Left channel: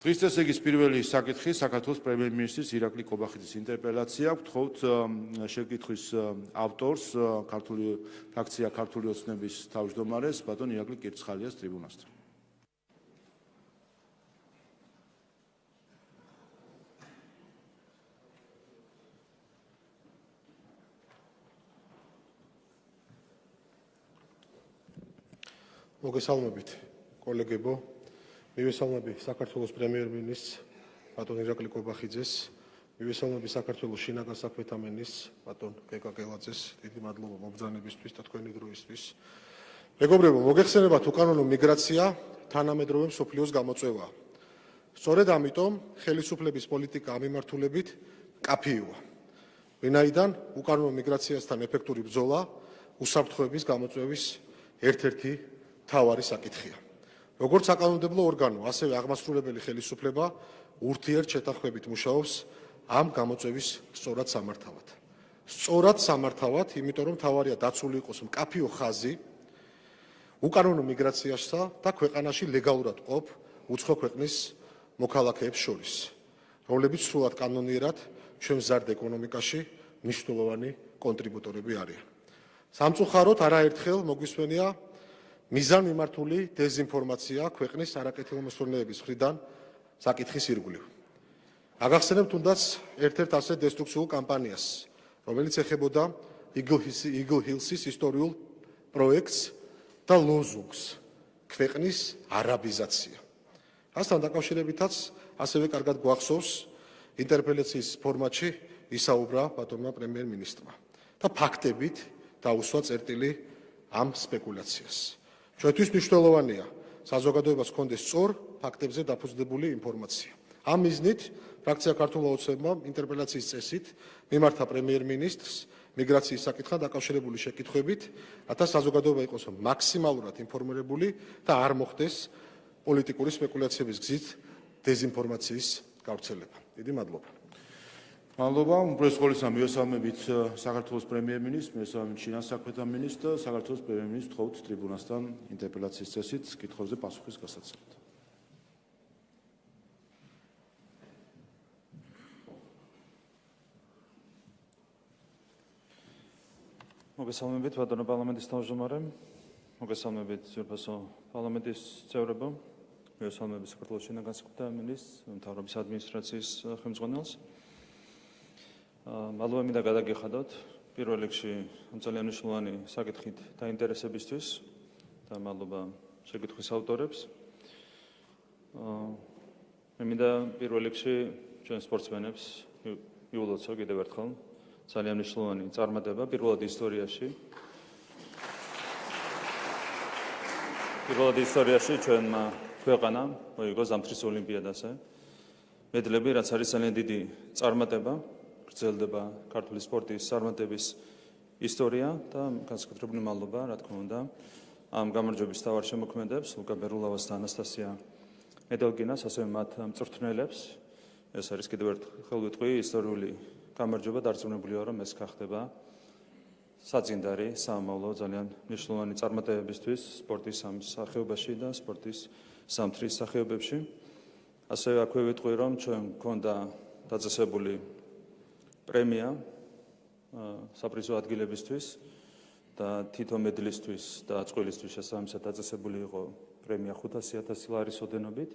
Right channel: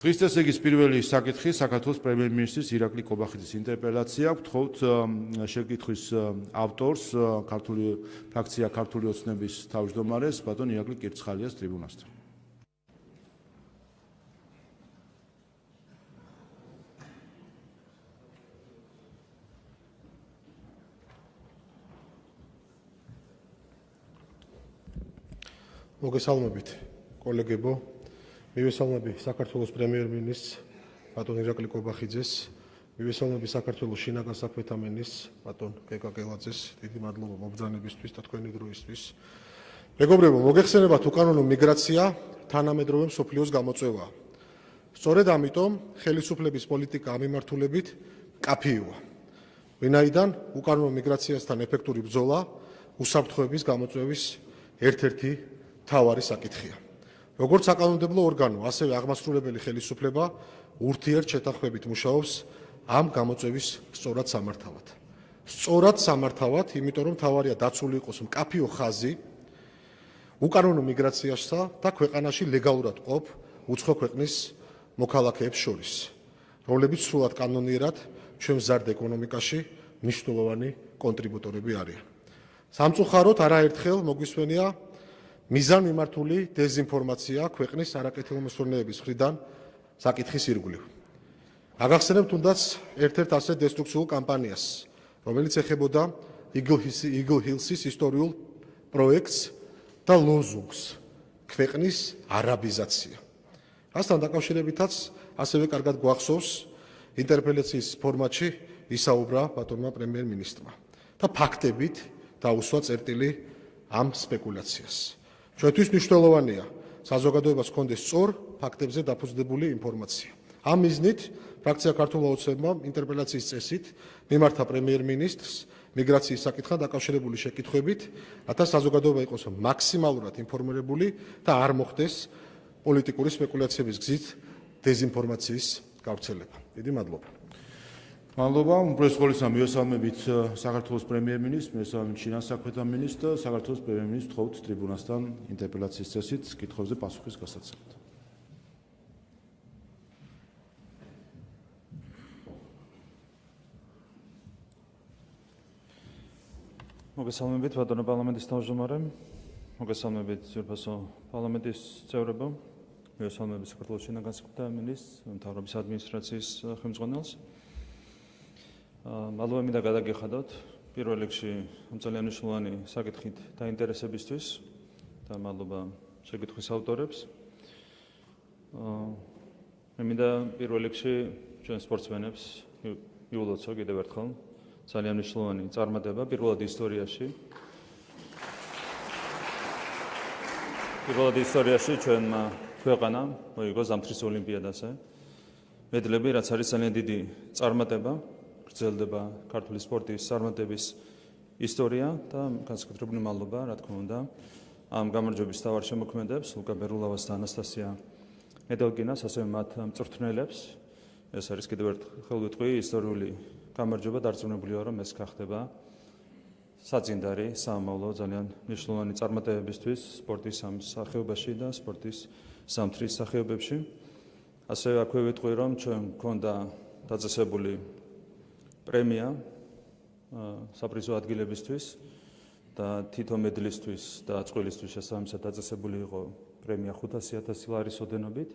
დღეს ესე იგი პირველი საკითხი საქართველოს პრემიერ-მინისტრის ირაკლი კობახიძის ინტერპელაცია. გთხოვთ შეკითხვის ავტორს, ქართული ფრაქცია ქართული ოცნების თავმჯდომარეს ბატონ ირაკლი კირცხალიას ტრიბუნასთან. მოგესალმებით, კოლეგებო. მივესალმები საქართველოს პრემიერ-მინისტრს ბატონ ირაკლი კობახიძეს, მივესალმები საქართველოს შინაგან საქმეთა მინისტრს ბატონ გეგა გელაძეს. დიდი მადლობა მობრძანებისთვის და თქვენი დროისთვის. მეგობრებო, მოგეხსენებათ, უკანონო მიგრაცია თანამედროვე მსოფლიოს გამოწვევაა. სწორედ ამიტომ ხელისუფლების პოლიტიკა ამ მიმართულებით კაფეოა. ვინაიდან უკანონო მიგრაციასთან ეფექტური ბრძოლა უსაფრთხოების გამოწვევის ერთ-ერთი მთავარი საკითხია. როგორც საკანონმდებლო ორგანო, ასევე აღმასრულებელი ხელისუფლება ურთიერთშეთანხმებით მუშაობს ამ გამოწვევის სწორად სამართავად. სწორად სამართავად, იმიტომ რომ მთავარია დაცული იყოს მკაფიო ხაზი უკანონო მიგრაციასა და ქვეყანაში ლეგალურად ყოფ უცხო ქვეყნის მოქალაქეებს შორის, რომლებიც სრულად კანონიერად ჩვენ მზარდ ეკონომიკაში მნიშვნელოვანი კონტრიბუტორები არიან. სამწუხაროდ არაერთხელ მოგვისმენია მიზანმიმართული დეზინფორმაცია ქვეყნის არაკეთილმოსურნეების მხრიდან საკითხის ირგვლივ. აგახსენებთ თუნდაც ერთ-ერთ ასეთ დესტრუქციულ კამპანიას, რომელიც ეხებოდა Eagle Hills-ის ისტორიულ პროექტს და ლოზუნგს ქვეყნის არაბიზაცია. ასთან დაკავშირებითაც ასევე კარგად გვახსოვს ინტერპელაციის ფორმატში ისაუბრა ბატონმა პრემიერ-მინისტრმა და ფაქტებით დაუსვა წერტილი ამ სპეკულაციას. ჩვენთვის მნიშვნელოვანია საზოგადოებას ჰქონდეს სწორ ფაქტებზე დაფუძნებული ინფორმაცია. ამ მიზნით ფრაქცია ქართული ოცნებმა ინტერპელაციის წესით მიმართა პრემიერ-მინისტრს მიგრაციის საკითხთან დაკავშირებული შეკითხვებით, რათა საზოგადოება იყოს მაქსიმალურად ინფორმირებული და არ მოხდეს პოლიტიკური სპეკულაციების გზით დეზინფორმაციის გავრცელება. დიდი მადლობა. მადლობა. უპირველეს ყოვლისა მივესალმებით საქართველოს პრემიერ-მინისტრს, მივესალმებით შინაგან საქმეთა მინისტრს, საქართველოს პრემიერ-მინისტრს გთხოვთ ტრიბუნასთან ინტერპელაციის წესით კითხვებზე პასუხის გასაცემად. მოგესალმებით ბატონო პარლამენტის თავმჯდომარე, მოგესალმებით ძვირფასო პარლამენტის წევრებო, მივესალმებით საქართველოს შინაგან საქმეთა მინისტრს, მთავრობის ადმინისტრაციის ხელმძღვანელს. მადლობა მინდა გადაგიხადოთ პირველ რიგში ძალიან მნიშვნელოვანი საკითხით დაინტერესებისთვის და მადლობა შეკითხვის ავტორებს. მე მინდა პირველ რიგში ჩვენ სპორტსმენებს მიულოცო კიდევ ერთხელ ძალიან მნიშვნელოვანი წარმატება პირველად ისტორიაში ჩვენმა ქვეყანამ მოიგო ზამთრის ოლიმპიადაზე მედლები, რაც არის ძალიან დიდი წარმატება. გრძელდება ქართული სპორტის წარმატების ისტორია და განსაკუთრებული მადლობა, რა თქმა უნდა, ამ გამარჯვების თავარ შემოქმედებს, ლუკა ბერულავას და ანასტასია მედელკინას, ასევე მათ მწვრთნელებს. ეს არის კიდევ ერთხელ ვიტყვი ისტორიული გამარჯვება, დარწმუნებული ვარ, რომ ეს გახდება საწინდარი საამავლო ძალიან მნიშვნელოვანი წარმატებებისთვის სპორტის ამ სახეობაში და სპორტის ზამთრის სახეობებში. ასევე აქვე ვიტყვი, რომ ჩვენ გვქონდა დაწესებული პრემია საპრიზო ადგილებისთვის და თითო მედლისთვის და წყვილისთვის შესაბამისად დაწესებული იყო პრემია 500,000 ლარის ოდენობით.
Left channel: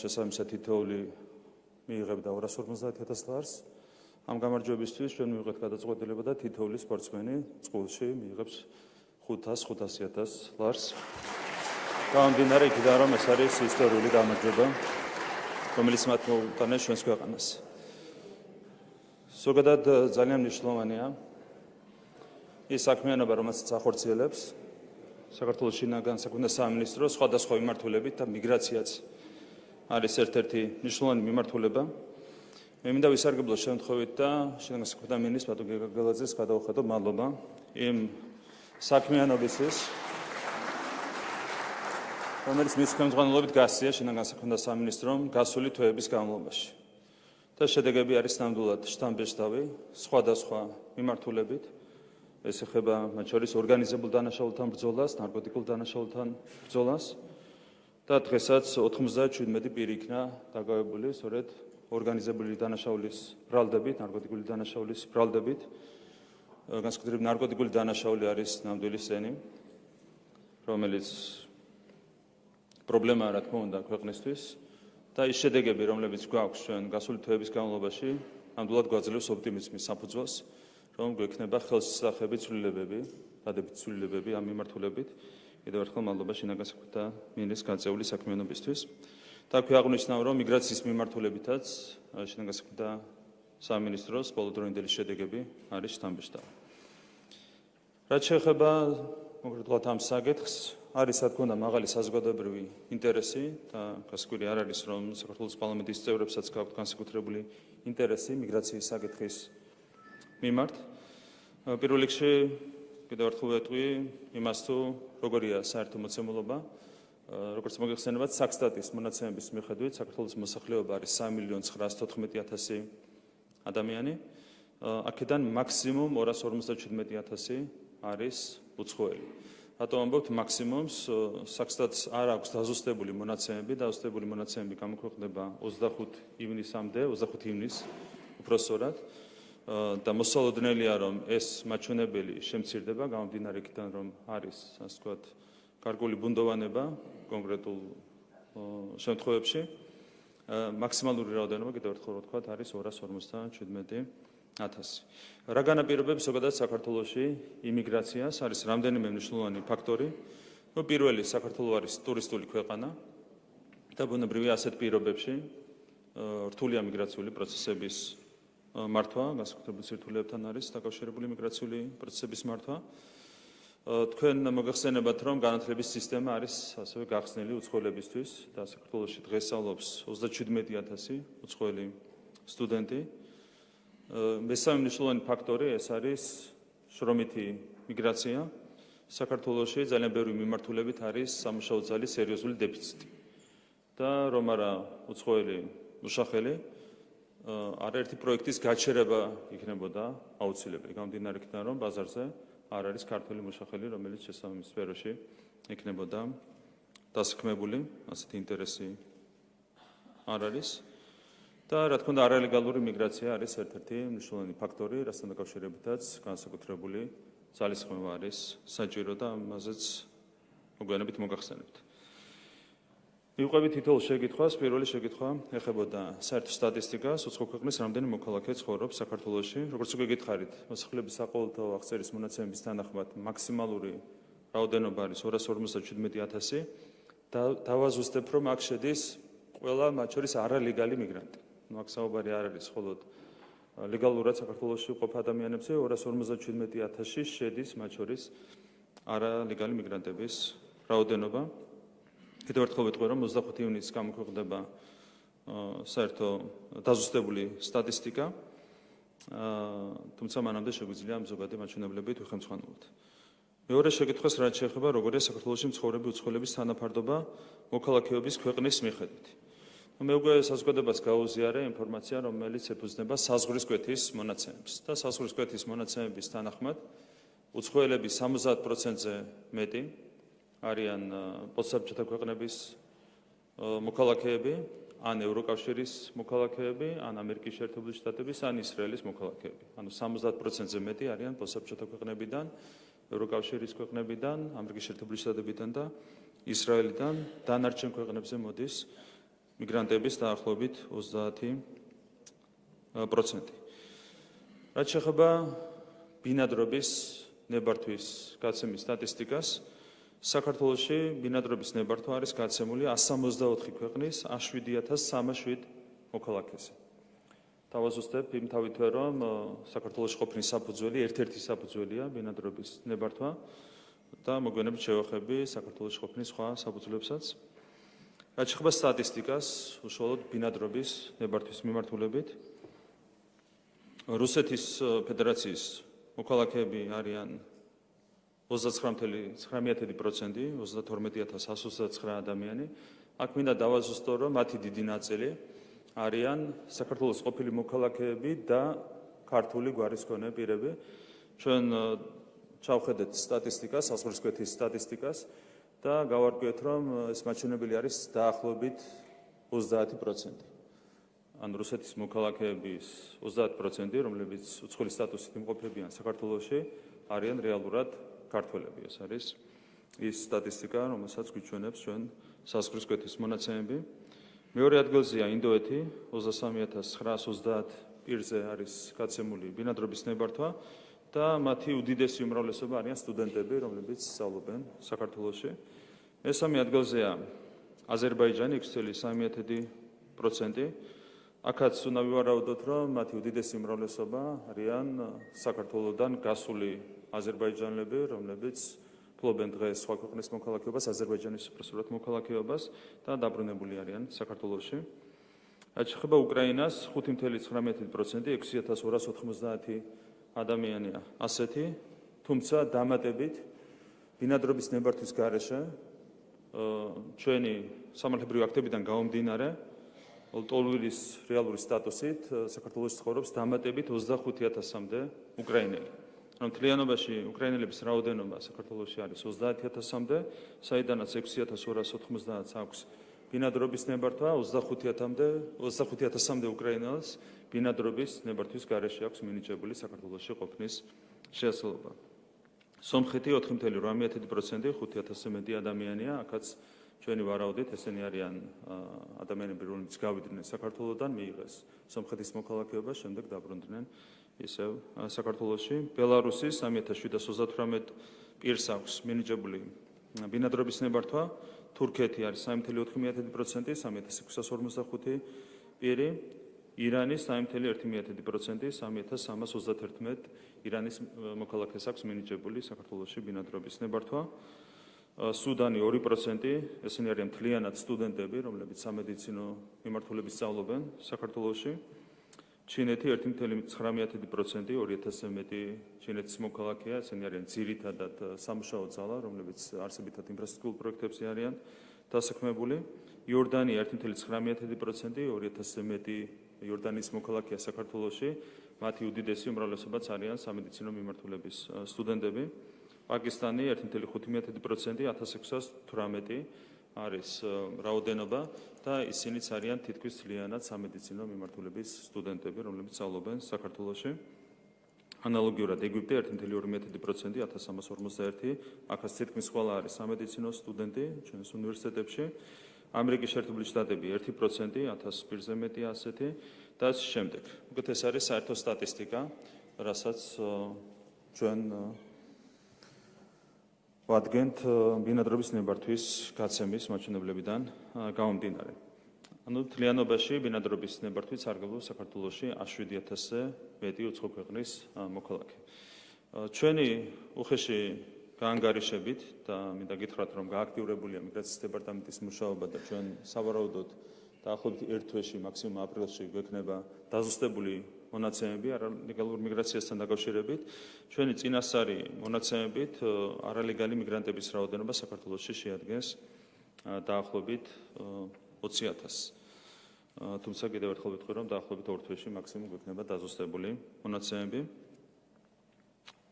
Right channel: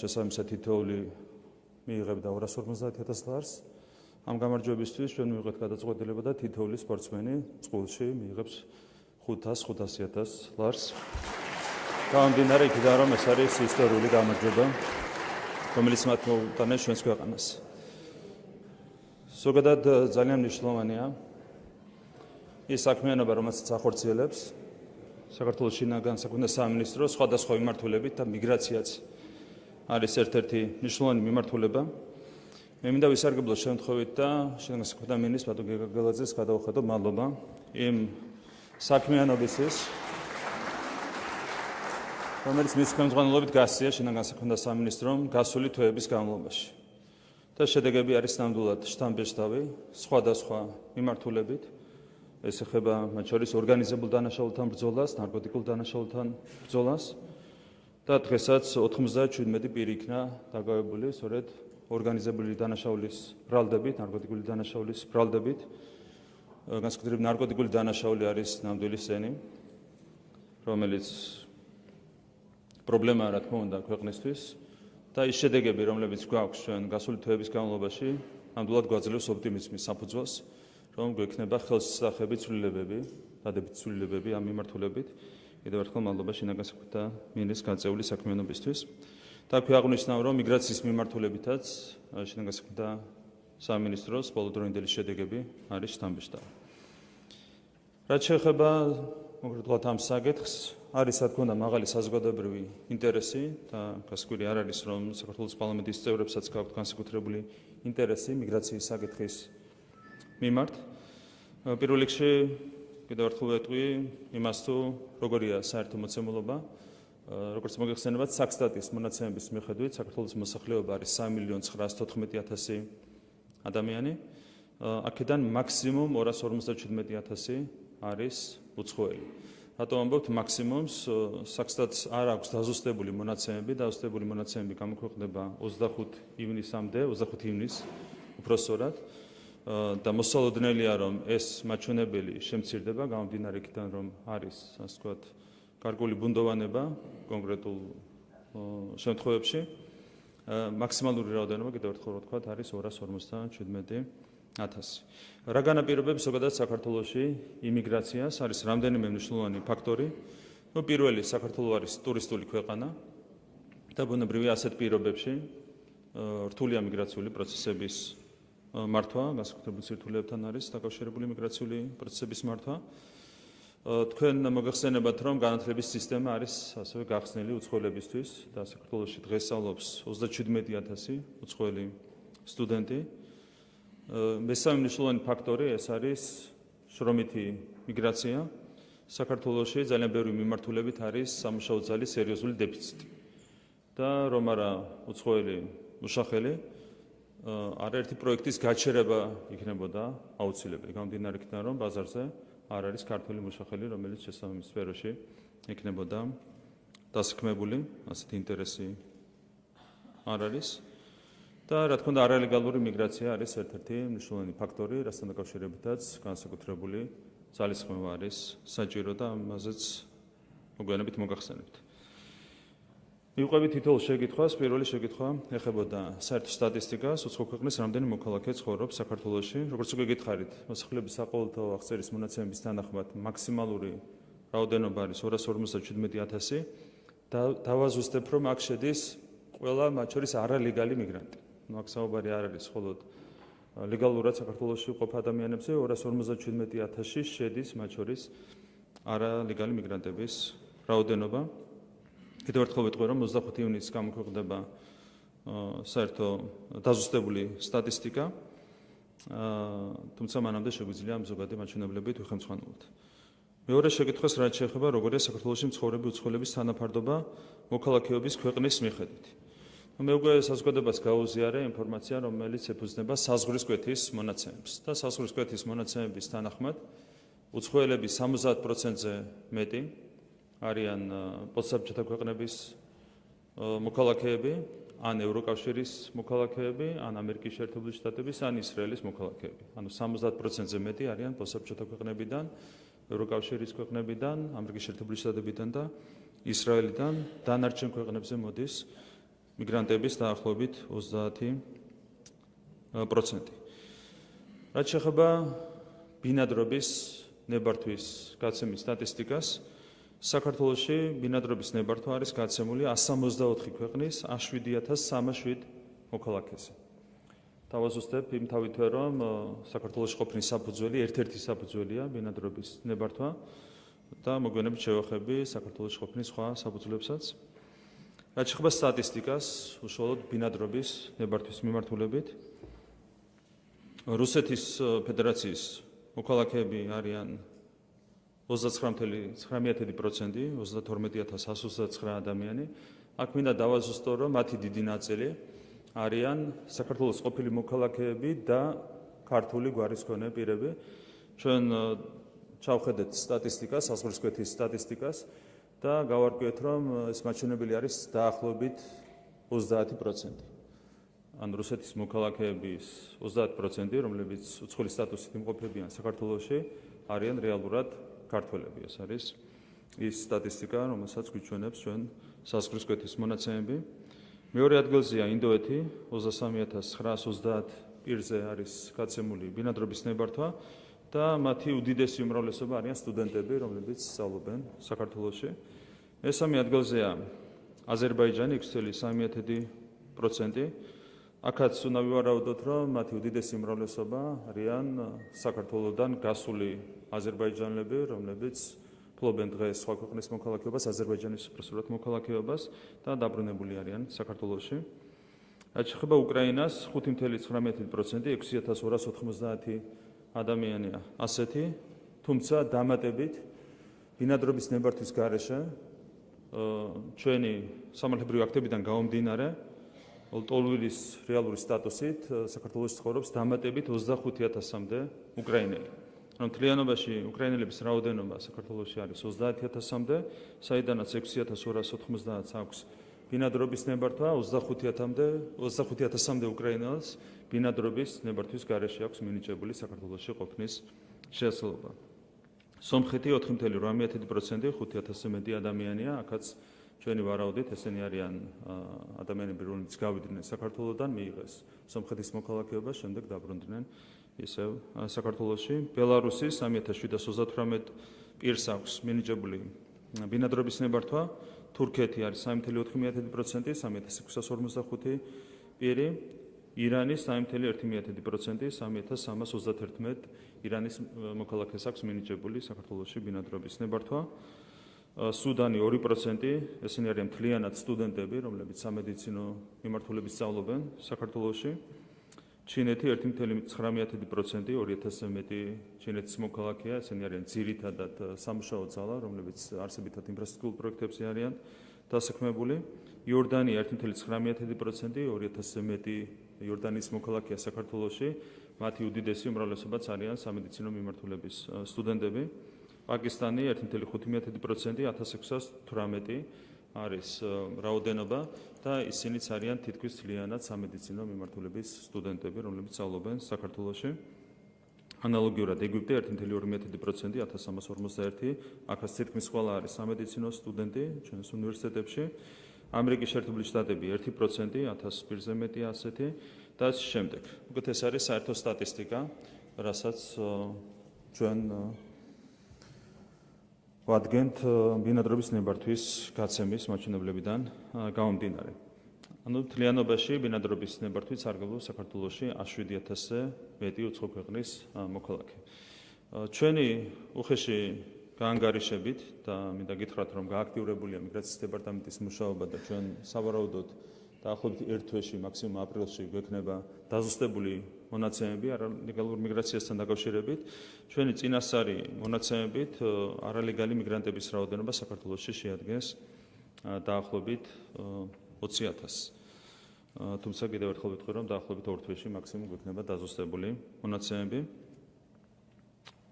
შესაბამისად თითოეული მიიღებდა 250,000 ლარს. ამ გამარჯვებისთვის ჩვენ მივიღეთ გადაწყვეტილება და თითოეული სპორტსმენი წყვილში მიიღებს 500,000 ლარს. გამომდინარე იქიდან, რომ ეს არის ისტორიული გამარჯვება, რომელიც მათ მოუტანეს ჩვენს ქვეყანას. ზოგადად ძალიან მნიშვნელოვანია ის საქმიანობა, რომელსაც ახორციელებს საქართველოს შინაგან საქმეთა სამინისტრო სხვადასხვა მიმართულებით და მიგრაციაც არის ერთ-ერთი მნიშვნელოვანი მიმართულება. მე მინდა ვისარგებლო შემთხვევით და შინაგან საქმეთა მინისტრს ბატონ გეგა გელაძეს გადავხადო მადლობა იმ საქმიანობისთვის, რომელიც მის ხელმძღვანელობით გასწია შინაგან საქმეთა სამინისტრომ გასული თვეების განმავლობაში. და შედეგები არის ნამდვილად შთამბეჭდავი სხვადასხვა მიმართულებით. ეს ეხება მათ შორის ორგანიზებულ დანაშაულთან ბრძოლას, ნარკოტიკულ დანაშაულთან ბრძოლას, და დღესაც 97 პირი იქნა დაკავებული სწორედ ორგანიზებული დანაშაულის ბრალდებით, ნარკოტიკული დანაშაულის ბრალდებით. განსაკუთრებით ნარკოტიკული დანაშაული არის ნამდვილი სენი, რომელიც პრობლემაა რა თქმა უნდა ქვეყნისთვის და ის შედეგები, რომლებიც გვაქვს ჩვენ გასული თვეების განმავლობაში, ნამდვილად გვაძლევს ოპტიმიზმის საფუძველს, რომ გვექნება ხელსისახები ცვლილებები, დადებით ცვლილებები ამ მიმართულებით. კიდევ ერთხელ მადლობა შინაგანსაკუთრებათა და მინისტრის გაწეული საქმიანობისთვის. და აქვე აღნიშნავ, რომ მიგრაციის მიმართულებითაც შინაგანსაკუთრებათა სამინისტროს ბოლოდროინდელი შედეგები არის შთამბეჭდავი. რაც შეეხება კონკრეტულად ამ საკითხს, არის რა თქმა უნდა მაღალი საზოგადოებრივი ინტერესი და გასაკვირი არ არის, რომ საქართველოს პარლამენტის წევრებსაც გაქვთ განსაკუთრებული ინტერესი მიგრაციის საკითხის მიმართ. პირველ რიგში კიდევ ერთხელ ვეტყვი იმას, თუ როგორია საერთო მოცემულობა. როგორც მოგეხსენებათ, საქსტატის მონაცემების მიხედვით საქართველოს მოსახლეობა არის 3.914.000 ადამიანი. აქედან მაქსიმუმ 257.000 არის უცხოელი. რატომ ამბობთ მაქსიმუმს? საქსტატს არ აქვს დაზუსტებული მონაცემები, დაზუსტებული მონაცემები გამოქვეყნდება 25 ივნისამდე, 25 ივნისს უпроსწორად. და მოსალოდნელია, რომ ეს მაჩვენებელი შემცირდება, გამომდინარე იქიდან, რომ არის, ასე ვთქვათ, გარკვეული ბუნდოვანება კონკრეტულ შემთხვევებში. მაქსიმალური რაოდენობა, კიდევ ერთხელ ვთქვათ, არის 257.000. რა განაპირობებს ზოგადად საქართველოში იმიგრაციას? არის რამდენიმე მნიშვნელოვანი ფაქტორი. პირველი, საქართველო არის ტურისტული ქვეყანა და ბუნებრივია ასეთ პირობებში რთულია მიგრაციული პროცესების მართვა, განსაკუთრებულ სირთულეებთან არის დაკავშირებული მიგრაციული პროცესების მართვა. თქვენ მოგეხსენებათ, რომ განათლების სისტემა არის ასევე გახსნილი უცხოელებისთვის და საქართველოში დღეს სწავლობს 37.000 უცხოელი სტუდენტი. მესამე მნიშვნელოვანი ფაქტორი ეს არის შრომითი მიგრაცია. საქართველოში ძალიან ბევრი მიმართულებით არის სამუშაო ძალის სერიოზული დეფიციტი. და რომ არა უცხოელი მუშახელი, არაერთი პროექტის გაჩერება იქნებოდა აუცილებელი. გამომდინარე იქიდან, რომ ბაზარზე არ არის ქართული მუშახელი, რომელიც შესაბამის სფეროში იქნებოდა დასაქმებული, ასეთი ინტერესი არ არის. და რა თქმა უნდა, არალეგალური მიგრაცია არის ერთ-ერთი მნიშვნელოვანი ფაქტორი, რასთან დაკავშირებითაც განსაკუთრებული ძალისხმევა არის საჭირო და ამაზეც მოგვიანებით მოგახსენებთ. მივყვებით თითოეულ შეკითხვას. პირველი შეკითხვა ეხებოდა საერთო სტატისტიკას, უცხო ქვეყნის რამდენი მოქალაქე ცხოვრობს საქართველოში. როგორც უკვე გითხარით, მოსახლეობის საყოველთაო აღწერის მონაცემების თანახმად მაქსიმალური რაოდენობა არის 257.000 და დავაზუსტებ, რომ აქ შედის ყველა მათ შორის არალეგალი მიგრანტი. აქ საუბარი არ არის მხოლოდ ლეგალურად საქართველოში მყოფ ადამიანებზე, 257.000 შედის მათ შორის არალეგალი მიგრანტების რაოდენობა. კიდევ ერთხელ ვიტყვი, რომ 25 ივნისს გამოქვეყნდება საერთო დაზუსტებული სტატისტიკა, თუმცა მანამდე შეგვიძლია ამ ზოგადი მაჩვენებლებით ვიხელმძღვანელოთ. მეორე შეკითხვას რაც შეეხება, როგორია საქართველოში მცხოვრები უცხოელების თანაფარდობა მოქალაქეობის ქვეყნის მიხედვით. მე უკვე საზოგადოებას გაუზიარე ინფორმაცია, რომელიც ეფუძნება საზღვრისკვეთის მონაცემებს და საზღვრისკვეთის მონაცემების თანახმად უცხოელების 70%-ზე მეტი არიან პოსტსაბჭოთა ქვეყნების მოქალაქეები, ან ევროკავშირის მოქალაქეები, ან ამერიკის შეერთებული შტატების, ან ისრაელის მოქალაქეები. ანუ 70%-ზე მეტი არიან პოსტსაბჭოთა ქვეყნებიდან, ევროკავშირის ქვეყნებიდან, ამერიკის შეერთებული შტატებიდან და ისრაელიდან. დანარჩენ ქვეყნებზე მოდის მიგრანტების დაახლოებით 30%. რაც შეეხება ბინადრობის ნებართვის გაცემის სტატისტიკას, საქართველოში ბინადრობის ნებართვა არის გაცემული 164 ქვეყნის 7,307 მოქალაქეზე. დავაზუსტებ იმთავითვე, რომ საქართველოში ყოფნის საფუძველი ერთ-ერთი საფუძველია ბინადრობის ნებართვა და მოგვიანებით შევახები საქართველოში ყოფნის სხვა საფუძვლებსაც. რაც შეეხება სტატისტიკას, უშუალოდ ბინადრობის ნებართვის მიმართულებით, რუსეთის ფედერაციის მოქალაქეები არიან 29.9%, 32.129 ადამიანი. აქ მინდა დავაზუსტო, რომ მათი დიდი ნაწილი არიან საქართველოს ყოფილი მოქალაქეები და ქართული გვარის მქონე პირები. ჩვენ ჩავხედეთ სტატისტიკას, საზღვრისკვეთის სტატისტიკას და გავარკვიეთ, რომ ეს მაჩვენებელი არის დაახლოებით 30%. ან რუსეთის მოქალაქეების 30%, რომლებიც უცხოელი სტატუსით იმყოფებიან საქართველოში, არიან რეალურად ქართველები. ეს არის ის სტატისტიკა, რომელსაც გვიჩვენებს ჩვენ საზღვრისკვეთის მონაცემები. მეორე ადგილზეა ინდოეთი, 23,930 პირზე არის გაცემული ბინადრობის ნებართვა და მათი უდიდესი უმრავლესობა არიან სტუდენტები, რომლებიც სწავლობენ საქართველოში. მესამე ადგილზეა აზერბაიჯანი 6,3%. აქაც უნდა ვივარაუდოთ, რომ მათი უდიდესი უმრავლესობა არიან საქართველოსდან გასული აზერბაიჯანელები, რომლებიც ფლობენ დღეს სხვა ქვეყნის მოქალაქეობას, აზერბაიჯანის უპირატესად მოქალაქეობას და დაბრუნებული არიან საქართველოში. რაც შეეხება უკრაინას, 5,19%, 6,290 ადამიანია ასეთი, თუმცა დამატებით ბინადრობის ნებართვის გარეშე ჩვენი სამართლებრივი აქტებიდან გამომდინარე, ლტოლვილის რეალური სტატუსით საქართველოში ცხოვრობს დამატებით 25,000-მდე უკრაინელი. რომ მთლიანობაში უკრაინელების რაოდენობა საქართველოში არის 30,000-მდე, საიდანაც 6,290 აქვს ბინადრობის ნებართვა, 25,000-მდე უკრაინელს ბინადრობის ნებართვის გარეშე აქვს მინიჭებული საქართველოში ყოფნის შესაძლებლობა. სომხეთი 4,8%, 5,000-ზე მეტი ადამიანია, აქაც ჩვენი ვარაუდით ესენი არიან ადამიანები, რომლებიც გავიდნენ საქართველოსდან, მიიღეს სომხეთის მოქალაქეობა, შემდეგ დაბრუნდნენ ისევ საქართველოში. ბელარუსი 3,738 პირს აქვს მინიჭებული ბინადრობის ნებართვა, თურქეთი არის 3,4%, 3,645 პირი, ირანი 3,1%, 3,331 ირანის მოქალაქეს აქვს მინიჭებული საქართველოში ბინადრობის ნებართვა. სუდანი 2%, ესენი არიან მთლიანად სტუდენტები, რომლებიც სამედიცინო მიმართულებით სწავლობენ საქართველოში. ჩინეთი 1,9%, 2,000-ზე მეტი ჩინეთის მოქალაქეა, ესენი არიან ძირითადად სამუშაო ძალა, რომლებიც არსებითად ინფრასტრუქტურულ პროექტებზე არიან დასაქმებული. იორდანია 1,9%, 2,000-ზე მეტი იორდანიის მოქალაქეა საქართველოში, მათი უდიდესი უმრავლესობაც არიან სამედიცინო მიმართულების სტუდენტები. პაკისტანი 1,5%, 1,618 არის რაოდენობა და ისინიც არიან თითქმის მთლიანად სამედიცინო მიმართულების სტუდენტები, რომლებიც სწავლობენ საქართველოში. ანალოგიურად ეგვიპტე 1,2%, 1,341, აქაც თითქმის ყველა არის სამედიცინო სტუდენტი ჩვენს უნივერსიტეტებში. ამერიკის შეერთებული შტატები 1%, 1000 პირზე მეტი ასეთი და ამ შემდეგ. უკეთ ეს არის საერთო სტატისტიკა, რასაც ჩვენ ვადგენთ ბინადრობის ნებართვის გაცემის მაჩვენებლებიდან გამომდინარე. ანუ თლიანობაში ბინადრობის ნებართვით სარგებლობს საქართველოში 7,000-ზე მეტი უცხო ქვეყნის მოქალაქე. ჩვენი უხეში გაანგარიშებით და მინდა გითხრათ, რომ გააქტიურებულია მიგრაციის დეპარტამენტის მუშაობა და ჩვენ სავარაუდოდ დაახლოებით ერთ თვეში, მაქსიმუმ აპრილში გვექნება დაზუსტებული მონაცემები არალეგალურ მიგრაციასთან დაკავშირებით. ჩვენი წინასწარი მონაცემებით არალეგალი მიგრანტების რაოდენობა საქართველოში შეადგენს დაახლოებით 20,000. თუმცა კიდევ ერთხელ ვიტყვი, რომ დაახლოებით ორ თვეში მაქსიმუმ გვექნება დაზუსტებული მონაცემები.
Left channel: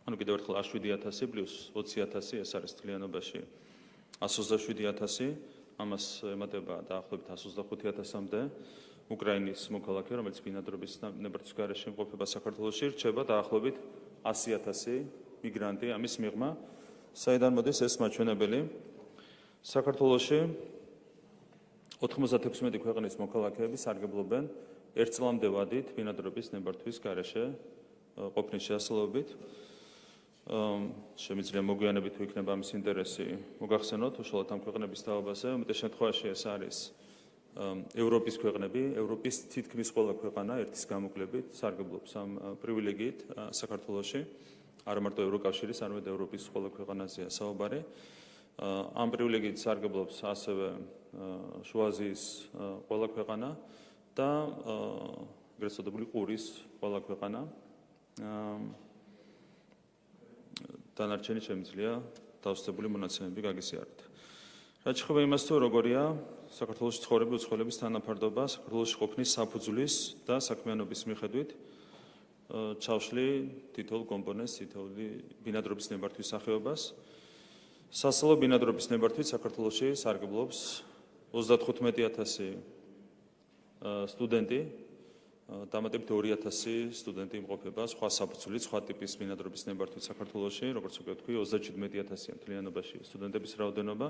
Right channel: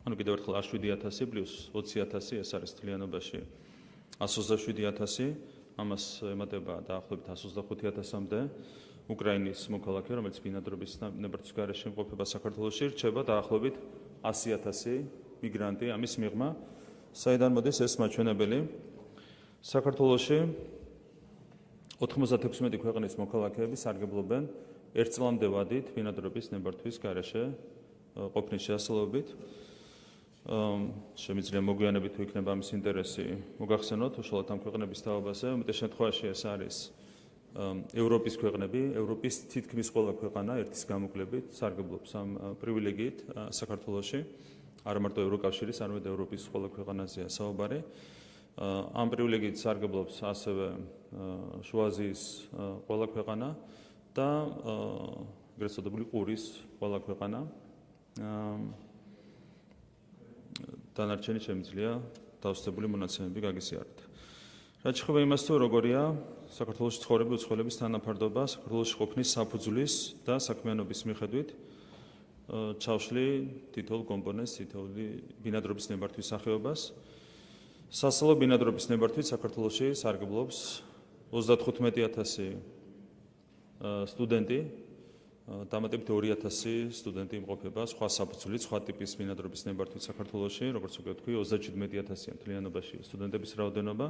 ანუ კიდევ ერთხელ 7,000 პლუს 20,000 ეს არის თლიანობაში 127,000. ამას ემატება დაახლოებით 125,000-მდე უკრაინის მოქალაქე, რომელიც ბინადრობის ნებართვის გარეშე იმყოფება საქართველოში, რჩება დაახლოებით 100,000 მიგრანტი ამის მიღმა. საიდან მოდის ეს მაჩვენებელი? საქართველოში 96 ქვეყნის მოქალაქეები სარგებლობენ ერთ წლამდე ვადით ბინადრობის ნებართვის გარეშე ყოფნის შესაძლებლობით. შემიძლია მოგვიანებით თუ იქნება ამის ინტერესი მოგახსენოთ უშუალოდ ამ ქვეყნების თაობაზე. უმეტეს შემთხვევაში ეს არის ევროპის ქვეყნები, ევროპის თითქმის ყველა ქვეყანა ერთის გამოკლებით სარგებლობს ამ პრივილეგიით საქართველოში. არა მარტო ევროკავშირის, არამედ ევროპის ყველა ქვეყანაზეა საუბარი. ამ პრივილეგიით სარგებლობს ასევე შუა აზიის ყველა ქვეყანა და ეგრეთ წოდებული ყურის ყველა ქვეყანა. დანარჩენი შემიძლია დავსწრებული მონაცემები გაგიზიაროთ. რაც შეეხება იმას, თუ როგორია საქართველოში ცხოვრების უცხოელების თანაფარდობა საქართველოში ყოფნის საფუძვლის და საქმიანობის მიხედვით, ჩავშლი თითოეულ კომპონენტს, თითოეული ბინადრობის ნებართვის სახეობას. სასწავლო ბინადრობის ნებართვით საქართველოში სარგებლობს 35,000 სტუდენტი, დამატებით 2,000 სტუდენტი იმყოფება სხვა საფუძვლით, სხვა ტიპის ბინადრობის ნებართვით საქართველოში, როგორც ვთქვი, 37,000 მთლიანობაში სტუდენტების რაოდენობა,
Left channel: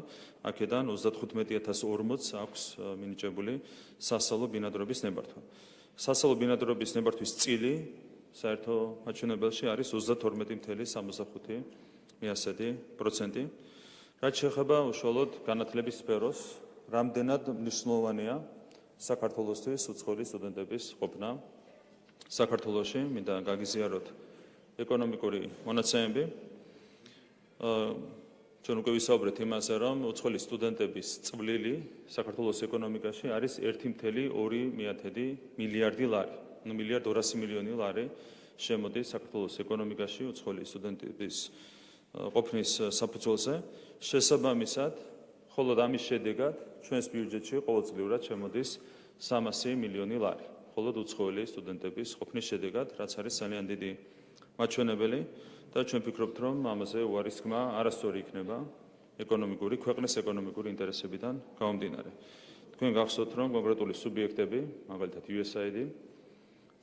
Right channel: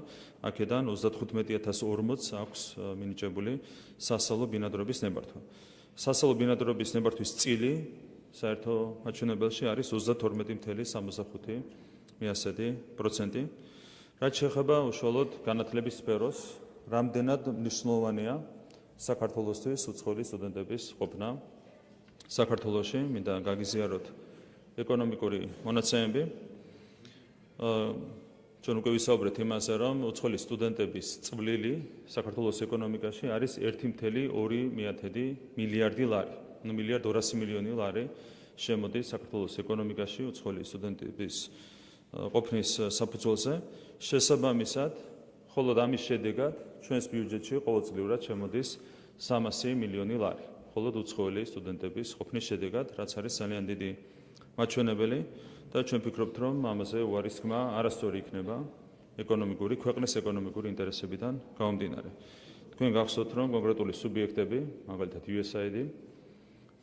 აქედან 35,040 აქვს მინიჭებული სასწავლო ბინადრობის ნებართვა. სასწავლო ბინადრობის ნებართვის წილი საერთო მაჩვენებელში არის 32,75%. რაც შეეხება უშუალოდ განათლების სფეროს, რამდენად მნიშვნელოვანია საქართველოსთვის უცხოელი სტუდენტების ყოფნა საქართველოში, მინდა გაგიზიაროთ ეკონომიკური მონაცემები. ჩვენ უკვე ვისაუბრეთ იმაზე, რომ უცხოელი სტუდენტების წვლილი საქართველოს ეკონომიკაში არის 1,2 მილიარდი ლარი. 1,200 მილიონი ლარი შემოდის საქართველოს ეკონომიკაში უცხოელი სტუდენტების ყოფნის საფუძველზე. შესაბამისად, მხოლოდ ამის შედეგად ჩვენს ბიუჯეტში ყოველწლიურად შემოდის 300 მილიონი ლარი. მხოლოდ უცხოელი სტუდენტების ყოფნის შედეგად, რაც არის ძალიან დიდი მაჩვენებელი და ჩვენ ვფიქრობთ, რომ ამაზე უარისხმა არასწორი იქნება ქვეყნის ეკონომიკური ინტერესებიდან გამომდინარე. თქვენ გახსოვთ, რომ კონკრეტული სუბიექტები, მაგალითად USAID,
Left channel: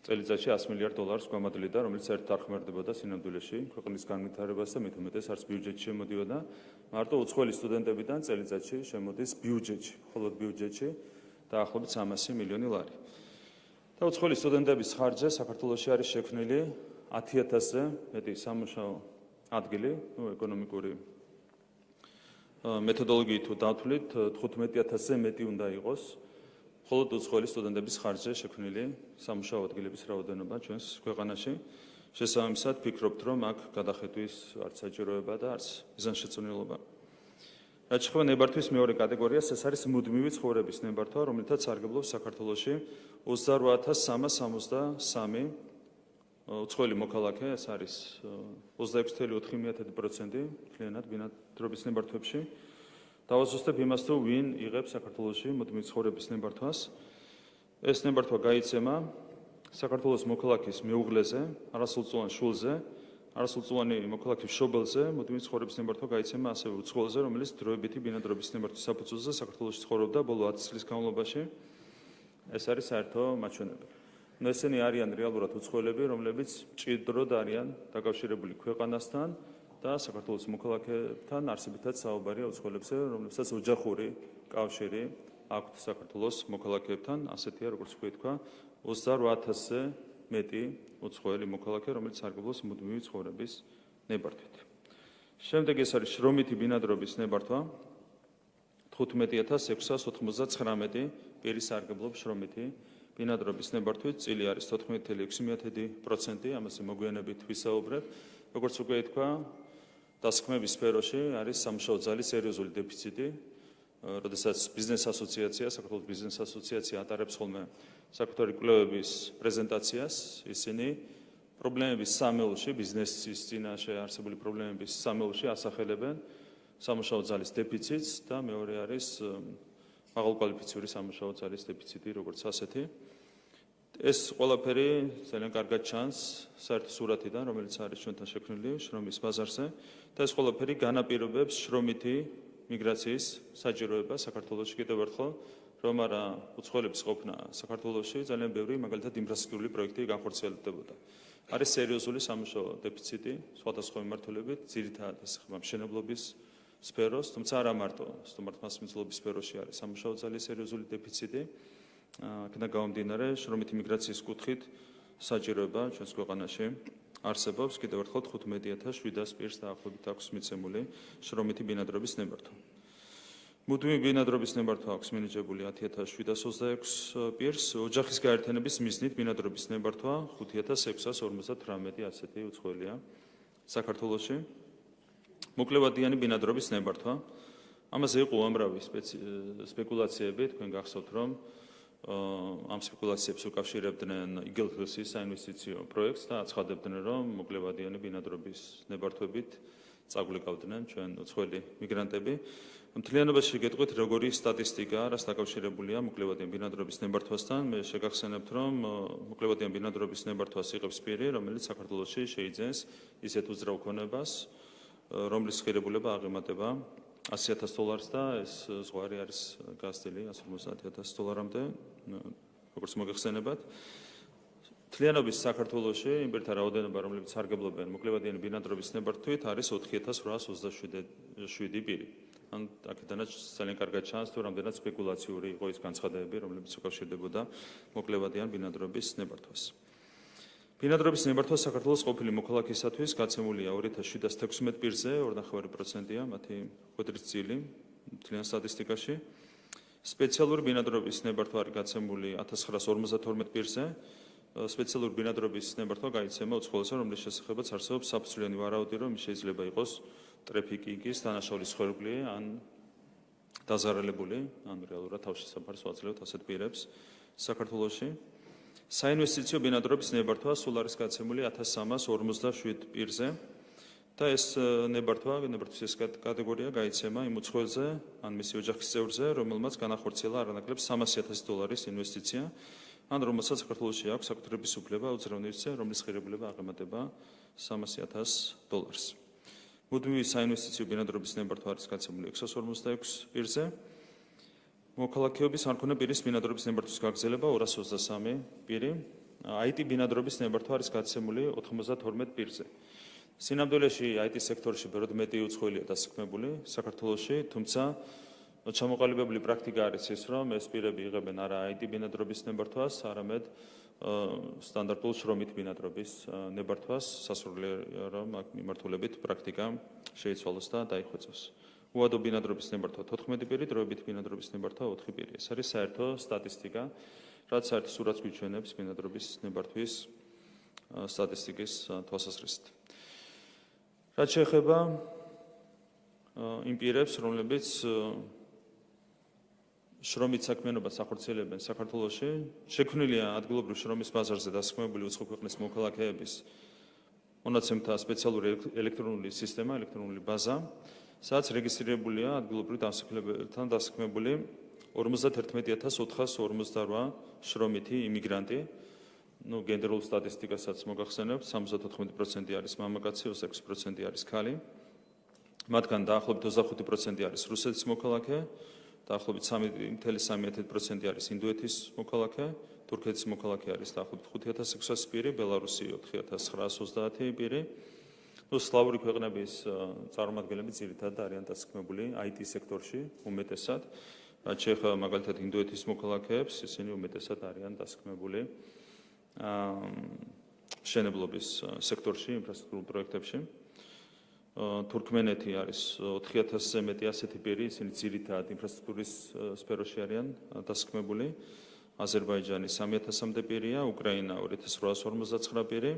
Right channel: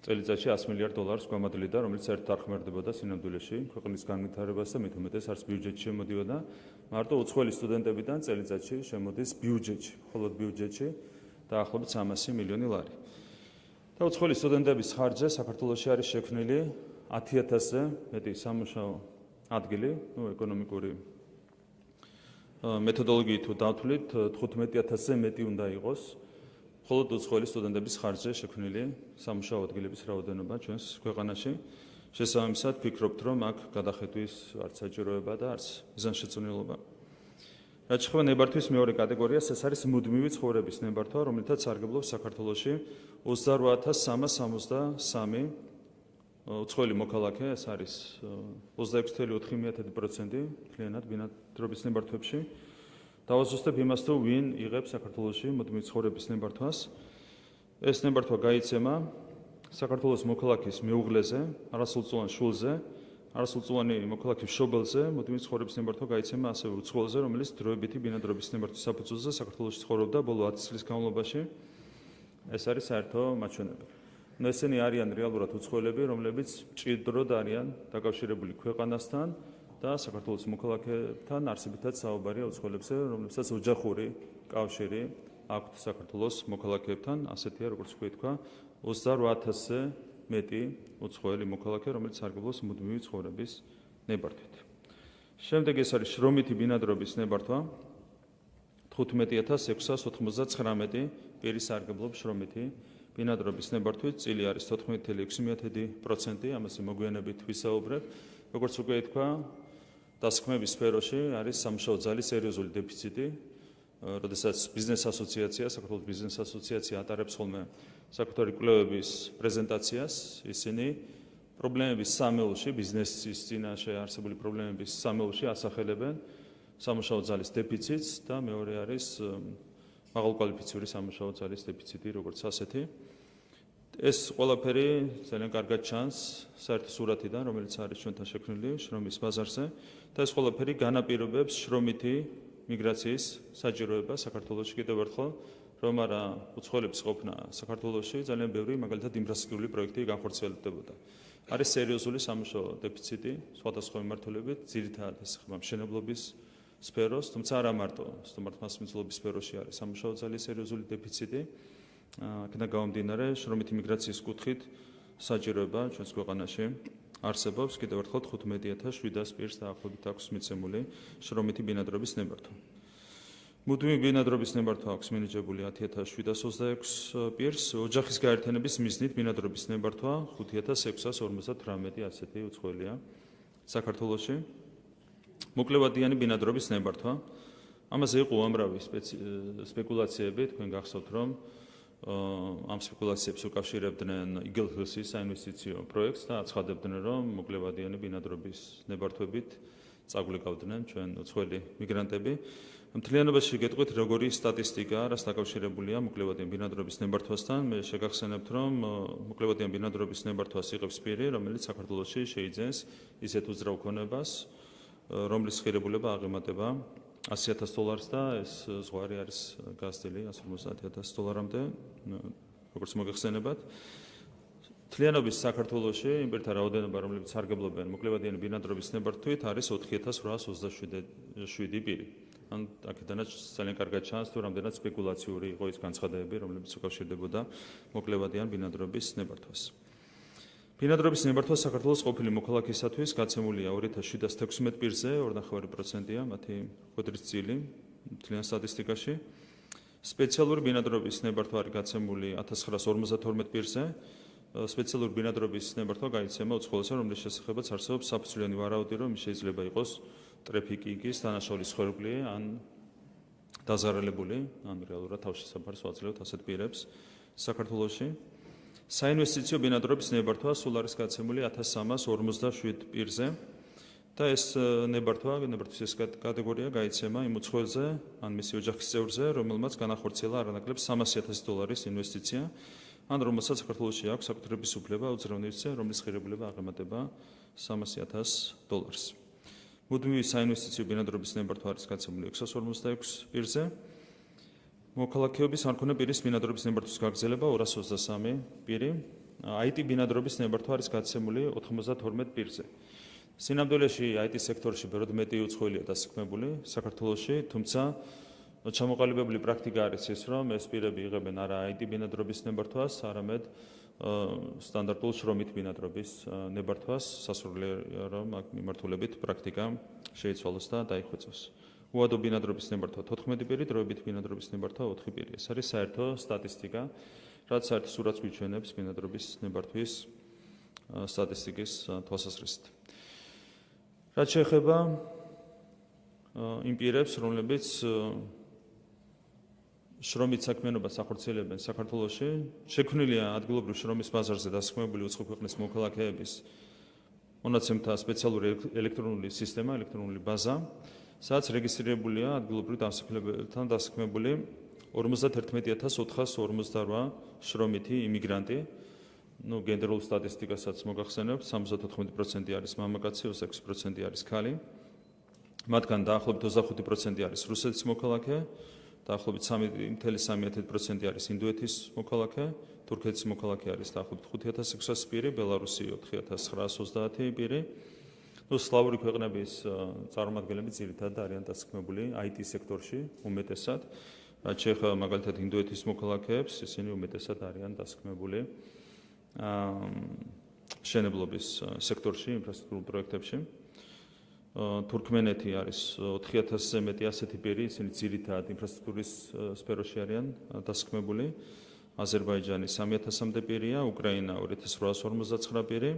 წელიწადში $100 მილიარდ გვამადლიდა, რომელიც საერთოდ არ ხმარდებოდა სინამდვილეში ქვეყნის განვითარებას და მით უმეტეს არც ბიუჯეტში შემოდიოდა. მარტო უცხოელი სტუდენტებიდან წელიწადში შემოდის ბიუჯეტში, მხოლოდ ბიუჯეტში დაახლოებით 300 მილიონი ლარი. და უცხოელი სტუდენტების ხარჯზე საქართველოში არის შექმნილი 10,000-ზე მეტი სამუშაო ადგილი, ეკონომიკური მეთოდოლოგიით თუ დავთვლით, 15,000-ზე მეტი უნდა იყოს. მხოლოდ უცხოელი სტუდენტების ხარჯზე შექმნილი სამუშაო ადგილების რაოდენობა ჩვენს ქვეყანაში. შესაბამისად, ვფიქრობთ, რომ აქ გადახედვის არც საჭიროება და არც მიზანშეწონილობა. რაც შეეხება ნებართვის მეორე კატეგორიას, ეს არის მუდმივი ცხოვრების ნებართვა, რომლითაც სარგებლობს საქართველოში 28,363 უცხოელი მოქალაქე, ეს არის 26,4% მთლიანად ბინადრობის ნებართვებში. დავაზუსტებ იმას, თუ ვინ იღებს საქართველოში მუდმივი ცხოვრების ნებართვას. ეს ნებართვა გაიცემა საქართველოს მოქალაქის მეუღლეზე, არასრულწლოვან შვილზე, არასრულწლოვანი მოქალაქის მშობელზე, მუდმივი ცხოვრების ნებართვა გაიცემა ასევე უცხოელზე, რომელიც დროებითი ბინადრობის ნებართვის საფუძველზე საქართველოში ცხოვრობდა ბოლო 10 წლის განმავლობაში. ეს არის საერთო მაჩვენებელი. ესენი არიან რეალურად უცხოელები, რომლებიც მჭიდროდ არიან დაკავშირებული ქვეყანასთან და საქართველოს მოქალაქეებთან არსებითად საუბარია უცხოელებზე, რომლებსაც ოჯახური კავშირი აქვთ საქართველოს მოქალაქეებთან, ასეთია, როგორც თქვა, 28,000-ზე მეტი უცხოელი მოქალაქე, რომელიც სარგებლობს მუდმივი ცხოვრების ნებართვით. შემდეგ ეს არის შრომითი ბინადრობის ნებართვა. 15,699 პირი სარგებლობს შრომითი ბინადრობის ნებართვით, წილი არის 14,6%, ამაზე მოგვიანებით ვისაუბრებ. როგორც უკვე თქვა, დასაქმების სფეროში არის სამუშაო ძალის სერიოზული დეფიციტი, როდესაც ბიზნეს ასოციაცია, საქართველოს ბიზნეს ასოციაცია ატარებს ხოლმე საკუთარი კვლევების პრეზენტაციას, ისინი პრობლემების სამეულში, ბიზნესის წინაშე არსებული პრობლემების სამეულში ასახელებენ სამუშაო ძალის დეფიციტს და მეორე არის მაღალკვალიფიციური სამუშაო ძალის დეფიციტი, როგორც ასეთი. ეს ყველაფერი ძალიან კარგად ჩანს საერთო სურათიდან, რომელიც არის ჩვენთან შექმნილი შრომის ბაზარზე და ეს ყველაფერი განაპირობებს შრომითი მიგრაციის საჭიროებას საქართველოში კიდევ ერთხელ, რომ არა უცხოელების ყოფნა საქართველოში ძალიან ბევრი მაგალითად ინფრასტრუქტურული პროექტი განხორციელებდებოდა. არის სერიოზული სამუშაო დეფიციტი სხვადასხვა მიმართულებით, ძირითადად ეს ხდება მშენებლობის სფეროს, თუმცა არა მარტო სტუმართმასპინძლობის სფეროში არის სამუშაო ძალის სერიოზული დეფიციტი. აქედან გამომდინარე, შრომითი მიგრაციის კუთხით საჭიროება ჩვენს ქვეყანაში არსებობს კიდევ ერთხელ 15,700 პირს დაახლოებით აქვს მიცემული შრომითი ბინადრობის ნებართვა. მუდმივი ბინადრობის ნებართვა აქვს მინიჭებული 10,726 პირს, ოჯახის გაერთიანების მიზნით ბინადრობის ნებართვა 5,658 ასეთი უცხოელია საქართველოში. მოკლევადიანი ბინადრობის ნებართვა. ამაზე იყო უამრავი სპეკულაციები, თქვენ გახსოვთ, რომ ამ სპეკულაციებს უკავშირებდნენ იგელჰილსის საინვესტიციო პროექტს და აცხადებდნენ, რომ მოკლევადიანი ბინადრობის ნებართვებით წაგვიკავდნენ ჩვენ უცხოელი მიგრანტები. მთლიანობაში გეტყვით, როგორი სტატისტიკაა, რას დაკავშირებულია მოკლევადიანი ბინადრობის ნებართვასთან. მე შეგახსენებთ, რომ მოკლევადიანი ბინადრობის ნებართვას იღებს პირი, რომელიც საქართველოში შეიძენს ისეთ უძრავ ქონებას, რომლის ღირებულება აღემატება $100,000 და ეს ზღვარი არის გაზრდილი $150,000-მდე, როგორც მოგეხსენებათ. მთლიანობის საქართველოში იმპერთა რაოდენობა, რომლებიც სარგებლობენ მოკლევადიანი ბინადრობის ნებართვით, არის 4,827 პირი. ან აქედანაც ძალიან კარგად ჩანს, თუ რამდენად სპეკულაციური იყო ის განცხადებები, რომლებიც უკავშირდებოდა მოკლევადიან ბინადრობის ნებართვას. ბინადრობის ნებართვა საქართველოს ყოფილი მოქალაქისათვის გაცემულია 2716 პირზე, 2.5%-ია მათი ხვედრის წილი მთლიან სტატისტიკაში. სპეციალური ბინადრობის ნებართვა არის გაცემული 1952 პირზე. სპეციალური ბინადრობის ნებართვა გაიცემა უცხოელზე, რომლის შესახებაც არსებობს საფუძვლიანი ვარაუდი, რომ შეიძლება იყოს ტრაფიკინგის დანაშაულის ხერხი ან დაზარალებული, ან რეალურად თავშესაფარს ვაძლევთ ასეთ პირებს საქართველოში. საინვესტიციო ბინადრობის ნებართვა სულ არის გაცემული 1357 პირზე და ეს ნებართვის ეს კატეგორია გაიცემა იმ უცხოელზე ან მისი ოჯახის წევრზე, რომელმაც განახორციელა არანაკლებ $300,000 ინვესტიცია, ან რომელსაც საქართველოში აქვს საკუთრების უფლება უძრავნელზე, რომლის ღირებულება აღემატება $300,000. მუდმივი საინვესტიციო ბინადრობის ნებართვა არის გაცემული 646 პირზე. მოქალაქეობის არ მქონე პირის ბინადრობის ნებართვის გაგრძელება 223 პირი. IT ბინადრობის ნებართვა არის გაცემული 92 პირზე. სინამდვილეში IT სექტორში ბევრად მეტი უცხოელია დასაქმებული საქართველოში, თუმცა ჩამოყალიბებული პრაქტიკა არის ის, რომ ეს პირები იღებენ არა IT ბინადრობის ნებართვას, არამედ სტანდარტულ შრომით ბინადრობის ნებართვას, სასურველია რომ აქ მიმართულებით პრაქტიკა შეიცვალოს და დაიხვეწოს. უადო ბინადრობის ნებართვა 14 პირი, დროებით ბინადრობის ნებართვა 4 პირი. ეს არის საერთო სტატისტიკა, რაც საერთო სურათს გვიჩვენებს ბინადრობის ნებართვის სტატისტიკის თვალსაზრისით. რაც შეეხება იმ პირებს, რომლებიც შრომით საქმიანობას ახორციელებენ საქართველოში, შექმნილია ადგილობრივ შრომის ბაზარზე დასაქმებული უცხო ქვეყნის მოქალაქეების მონაცემთა სპეციალური ელექტრონული სისტემა, ელექტრონული ბაზა, სადაც რეგისტრირებულია ადგილობრივ დასახლებებთან დასაქმებული 51,458 შრომითი იმიგრანტი. გენდერულ სტატისტიკასაც მოგახსენებთ, 74% არის მამაკაცი, 26% არის ქალი. მათგან დაახლოებით 25% არის რუსეთის მოქალაქე, დაახლოებით 3.3% არის ინდოეთის მოქალაქე, თურქეთის მოქალაქე არის დაახლოებით 5600 პირი, ბელარუსი 4930 პირი. სლავური ქვეყნების წარმომადგენლები ძირითადად არიან დასაქმებული IT სექტორში უმეტესად. რაც შეეხება მაგალითად ინდოეთის მოქალაქეებს, ისინი უმეტესად არიან დასაქმებული მშენებლობის სექტორში, ინფრასტრუქტურულ პროექტებში. თურქმენეთი არის 4000-ზე მეტი ასეთი პირი, ისინი ძირითადად ინფრასტრუქტურის სფეროში არიან დასაქმებული. აზერბაიჯანი 3000-მდე პირია, უკრაინა 2859 პირი.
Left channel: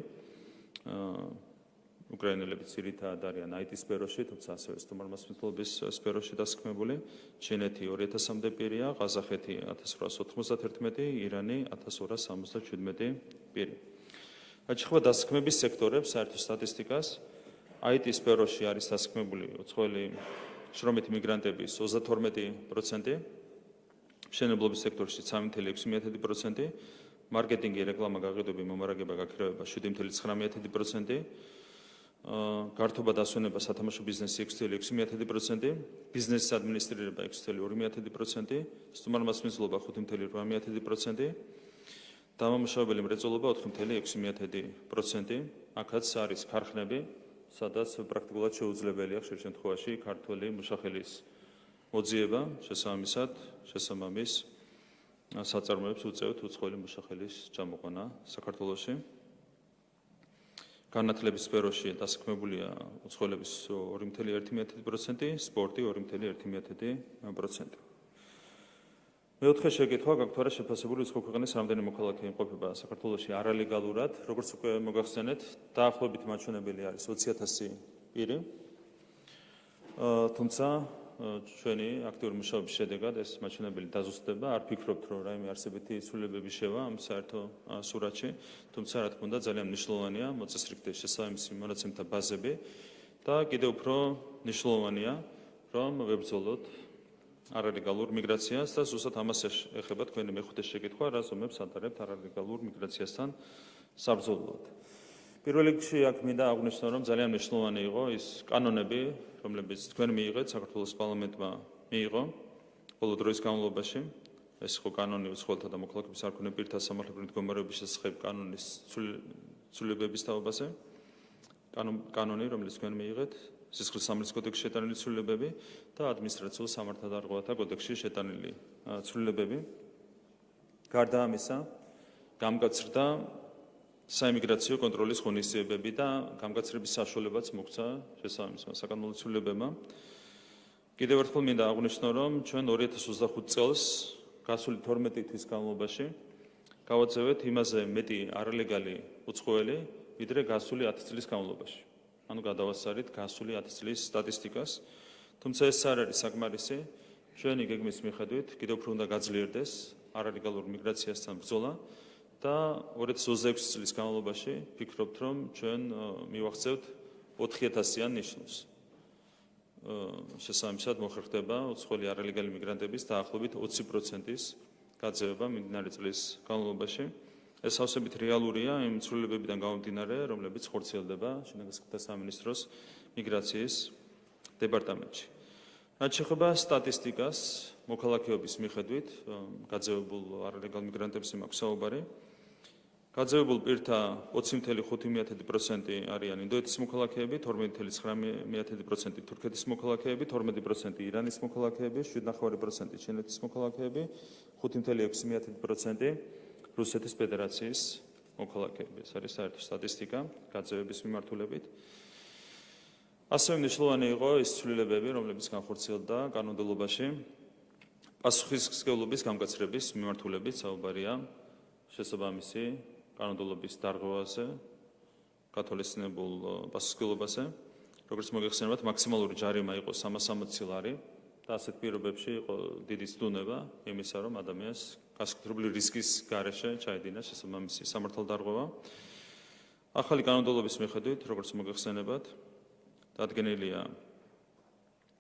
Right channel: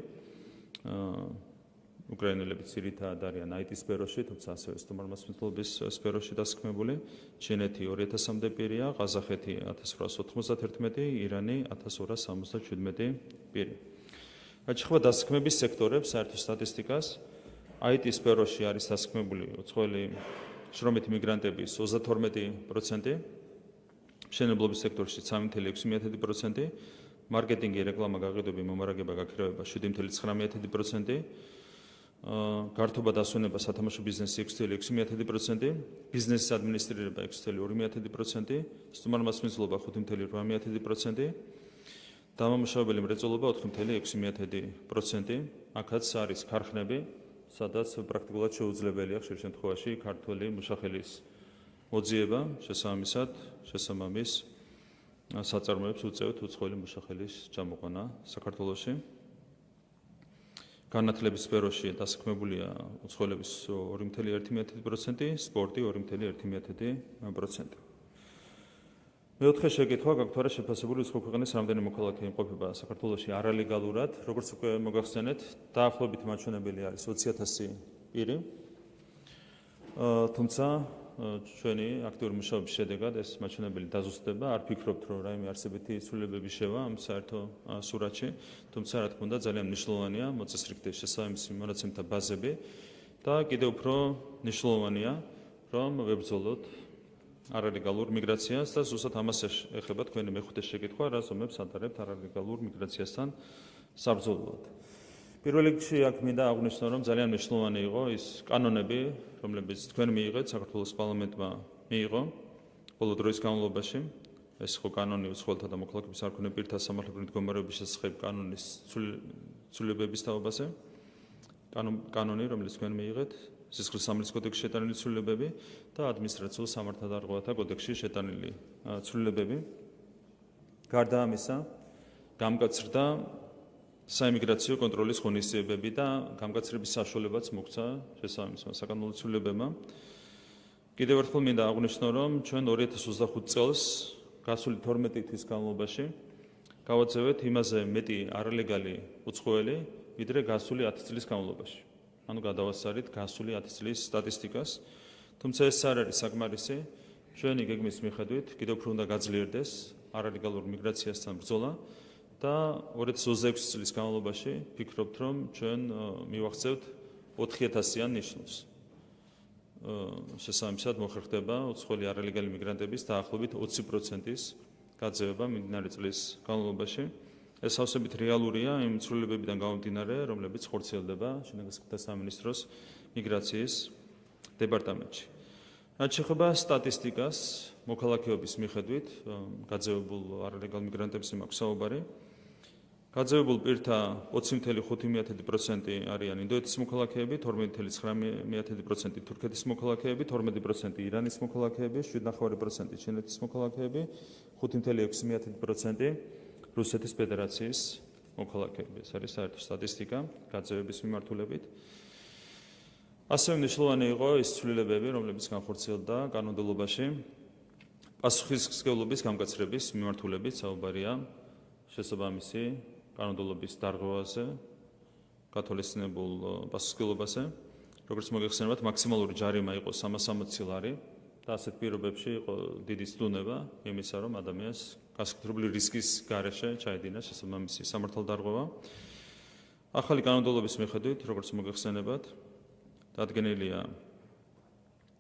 უკრაინელები ძირითადად არიან IT სფეროში, თუმცა ასევე სტუმართმასპინძლობის სფეროში დასაქმებული. ჩინეთი 2000-მდე პირია, ყაზახეთი 1891, ირანი 1277 პირი. რაც შეეხება დასაქმების სექტორებს, საერთო სტატისტიკას, IT სფეროში არის დასაქმებული უცხოელი შრომითი მიგრანტების 32%, მშენებლობის სექტორში 3.6%, მარკეტინგი, რეკლამა, გაყიდვები, მომარაგება, გაქირავება 7.9%, გართობა დასვენება, სათამაშო ბიზნესი 6.6%, ბიზნესის ადმინისტრირება 6.2%, სტუმართმასპინძლობა 5.8%, დამამუშავებელი მრეწველობა 4.6%. აქაც არის ქარხნები, სადაც პრაქტიკულად შეუძლებელია ხშირ შემთხვევაში ქართველი მუშახელის მოძიება, შესაბამის საწარმოებს უწევთ უცხოელი მუშახელის ჩამოყვანა საქართველოში. განათლების სფეროში დასაქმებულია უცხოელების 2.1%, სპორტი 2.1%. მეოთხე შეკითხვა გაქვთ არა შეფასებული უცხო ქვეყნის რამდენი მოქალაქე იმყოფება საქართველოში არალეგალურად, როგორც უკვე მოგახსენეთ, დაახლოებით მაჩვენებელი არის 20,000 პირი. თუმცა ჩვენი აქტიური მუშაობის შედეგად ეს მაჩვენებელი დაზუსტდება, არ ფიქრობთ, რომ რაიმე არსებითი ცვლილებები შევა ამ საერთო სურათში, თუმცა რა თქმა უნდა ძალიან მნიშვნელოვანია მოწესრიგდეს შესაბამისი მონაცემთა ბაზები და კიდევ უფრო მნიშვნელოვანია, რომ ვებრძოლოთ არალეგალურ მიგრაციას და ზუსტად ამას ეხება თქვენი მეხუთე შეკითხვა, რას ომებს ადარებთ არალეგალურ მიგრაციასთან საბრძოლოდ. პირველ რიგში აქ მინდა აღვნიშნო, რომ ძალიან მნიშვნელოვანი იყო ის კანონები, რომლებიც თქვენ მიიღეთ, საქართველოს პარლამენტმა მიიღო ბოლო დროის განმავლობაში. ეს ხო კანონი უცხოელთა და მოქალაქეების არქონე პირთა სამართლებრივი მდგომარეობის შესახებ კანონის ცვლილებების თაობაზე. კანონი, რომელიც თქვენ მიიღეთ, სისხლის სამართლის კოდექსში შეტანილი ცვლილებები და ადმინისტრაციულ სამართალდარღვევათა კოდექსში შეტანილი ცვლილებები. გარდა ამისა, გამკაცრდა საიმიგრაციო კონტროლის ღონისძიებები და გამკაცრების საშუალებაც მოგვცა შესაბამისმა საკანონმდებლო ცვლილებებმა. კიდევ ერთხელ მინდა აღვნიშნო, რომ ჩვენ 2025 წელს გასული 12 თვის განმავლობაში გავაძლევთ იმაზე მეტი არალეგალი უცხოელი, ვიდრე გასული 10 წლის განმავლობაში. ანუ გადავასწარით გასული 10 წლის სტატისტიკას. თუმცა ეს არ არის საკმარისი. ჩვენი გეგმის მიხედვით კიდევ უფრო უნდა გაძლიერდეს არალეგალურ მიგრაციასთან ბრძოლა და 2026 წლის განმავლობაში ვფიქრობთ, რომ ჩვენ მივახცევთ 4000-იან ნიშნულს. შესაბამისად მოხერხდება უცხოელი არალეგალი მიგრანტების დაახლოებით 20%-ის გაძევება მიმდინარე წლის განმავლობაში. ეს სავსებით რეალურია იმ ცვლილებებიდან გამომდინარე, რომლებიც ხორციელდება შინაგანსაკუთრებთა სამინისტროს მიგრაციის დეპარტამენტში. რაც შეეხება სტატისტიკას, მოქალაქეობის მიხედვით გაძევებულ არალეგალ მიგრანტებს მაქვს საუბარი. გაძევებულ პირთა 20.5% არიან ინდოეთის მოქალაქეები, 12.9% თურქეთის მოქალაქეები, 12% ირანის მოქალაქეები, 7.5% ჩინეთის მოქალაქეები, 5.6% რუსეთის ფედერაციის მოქალაქეები. ეს არის საერთო სტატისტიკა გაძევების მიმართულებით. ასევე მნიშვნელოვანი იყო ის ცვლილებები, რომლებიც განხორციელდა კანონმდებლობაში პასუხისმგებლობის გამკაცრების მიმართულებით საუბარია შესაბამისი კანონმდებლობის დარღვევაზე, გათვალისწინებულ პასუხისმგებლობაზე, როგორც მოგეხსენებათ, მაქსიმალური ჯარიმა იყო 360 ლარი და ასეთ პირობებში იყო დიდი ცდუნება იმისა, რომ ადამიანს გასაკუთრებული რისკის გარეშე ჩაედინა შესაბამისი სამართალდარღვევა. ახალი კანონმდებლობის მიხედვით, როგორც მოგეხსენებათ, დადგენილია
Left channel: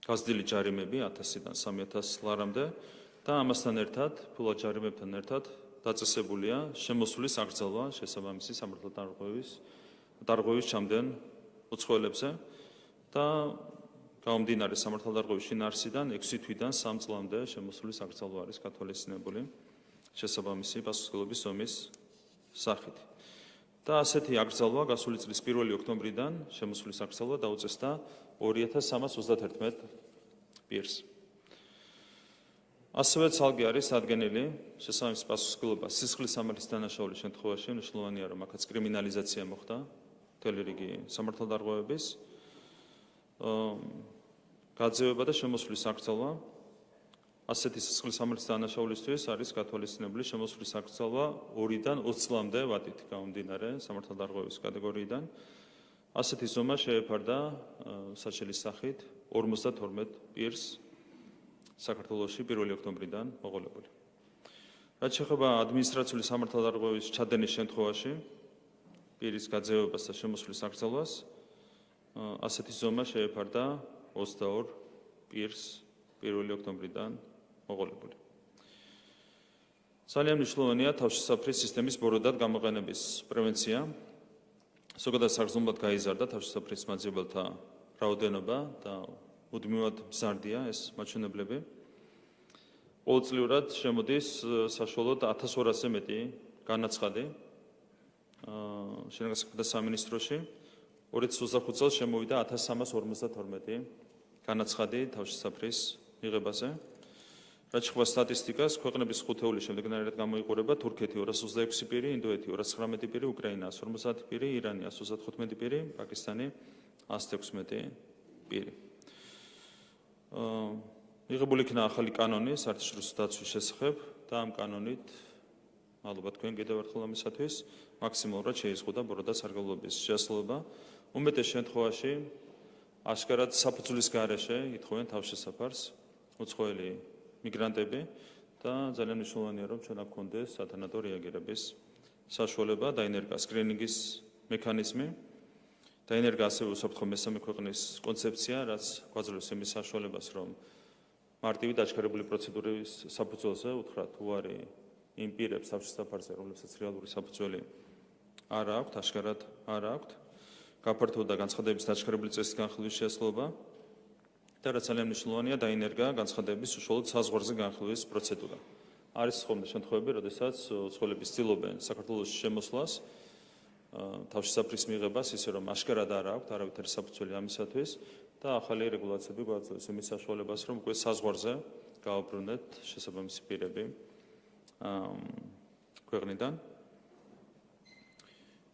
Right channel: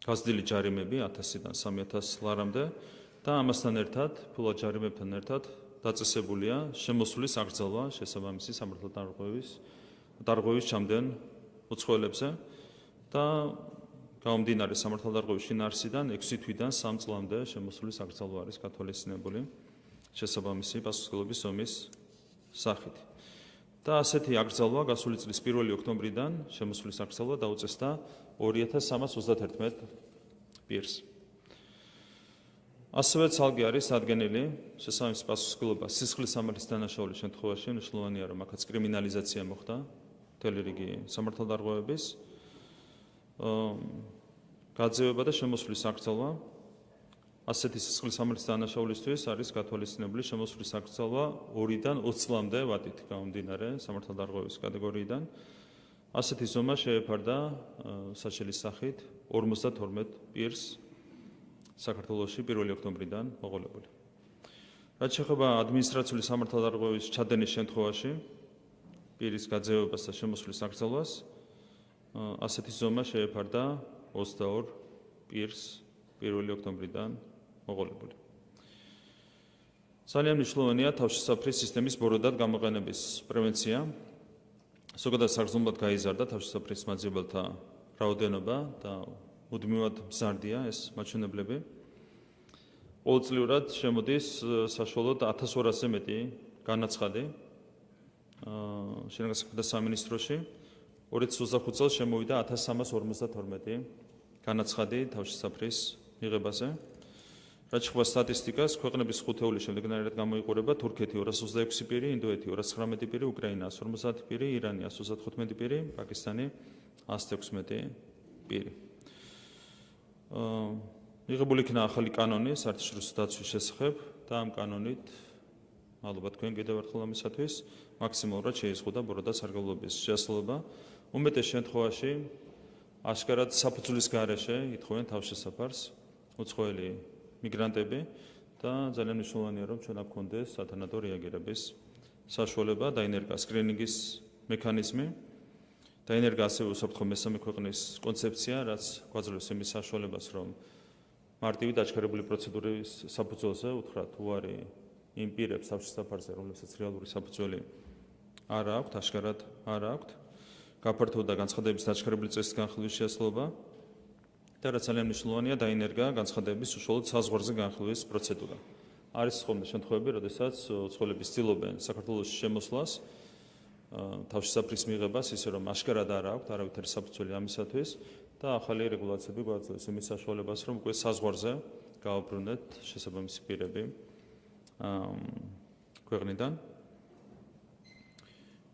გაზრდილი ჯარიმები 1000-დან 3000 ლარამდე და ამასთან ერთად, ფულად ჯარიმებთან ერთად დაწესებულია შემოსulis აკრძალვა შესაბამისი სამართალდარღვევის ჩამდენ უცხოელებზე და გამომდინარე სამართალდარღვევის შინაარსიდან 6 თვიდან 3 წლამდე შემოსulis აკრძალვა არის გათვალისწინებული შესაბამისი პასუხისმგებლობის ომის სახით. და ასეთი აკრძალვა გასული წლის 1 ოქტომბრიდან შემოსulis აკრძალვა დაუწესდა 2331 პირს. ასევე ცალკე არის დადგენილი შესაბამისი პასუხისმგებლობა სისხლის სამართლის დანაშაულის შემთხვევაში, მნიშვნელოვანია, რომ აქაც კრიმინალიზაცია მოხდა მთელი რიგი სამართალდარღვევების, გაძევება და შემოსulis აკრძალვა. ასეთი სისხლის სამართლის დანაშაულისთვის არის გათვალისწინებული შემოსulis აკრძალვა 2-დან 20 წლამდე ვადით გამომდინარე სამართალდარღვევის კატეგორიიდან. ასეთი ზომა შეეფარდა საჩელის სახით 52 პირს საქართველოში 1 ოქტომბრიდან მოყოლებული. რაც შეეხება ადმინისტრაციული სამართალდარღვევის ჩადენის შემთხვევაში პირის გაძევებას და შემოსulis აკრძალვას, ასეთი ზომა შეეფარდა 22 პირს 1 ოქტომბრიდან მოყოლებული. ძალიან მნიშვნელოვანია თავშესაფრის სისტემის ბოროტად გამოყენების პრევენცია. ზოგადად საგრძნობლად გაიზარდა თავშესაფრის მაძიებელთა რაოდენობა და მუდმივად მზარდია ეს მაჩვენებლები. ყოველწლიურად შემოდის საშუალოდ 1200-ზე მეტი განაცხადი შინაგანსაკუთრებთა სამინისტროში. 2025 წელს შემოვიდა 1352 განაცხადი თავშესაფრის მიღებაზე. რაც შეეხება სტატისტიკას, ქვეყნების ხუთეულის შემდეგნაირად გამოიყურება თურქეთი 226 პირი, ინდოეთი 219 პირი, უკრაინა 150 პირი, ირანი 115 პირი, პაკისტანი 116 პირი. მიღებული იქნა ახალი კანონი საერთაშორისო დაცვის შესახებ და ამ კანონით, მადლობა თქვენ კიდევ ერთხელ ამისათვის, მაქსიმალურად შეიზღუდა ბოროტად სარგებლობის შესაძლებლობა. უმეტეს შემთხვევაში აშკარად საფუძვლის გარეშე ითხოვენ თავშესაფარს უცხოელი მიგრანტები და ძალიან მნიშვნელოვანია, რომ ჩვენ აქ გქონდეს სათანადო რეაგირების საშუალება, დაინერგა სკრინინგის მექანიზმი, დაინერგა ასევე უსაფრთხო მესამე ქვეყნის კონცეფცია, რაც გვაძლევს იმის საშუალებას, რომ მარტივი დაჩქარებული პროცედურების საფუძველზე უთხრათ უარი იმ პირებს თავშესაფარზე, რომლებსაც რეალური საფუძველი არ აქვთ, აშკარად არ აქვთ. გაფართოვდა განცხადების დაჩქარებული წესის განხილვის შესაძლებლობა და რაც ძალიან მნიშვნელოვანია, დაინერგა განცხადების უშუალოდ საზღვარზე განხილვის პროცედურა. არის ხოლმე შემთხვევები, როდესაც უცხოელები ცდილობენ საქართველოს შემოსვლას, თავშესაფრის მიღებას, ისე რომ აშკარად არ აქვთ არავითარი საფუძველი ამისათვის და ახალი რეგულაციები გვაძლევს იმის საშუალებას, რომ უკვე საზღვარზე გავაბრუნდეთ შესაბამისი პირები ქვეყნიდან.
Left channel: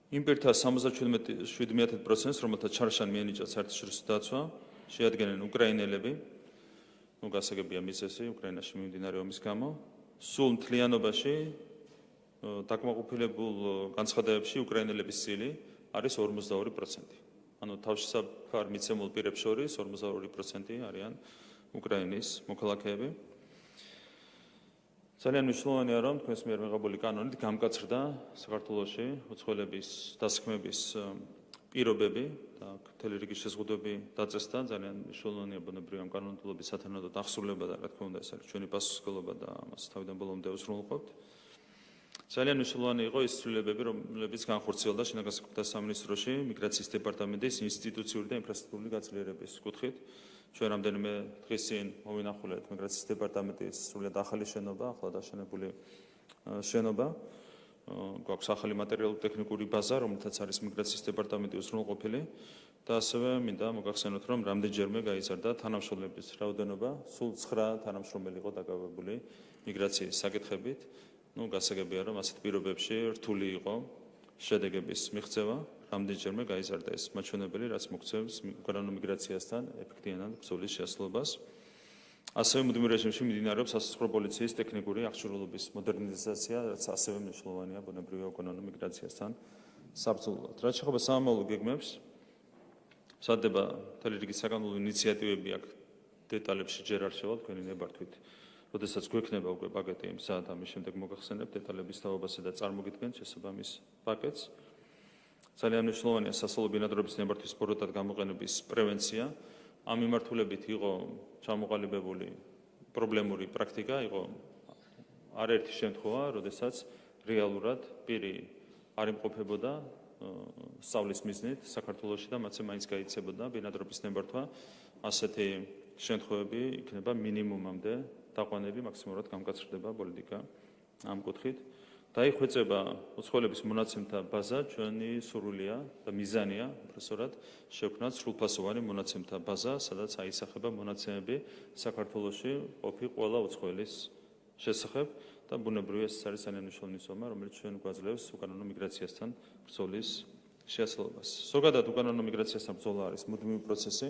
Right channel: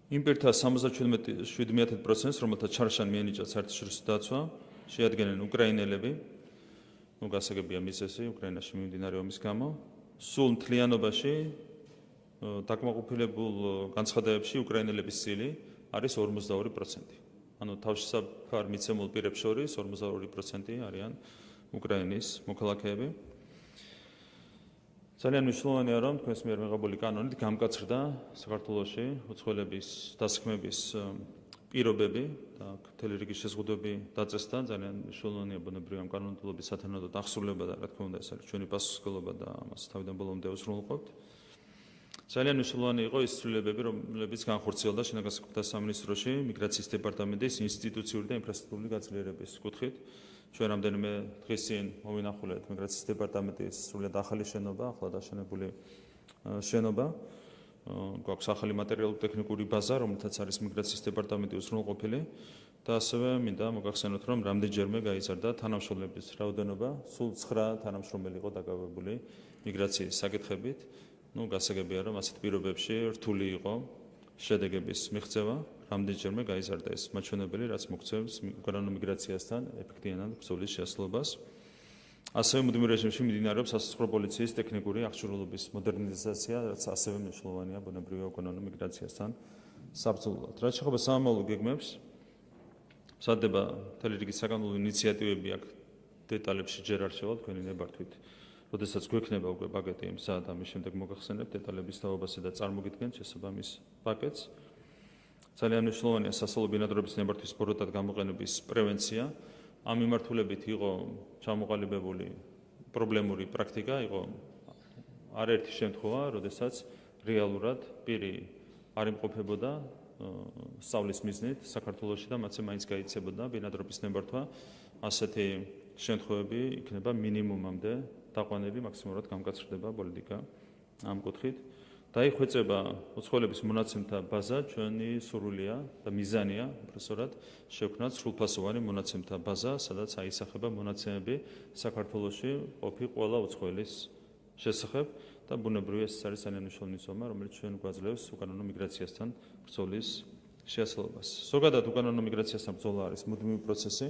იმ პირთა 77%-ს, რომელთა ჩარშან მიენიჭათ საერთაშორისო დაცვა, შეადგენენ უკრაინელები, გასაგებია მიზეზი უკრაინაში მიმდინარე ომის გამო. სულ მთლიანობაში დაკმაყოფილებულ განცხადებებში უკრაინელების წილი არის 42%. ანუ თავშესაფარ მიცემულ პირებს შორის 42% არიან უკრაინის მოქალაქეები. ძალიან მნიშვნელოვანია, რომ თქვენს მიერ მიღებული კანონით გამკაცრდა საქართველოში უცხოელების დასაქმების პირობები და მთელი რიგი შეზღუდვები დაწესდა. ძალიან მნიშვნელოვანია ბუნებრივი ამ კანონმდებლობის სათანადო დასრულება და რა თქმა უნდა ეს არის ჩვენი პასუხისმგებლობა და ამას თავიდან ბოლომდე ვუსრულყოფთ. ძალიან მნიშვნელოვანი იყო ის ცვლილებები, რომლებიც განხორციელდა შინაგან საქმეთა სამინისტროში მიგრაციის დეპარტამენტის ინსტიტუციური და ინფრასტრუქტურული გაძლიერების კუთხით. ჩვენ რამდენიმე დღის წინ მოვინახულეთ მიგრაციის დეპარტამენტის სრულიად ახალი შენობა, ახლა დაშენებული შენობა. გვაქვს ახალი მატერიალურ-ტექნიკური ბაზა, რომელთაც არის მიგრაციის დეპარტამენტი უზრუნველყოფილი და ასევე მინდა მოგახსენოთ, რომ რამდენჯერმე გაიზარდა თანამშრომლების რაოდენობა, სულ 9 თანამშრომელი იყო დაკავებული მიგრაციის საკითხებით. გასაგებია, რომ ასეთ პირობებში რთული იყო შედეგების მიღწევა, რამდენჯერმე გაიზარდა ეს მაჩვენებელი, რაც მოგცემს უკრაინულ მიგრაციასთან ეფექტიანად ბრძოლის შესაძლებლობას. ასევე მუდმივ რეჟიმში მიმდინარეობს სასაცხოვრო პოლიციის ტექნიკური აღჭურვილობის მოდერნიზაცია, რაც ასევე მნიშვნელოვანია ბუნებრივი უკრაინულ მიგრაციასთან საბრძოლოდ. რაც შეეხება სამომავლო გეგმებს, მზადდება მთელი რიგი საკანონმდებლო ინიციატივები აქ დეტალებში ჯერ არ შევავთ, თქვენი ნებართვით. როდესაც გვექნება უკვე პაკეტი მზად, ამის შემდეგ მოგახსენებთ დეტალების თავობასა და წარმოგიდგენთ შესაბამის პაკეტს. ძალიან მნიშვნელოვანია სასწავლო ბინადრობის ნებართვის სპორტად გამოყენების პრევენცია. ამ მიმართულებით იყო ჩამოყალიბებული პრობლემური პრაქტიკა, იყო არაერთი შემთხვევა, როდესაც რეალურად პირი არ იმყოფებოდა სწავლის მიზნით საქართველოში და მათზე მაინც გაიცებოდა ბინადრობის ნებართვა. ასეთი შემთხვევები იქნება მინიმუმამდე დაყვანები, მაქსიმალურად გამკაცრდება პოლიტიკა ამ კუთხით. დაიხვეწება უცხოელების მონაცემთა ბაზა, ჩვენი სურვილია და მიზანია, უბრალოდ შევქმნათ სრულფასოვანი მონაცემთა ბაზა, სადაც აისახება მონაცემები საქართველოში ყოფი ყველა უცხოელის შესახებ და ბუნებრივია ეს არის ძალიან მნიშვნელოვანი ზომა, რომელიც ჩვენ გვაძლევს უკანონო მიგრაციასთან ბრძოლის შესაძლებლობას. ზოგადად უკანონო მიგრაციასთან ბრძოლა არის მუდმივი პროცესი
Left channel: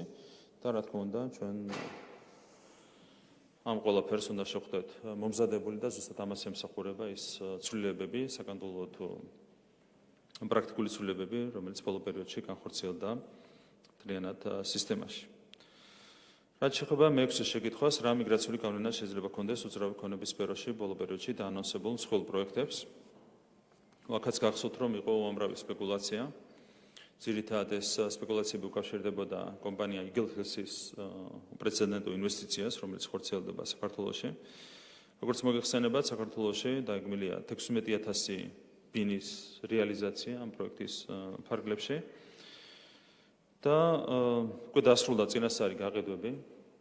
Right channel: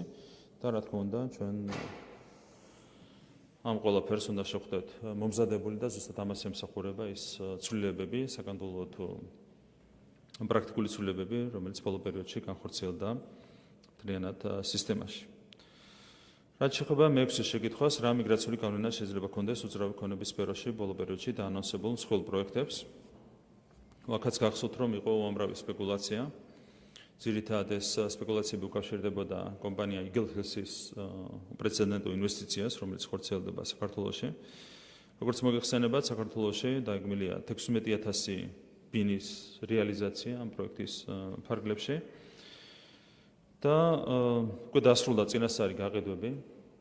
და რა თქმა უნდა ჩვენ ამ ყველაფერს უნდა შევხვდეთ მომზადებული და ზუსტად ამას ემსახურება ის ცვლილებები, საკანონმდებლო თუ პრაქტიკული ცვლილებები, რომელიც ბოლო პერიოდში განხორციელდა მთლიანად სისტემაში. რაც შეეხება მეექვსე შეკითხვას, რა მიგრაციული კანონია შეიძლება ქონდეს უძრავი ქონების სფეროში ბოლო პერიოდში დაანონსებულ მსხვილ პროექტებს. აქაც გახსოვთ, რომ იყო უამრავი სპეკულაცია. ძირითადად ეს სპეკულაციები უკავშირდებოდა კომპანია იგელჰესის უპრეცედენტო ინვესტიციას, რომელიც ხორციელდება საქართველოში. როგორც მოგეხსენებათ, საქართველოში დაეგმილია 16,000 ბინის რეალიზაცია ამ პროექტის ფარგლებში და უკვე დასრულდა წინასწარი გაყიდვები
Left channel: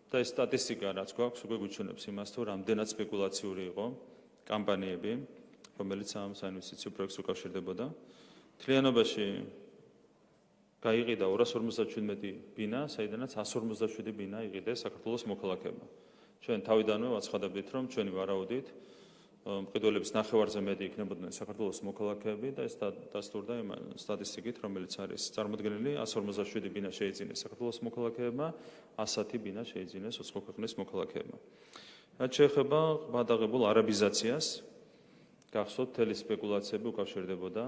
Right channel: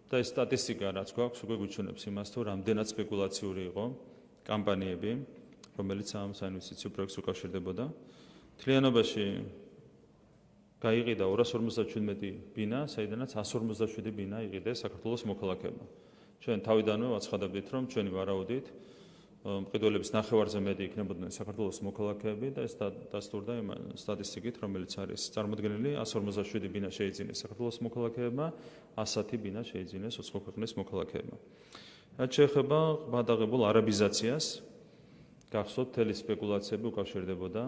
და ეს სტატისტიკა, რაც გვაქვს, უკვე გვიჩვენებს იმას, თუ რამდენად სპეკულაციური იყო კამპანიები, რომელიც ამ საინვესტიციო პროექტს უკავშირდებოდა. მთლიანობაში გაიყიდა 257 ბინა, საიდანაც 157 ბინა იყიდეს საქართველოს მოქალაქეებმა. ჩვენ თავიდანვე ვაცხადებდით, რომ ჩვენი ვარაუდით მყიდველების ნახევარზე მეტი იქნებოდნენ საქართველოს მოქალაქეები და ეს დასტურდა იმ სტატისტიკით, რომელიც არის წარმოდგენილი, 157 ბინა შეიძინეს საქართველოს მოქალაქეებმა, 110 ბინა შეიძინეს უცხო ქვეყნის მოქალაქეებმა. რაც შეეხება ღრმადაღებულ არაბიზაციას, გახსოვთ, მთელი სპეკულაციები უკავშირდებოდა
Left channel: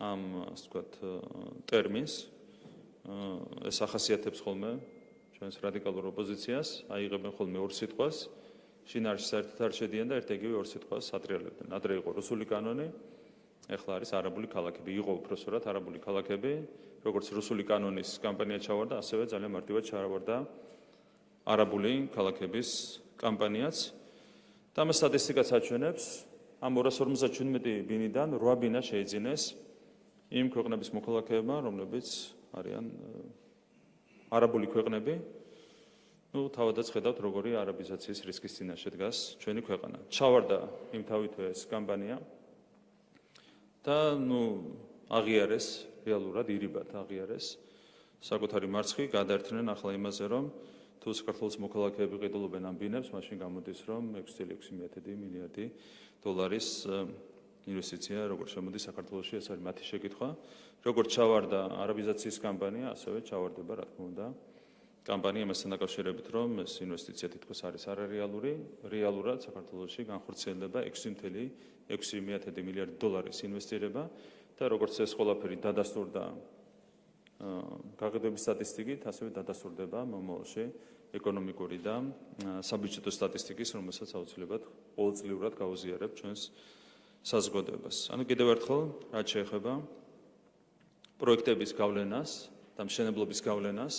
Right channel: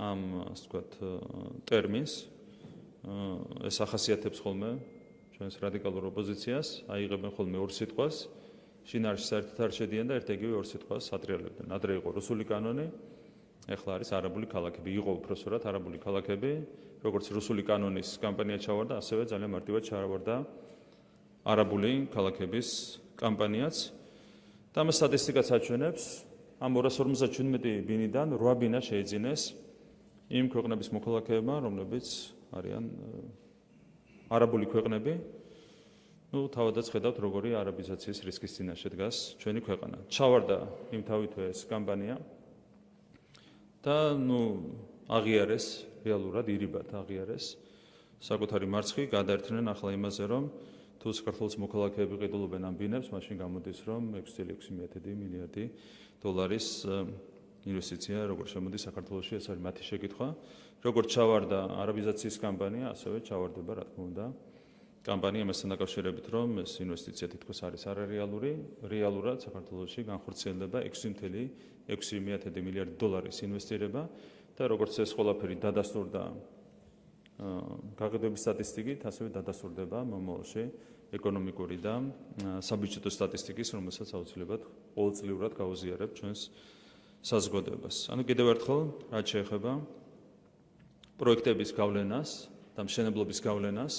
ამ ასე ვთქვათ ტერმინს. ეს ახასიათებს ხოლმე ჩვენს რადიკალურ ოპოზიციას, აიღებენ ხოლმე ორ სიტყვას, შინაარსში საერთოდ არ შედიან და ერთ-ეგივე ორ სიტყვას ატრიალებდნენ. ადრე იყო რუსული კანონი, ეხლა არის არაბული ქალაქები. იყო უпроსორად არაბული ქალაქები, როგორც რუსული კანონის კამპანია ჩავარდა, ასევე ძალიან მარტივად ჩავარდა არაბული ქალაქების კამპანიაც. და ამ სტატისტიკაც აჩვენებს, ამ 257 ბინიდან 8 ბინა შეიძინეს იმ ქვეყნების მოქალაქეებმა, რომლებიც არიან არაბული ქვეყნები. თავადაც ხედავთ, როგორი არაბიზაციის რისკის წინაშე დგას ჩვენი ქვეყანა. ჩავარდა იმთავითვე ეს კამპანია და აღიარეს, რეალურად ირიბად აღიარეს საკუთარი მარცხი, გადაერთნენ ახლა იმაზე, რომ თუ საქართველოს მოქალაქეები ყიდულობენ ამ ბინებს, მაშინ გამოდის, რომ 6,6 მილიარდი დოლარის ინვესტიცია როგორ შემოდის საქართველოში, ეს არის მათი შეკითხვა. როგორც ჩავარდა არაბიზაციის კამპანია, ასევე ჩავარდება, რა თქმა უნდა, კამპანია მასთან დაკავშირებით, რომ ეს ინვესტიცია თითქოს არის არარეალური, რეალურად საქართველოში განხორციელდება 6,6 მილიარდი დოლარის ინვესტირება და როგორც ეს ყველაფერი დადასტურდა გაყიდვების სტატისტიკით, ასევე დადასტურდება მომავალში ეკონომიკური და საბიუჯეტო სტატისტიკის, რომელსაც აუცილებლად ყოველწლიურად გავუზიარებთ ჩვენს საზოგადოებას. კიდევ ერთხელ, რაც შეეხება პროექტების გავლენას და მშენებლობის გავლენას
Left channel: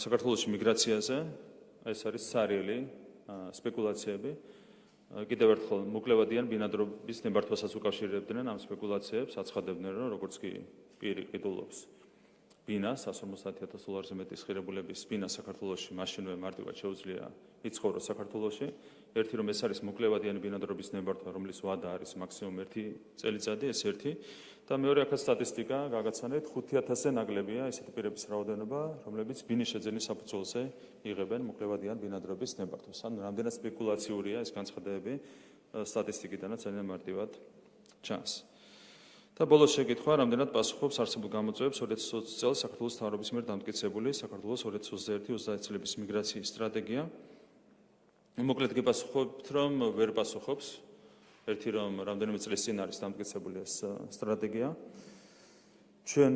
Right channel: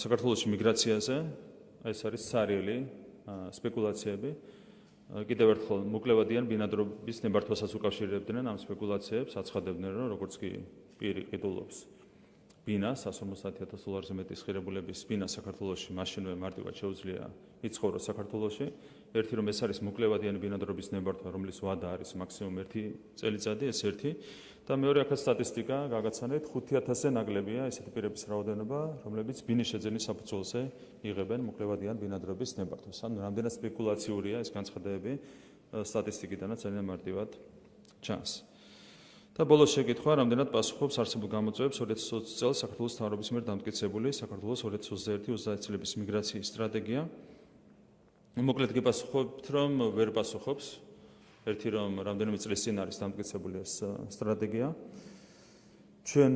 საქართველოში მიგრაციაზე, ეს არის სარიელი სპეკულაციები. კიდევ ერთხელ მოკლებადიან ბინადრობის ნებართვასაც უკავშირებდნენ ამ სპეკულაციებს, აცხადებდნენ, რომ როგორც კი პირი ყიდულობს ბინას, 150,000 დოლარზე მეტის ღირებულების ბინა საქართველოში, მაშინვე მარტივად შეუძლია იცხოვროს საქართველოში. ერთი რომ ეს არის მოკლებადიანი ბინადრობის ნებართვა, რომლის ვადა არის მაქსიმუმ 1 წელიწადი, ეს ერთი. და მეორე აქაც სტატისტიკა გაგაცანეთ, 5,000-ზე ნაკლებია ესეთი პირების რაოდენობა, რომლებიც ბინის შეძენის საფუძველზე იღებენ მოკლებადიან ბინადრობის ნებართვას. რამდენად სპეკულაციურია ეს განცხადებები სტატისტიკიდანაც ძალიან მარტივად ჩანს. და ბოლოს შეკითხვა, რამდენად პასუხობს არსებულ გამოწვევებს 2020 წელს საქართველოს მთავრობის მიერ დამტკიცებული საქართველოს 2021-30 წლების მიგრაციის სტრატეგია. მოკლედ გიპასუხებთ, რომ ვერ პასუხობს. ერთი რომ რამდენიმე წლის წინ არის დამტკიცებული ეს სტრატეგია. ჩვენ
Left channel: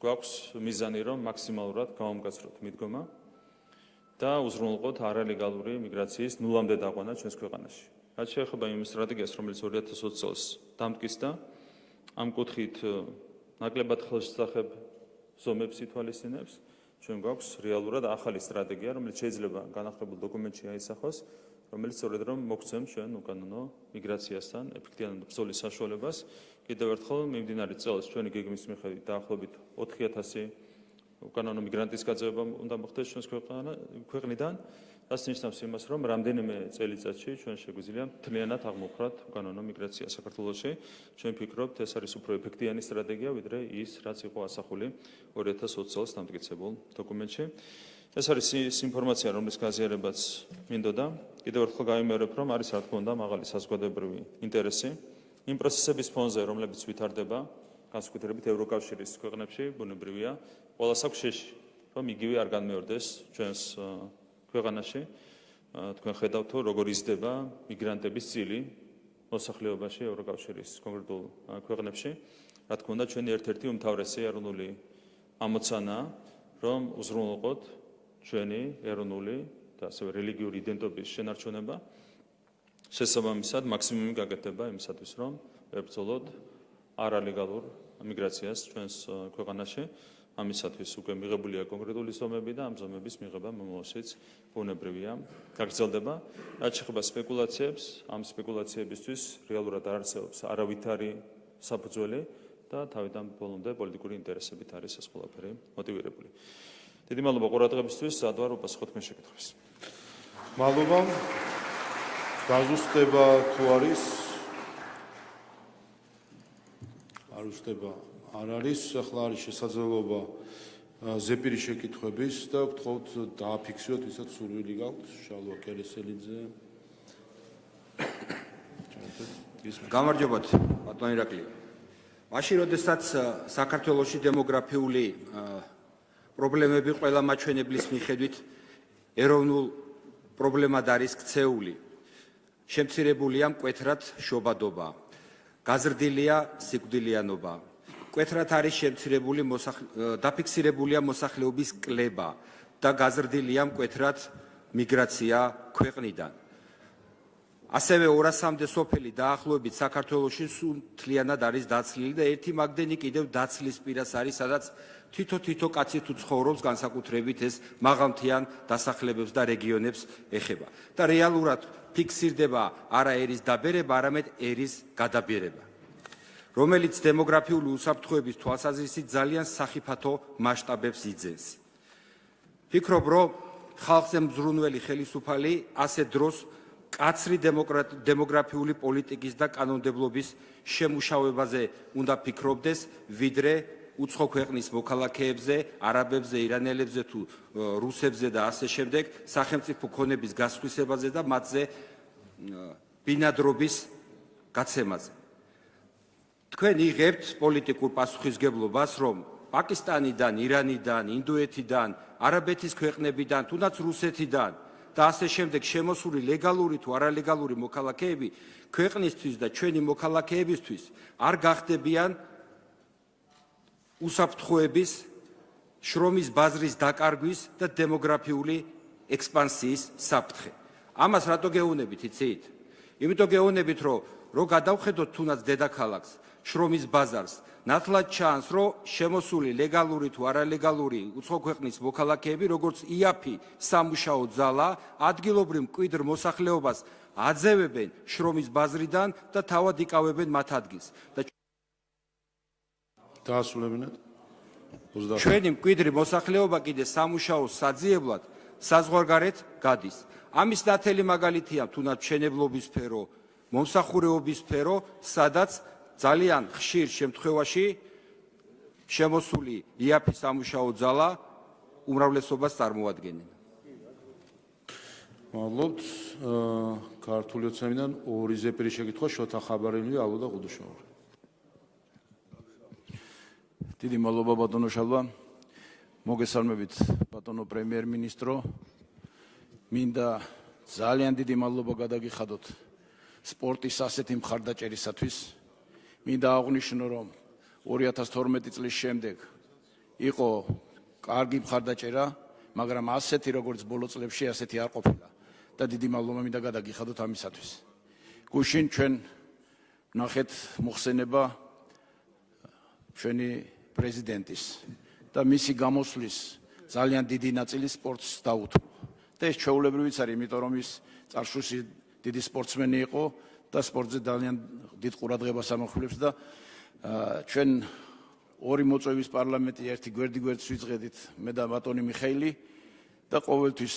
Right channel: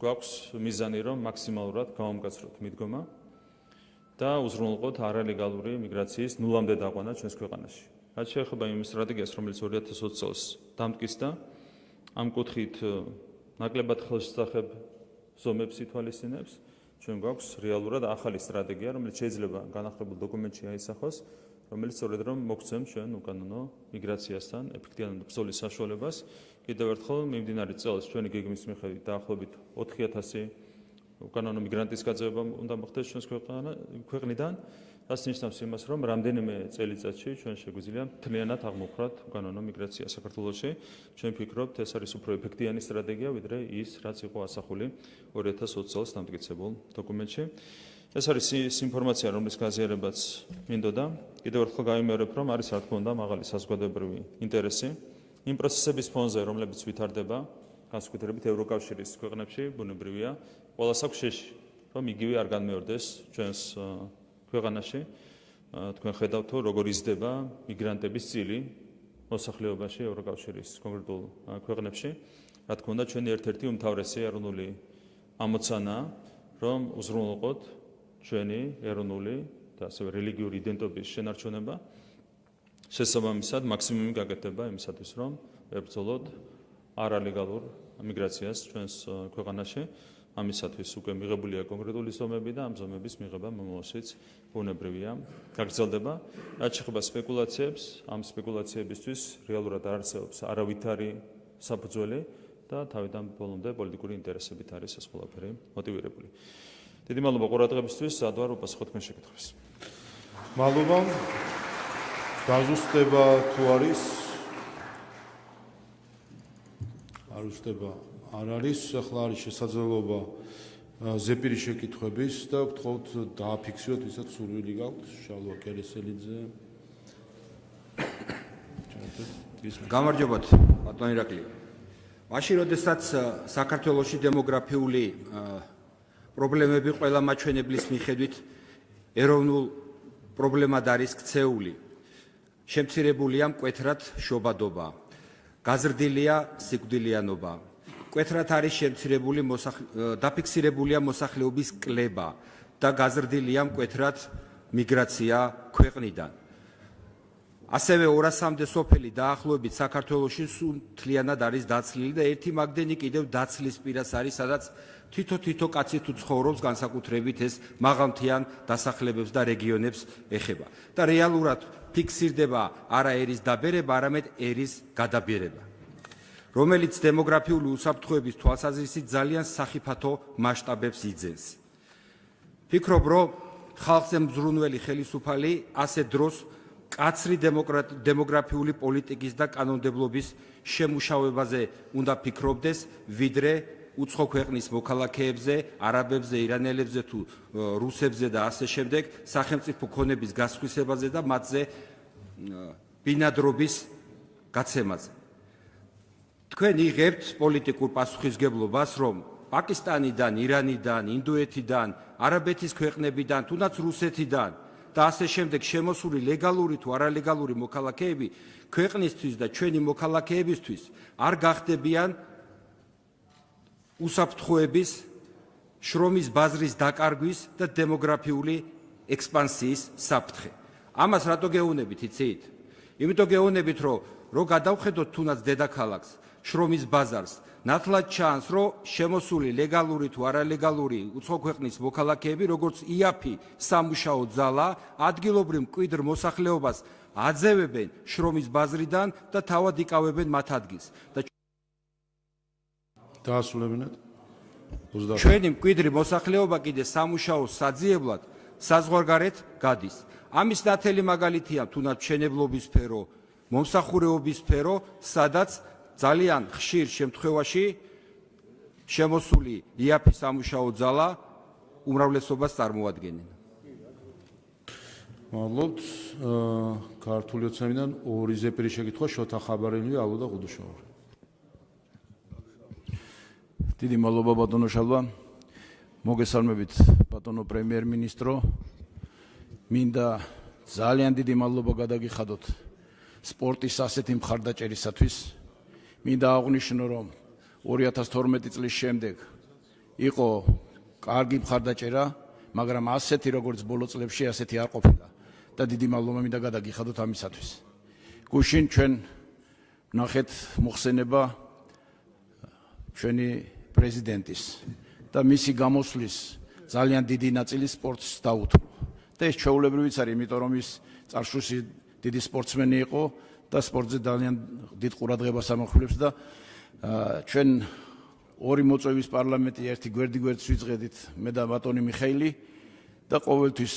გვაქვს მიზანი, რომ მაქსიმალურად გავამკაცროთ მიდგომა და უზრუნველყოთ არალეგალური მიგრაციის ნულამდე დაყვანა ჩვენს ქვეყანაში. რაც შეეხება იმ სტრატეგიას, რომელიც 2020 წელს დამტკიცდა, ამ კუთხით ნაკლებად ხელშესახებ ზომებს ითვალისწინებს. ჩვენ გვაქვს რეალურად ახალი სტრატეგია, რომელიც შეიძლება განახლებულ დოკუმენტში აისახოს, რომელიც სწორედ რომ მოგცემს ჩვენ უკანონო მიგრაციასთან ეფექტიანად ბრძოლის საშუალებას. კიდევ ერთხელ, მიმდინარე წელს ჩვენი გეგმის მიხედვით დაახლოებით 4,000 უკანონო მიგრანტის გაძევება უნდა მოხდეს ჩვენს ქვეყნიდან, რაც ნიშნავს იმას, რომ რამდენიმე წელიწადში ჩვენ შეგვიძლია მთლიანად აღმოვხვრათ უკანონო მიგრაცია საქართველოში. ჩვენ ვფიქრობთ, ეს არის უფრო ეფექტიანი სტრატეგია, ვიდრე ის, რაც იყო ასახული 2020 წელს დამტკიცებულ დოკუმენტში. ეს არის ის ინფორმაცია, რომლის გაზიარებაც მინდოდა. კიდევ ერთხელ გამიმეორებ, რომ არის რა თქმა უნდა მაღალი საზოგადოებრივი ინტერესი იმ პროცესების ფონზე, რომლებიც ვითარდება, განსაკუთრებით ევროკავშირის ქვეყნებში, ბუნებრივია, ყველას აქვს შეში, რომ იგივე არ განმეორდეს ჩვენს ქვეყანაში. თქვენ ხედავთ, როგორ იზრდება მიგრანტების წილი მოსახლეობაში ევროკავშირის კონკრეტულ ქვეყნებში. რა თქმა უნდა, ჩვენი ერთ-ერთი უმთავრესი ეროვნული ამოცანაა, რომ უზრუნველყოთ ჩვენი ეროვნული და ასევე რელიგიური იდენტობის შენარჩუნება. შესაბამისად, მაქსიმუმი გაკეთდება იმისათვის, რომ ვებრძოლოთ არალეგალურ მიგრაციას ჩვენს ქვეყანაში. ამისათვის უკვე მიღებულია კონკრეტული ზომები და ამ ზომების მიღება მომავალშიც ბუნებრივია გაგრძელდება. რაც შეეხება სპეკულაციებს, ამ სპეკულაციებისთვის რეალურად არ არსებობს არავითარი საფუძველი და თავიდან ბოლომდე პოლიტიკური ინტერესებით არის ეს ყველაფერი მოტივირებული. დიდი მადლობა ყურადღებისთვის, სადვარ უპასუხოთ თქვენ შეკითხვებს. მადლობა. გაზუსტება თუ არის? არ უსტება. არ არის, ახლა არის შესაძლებლობა ზეპირი შეკითხვების და გთხოვთ დააფიქსიროთ, ვისაც სურვილი გაქვთ, შალვა კერესელიძე. გამარჯობათ, ბატონ ირაკლი. მაშინ, როდესაც საქართველოში დემოგრაფიული პრობლემები ყველა მაჩვენებლის მიხედვით ეროვნულ პრობლემად არის ქცეული, შემცირებულია მკვეთრად შობადობა, გაზრდილია სიკვდილიანობა. მკვეთრად არის დაფიქსირებულია მოსახლეობის კლება და გაზრდილია მკვეთრად მიგრაცია ქვეყნიდან. ასევე 200-მდე სოფელი დაახლოებით საქართველოში სულ მთლიანად არის დაცლილი და ერთი მაგდენი კიდევ დაცლის პირას არის, სადაც თითო კაცი თუ ცხოვრობს, განსაკუთრებით ეს მაღალმთიან დასახლებებს და რეგიონებს ეხება. და რეალურად ფიქსირდება არა ერის დაბერება, არამედ ერის გადაბერება. რომელიც დემოგრაფიული უსაფრთხოების თვალსაზრისით ძალიან სახიფათო მასშტაბებს იძენს. Ფიქრობ, რომ ხალხზე მზრუნველი ხელისუფალი ასეთ დროს კაცრი დემოგრაფიული პოლიტიკის და კანონმდებლობის შემუშავებაზე უნდა ფიქრობდეს, ვიდრე უცხო ქვეყნის მოქალაქეებზე, არაბებზე, ირანელებზე თუ რუსებზე და ასე შემდეგ სახელმწიფო ქონების გასხვისებაზე და მათზე ბინადრობის გაცემაზე. თქვენ იღებთ პოლიტიკურ პასუხისგებლობას, რომ პაკისტანიდან, ირანიდან, ინდოეთიდან, არაბეთის ქვეყნებიდან, თუნდაც რუსეთიდან და ასე შემდეგ შემოსული ლეგალური თუ არალეგალური მოქალაქეები ქვეყნისთვის და ჩვენი მოქალაქეებისთვის არ გახდებიან უსაფრთხოების, შრომის ბაზრის დაკარგვის და დემოგრაფიული ექსპანსიის საფრთხე. ამას რატო გეუბნებით, იცით? იმიტომ გეუბნებით, რომ გადავხედოთ თუნდაც დედაქალაქს, შრომის ბაზარს, ნათლად ჩანს, რომ შემოსული ლეგალური თუ არალეგალური უცხო ქვეყნის მოქალაქეები, როგორც იაფი სამუშაო ძალა, ადგილობრივ მკვიდრ მოსახლეობას აძევებენ შრომის ბაზრიდან და თავად იკავებენ მათ ადგილს. დაასრულებინათ. ჩვენი მკვიდრი მოსახლეობა კიდე სამუშაოს საძიებლად საზღვარგარეთ გადის. ამის ნათელი მაგალითია თუნდაც მშენებლობის სფერო, მომსახურეობის სფერო, სადაც ძალიან ხშირ შემთხვევაში შემოსული იაფი სამუშაო ძალა უმრავლესობას წარმოადგენენ. მადლობთ. ქართული ოცნებიდან ორი ზეპირი შეკითხვა შოთა ხაბარელი, აუდა ყუდუშოვარი. დიდი მადლობა ბატონო შალვა. მოგესალმებით ბატონო პრემიერ-მინისტრო. მინდა ძალიან დიდი მადლობა გადაგიხადოთ სპორტის ასეთი მხარდაჭერისათვის. მინდა აღვნიშნო, რომ 2012 წლის შემდეგ იყო კარგი მხარდაჭერა, მაგრამ ასეთი როგორც ბოლო წლებში ასეთი არ ყოფილა და დიდი მადლობა მინდა გადაგიხადოთ ამისათვის. გუშინ ჩვენ ნახეთ მოხსენება ჩვენი პრეზიდენტის და მისი გამოსვლის ძალიან დიდი ნაწილი სპორტს დაუთმო. და ეს ჩვეულებრივიც არის, იმიტომ რომ ის წარსულში დიდი სპორტსმენი იყო და სპორტზე ძალიან დიდ ყურადღებას ამახვილებს და ჩვენ ორი მოწვევის პარლამენტი ერთი გვერდ-გვერდს ვიწყედით მე და ბატონი მიხეილი და ყოველთვის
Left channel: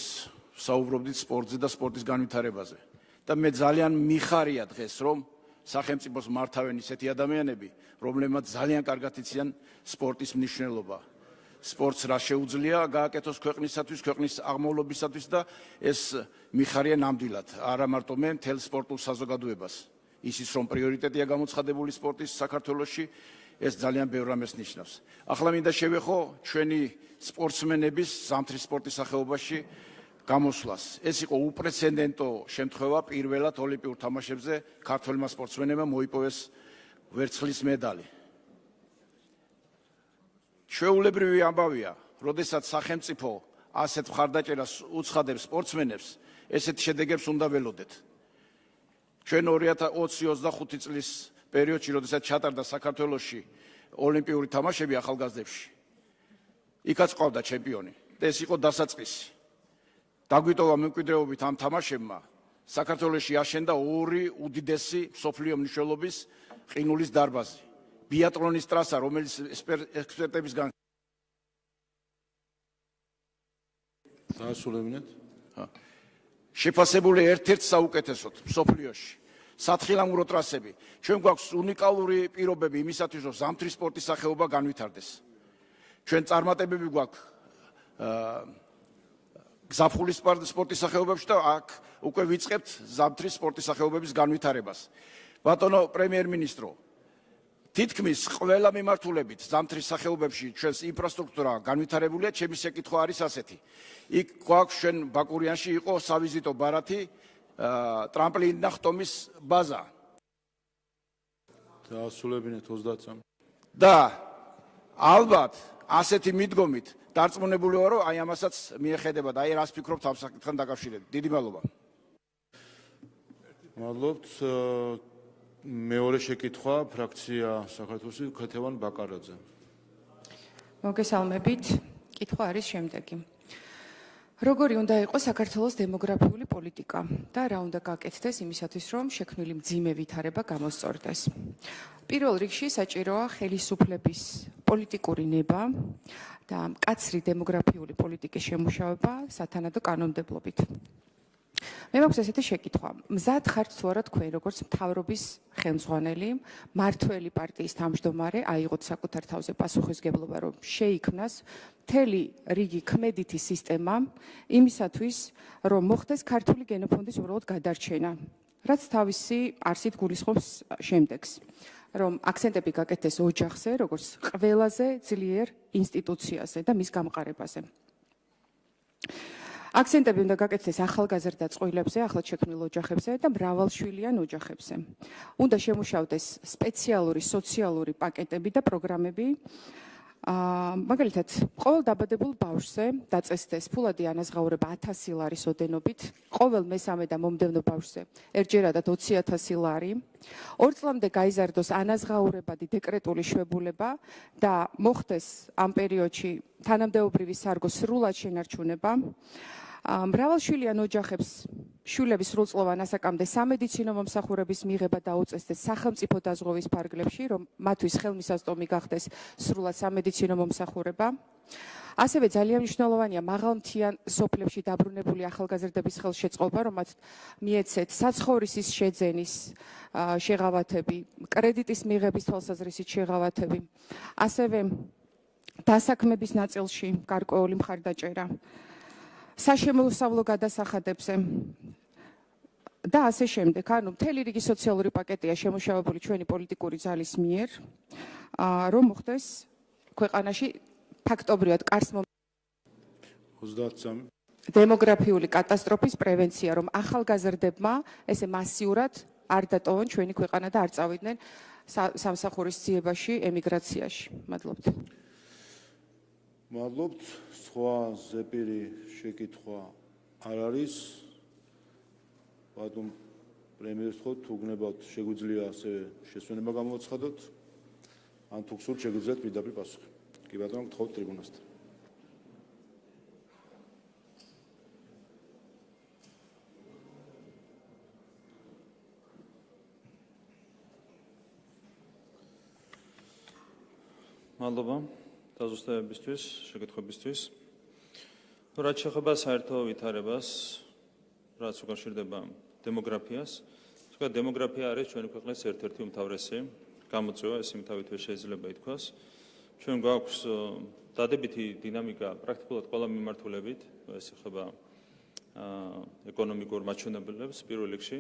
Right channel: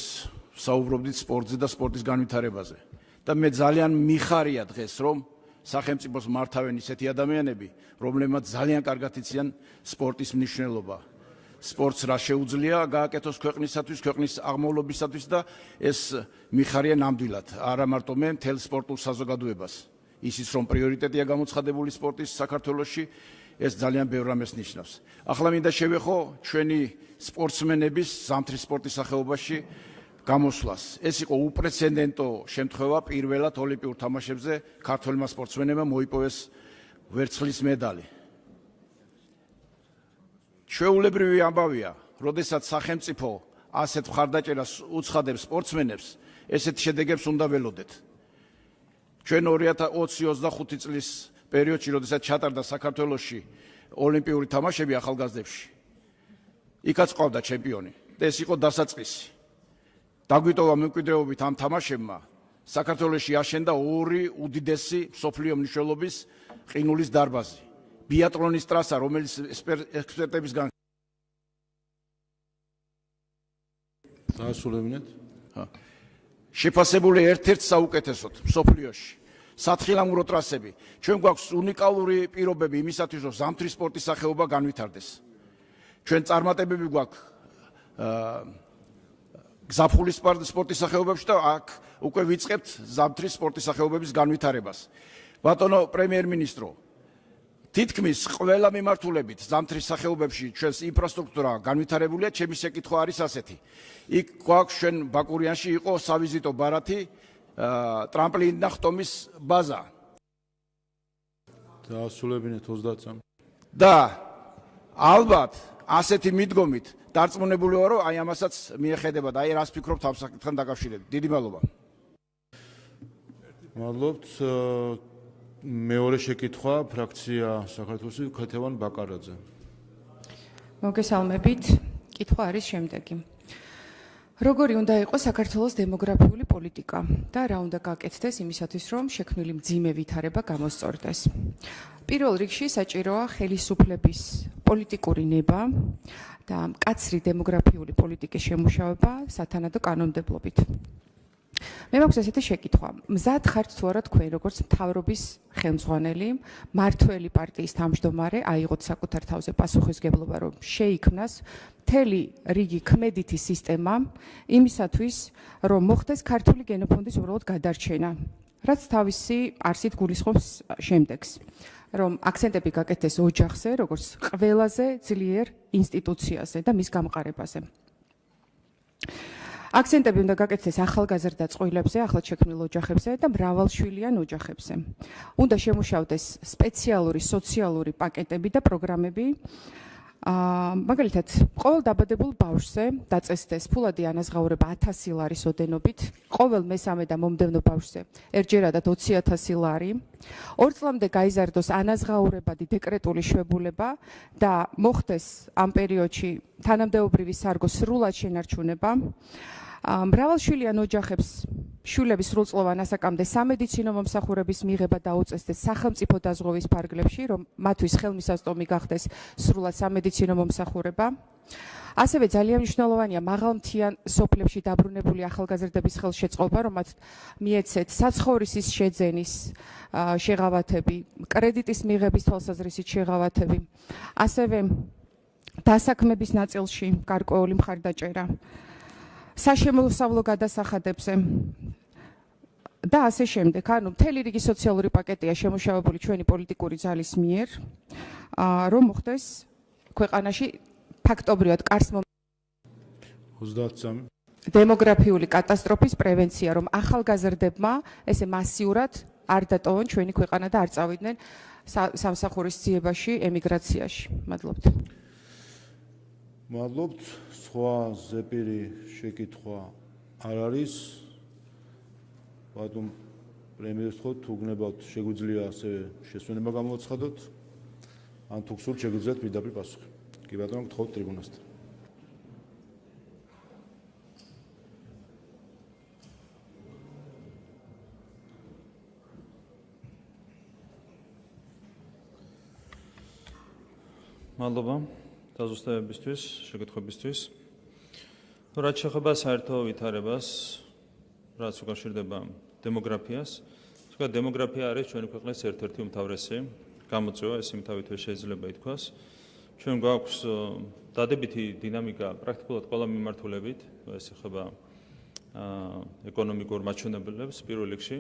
საუბრობდით სპორტზე და სპორტის განვითარებაზე. და მე ძალიან მიხარია დღეს, რომ სახელმწიფოს მართავენ ისეთი ადამიანები, რომლებმაც ძალიან კარგად იციან სპორტის მნიშვნელობა. სპორტს რა შეუძლია გააკეთოს ქვეყნისათვის, ქვეყნის აღმავლობისათვის და ეს მიხარია ნამდვილად, არა მარტო მე, მთელ სპორტულ საზოგადოებას. ისიც რომ პრიორიტეტია გამოცხადებული სპორტის საქართველოში, ეს ძალიან ბევრ რამეს ნიშნავს. ახლა მინდა შევეხო ჩვენი სპორტსმენების ზამთრის სპორტის სახეობაში გამოსვლას. ეს იყო უპრეცედენტო შემთხვევა, პირველად ოლიმპიურ თამაშებზე ქართველმა სპორტსმენებმა მოიპოვეს ვერცხლის медали. ჩვეულებრივი ამბავია, როდესაც სახელმწიფო ასეთ მხარდაჭერას უცხადებს სპორტსმენებს, ესეთ შედეგებს უნდა ველოდეთ. ჩვენ 2025 წლის პერიოდში, როდესაც ჩატარდა საქართველოში ოლიმპიური თამაშები ახალგაზრდებში, იქაც ყავდა ჩემპიონი და ეს იყო დასაწყისი. დაგვიტოვა მემკვიდრეობით ამ თამაშებმა საქართველოში აშენდა ორი უდიდესი მსოფლიო მნიშვნელობის ყინულის დარბაზი. ბიატლონის ტრასა, რომელიც ექსპერტებისგან დაასრულებინათ. შეფასებული ერთ-ერთ საუკეთესოდ მსოფლიოში. სათხილამურო ტრასები. ჩვენ გვაქვს უნიკალური პირობები იმისათვის, რომ ზამთრის სპორტის სახეობა განვითარდეს. ჩვენ წარმატებები გვაქვს გზაფხულის სპორტის სახეობებში და აქ უკვე ვიწყებთ ზამთრის სპორტის სახეობების განვითარებას. ბატონო პრემიერ-მინისტრო, თითქმის ყველა მიმართულებით ზამთრის სახეობებში ჩვენს ინფრასტრუქტურა განვითარებულია, ჩემი შეკითხვა არის ასეთი. იქ გვაქვს ჩვენ ბაკურიანში იყო სავიზიტო ბარათი, ტრამპლინი და ხტომის ბაზა. დაასრულებინათ 30-ს. და ალბათ ასეთი მიდგომით დარწმუნებული ვარ, რომ აი ამასაც მიეხედებათ, აი რას ფიქრობთ ამ საკითხთან დაკავშირებით. დიდი მადლობა. მადლობთ. მეორე შეკითხვა ფრაქცია საქართველოსი ქეთევან ბაკარაძე. მოგესალმებით. კითხვა არის შემდეგი. როგორი უნდა იყოს საქართველოს დემოგრაფიული პოლიტიკა და რა უნდა გაკეთდეს იმისათვის, რომ შექმნილი მძიმე ვითარება გამოსწორდეს. პირველ რიგში საჭიროა ხელისუფლების პოლიტიკური ნება და მკაცრი დემოგრაფიული პოლიტიკის შემუშავება სათანადო კანონმდებლობით. მე მაქვს ესეთი შეკითხვა. მზად ხართ თუ არა თქვენ, როგორც მთავრობის ხელმძღვანელი, მართველი პარტიის თავმჯდომარე, აიღოთ საკუთარ თავზე პასუხისგებლობა, რომ შეიქმნას მთელი რიგი ქმედითი სისტემა იმისათვის, რომ მოხდეს ქართული გენოფონდის უბრალოდ გადარჩენა, რაც თავისი არსით გულისხმობს შემდეგს. რომ აქცენტები გაკეთდეს ოჯახზე, როგორც ყველაზე ძლიერ ინსტიტუციაზე და მის გამყარებაზე. აქცენტები უნდა გაკეთდეს ახალგაზრდა წყვილებზე, ახლად შექმნილ ოჯახებზე და მრავალშვილიან ოჯახებზე. უნდა შემუშავდეს სპეციალური სოციალური პაკეტები და პროგრამები. მაგალითად, ყოველ დაბადებულ ბავშვზე დაწესდეს ფულადი ანაზღაურება 1000 ლარის ოდენობით, ყოველ მესამე და მომდევნო ბავშვზე ერთჯერადად 20,000 ლარი, 2 წლამდე გაიზარდოს ანაზღაურებადი დეკრეტული შვებულება და მოხდეს ამ პერიოდში თანამდებობრივი სარგო სრულად შენარჩუნება. მრავალშვილიან ოჯახებს შვილების სრულწლოვან ასაკამდე სამედიცინო მომსახურების მიღება დაუწესდეს სახელმწიფო დაზღვევის ფარგლებში, რომ მათთვის ხელმისაწვდომი გახდეს სრულად სამედიცინო მომსახურება. ასევე ძალიან მნიშვნელოვანია მაღალმთიან სოფლებში დაბრუნებული ახალგაზრდების ხელშეწყობა, რომ მათ მიეცეთ საცხოვრისის შეძენის შეღავათები, კრედიტის მიღების თვალსაზრისით შეღავათები, ასევე დასაქმების ნაწილში გარკვეული მხარდაჭერა. საშემოსავლო გადასახადებზე და ასე შემდეგ. ანუ მთელი რიგი სოციალური პაკეტია შემუშავებული ჩვენი პოლიტიკური ძალის მიერ, რომ მოხდეს ქვეყანაში ფაქტობრივად კარს 33 დემოგრაფიული კატასტროფის პრევენცია, რომ ახალგაზრდებმა ესე მასიურად არ დატოვონ ჩვენი ქვეყანა და არ წავიდნენ სამსახურის ძიებაში, ემიგრაციაში. მადლობთ. მადლობთ. სხვა ზეპირი შეკითხვა არ არის. ბატონ პრემიერს ხო თუ გნებავთ შეგვიძლია ასე შესვენება გამოაცხადოთ? ან თუ გსურთ შეგვიძლიათ პირდაპირ პასუხი. კი ბატონო, გთხოვთ ტრიბუნასთან. მადლობა დაზუსტებისთვის, შეკითხვებისთვის. რაც შეეხება საერთო ვითარებას, რაც უკავშირდება დემოგრაფიას, თქვა დემოგრაფია არის ჩვენი ქვეყნის ერთ-ერთი უმთავრესი გამოწვევა, ეს იმთავითვე შეიძლება ითქვას. ჩვენ გვაქვს დადებითი დინამიკა პრაქტიკულად ყველა მიმართულებით, ეს ეხება ეკონომიკურ მაჩვენებლებს პირველ რიგში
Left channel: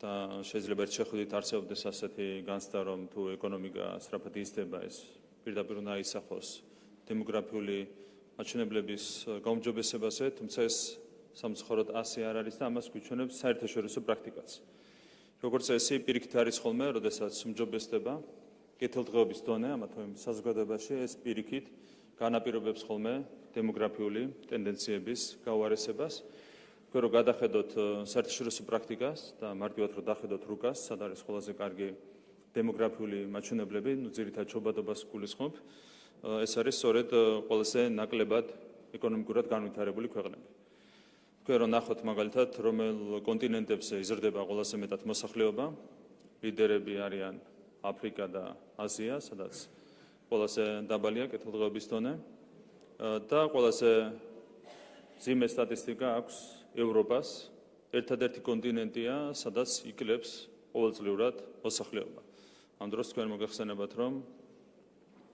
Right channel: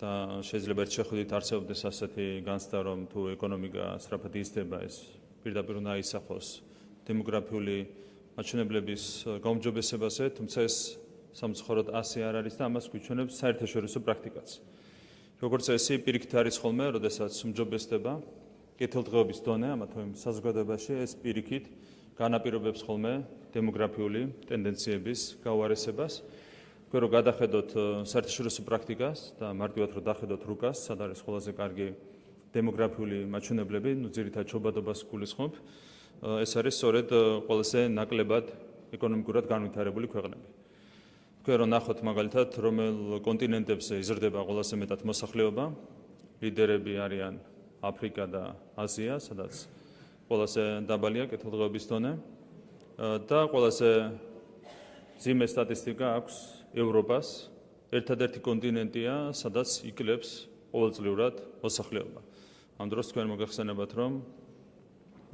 და შეიძლება ერთ შეხედვით არსებობდეს ასეთი განცდა, რომ თუ ეკონომიკა სწრაფად იზრდება, ეს პირდაპირ უნდა ისახოს დემოგრაფიული მაჩვენებლების გაუმჯობესებაზე, თუმცა ეს სამწუხაროდ ასე არ არის და ამას გვიჩვენებს საერთაშორისო პრაქტიკაც. როგორც ესე პირიქით არის ხოლმე, როდესაც უმჯობესდება კეთილდღეობის დონე ამა თუ იმ საზოგადოებაში, ეს პირიქით განაპირობებს ხოლმე დემოგრაფიული ტენდენციების გაუარესებას. თქვენ რო გადახედოთ საერთაშორისო პრაქტიკას და მარტივად რო დახედოთ რუკას, სად არის ყველაზე კარგი დემოგრაფიული მაჩვენებლები, ძირითადად ჩობადობას გულისხმობ. ეს არის სწორედ ყველაზე ნაკლებად ეკონომიკურად განვითარებული ქვეყნები. თქვენ რო ნახოთ მაგალითად, რომელ კონტინენტებზე იზრდება ყველაზე მეტად მოსახლეობა, ლიდერები არიან აფრიკა და აზია, სადაც ყველაზე დაბალია კეთილდღეობის დონე და ყველაზე მძიმე სტატისტიკა აქვს ევროპას. ერთადერთი კონტინენტია, სადაც იკლებს ყოველწლიურად მოსახლეობა. ამ დროს თქვენ მოგახსენებათ, რომ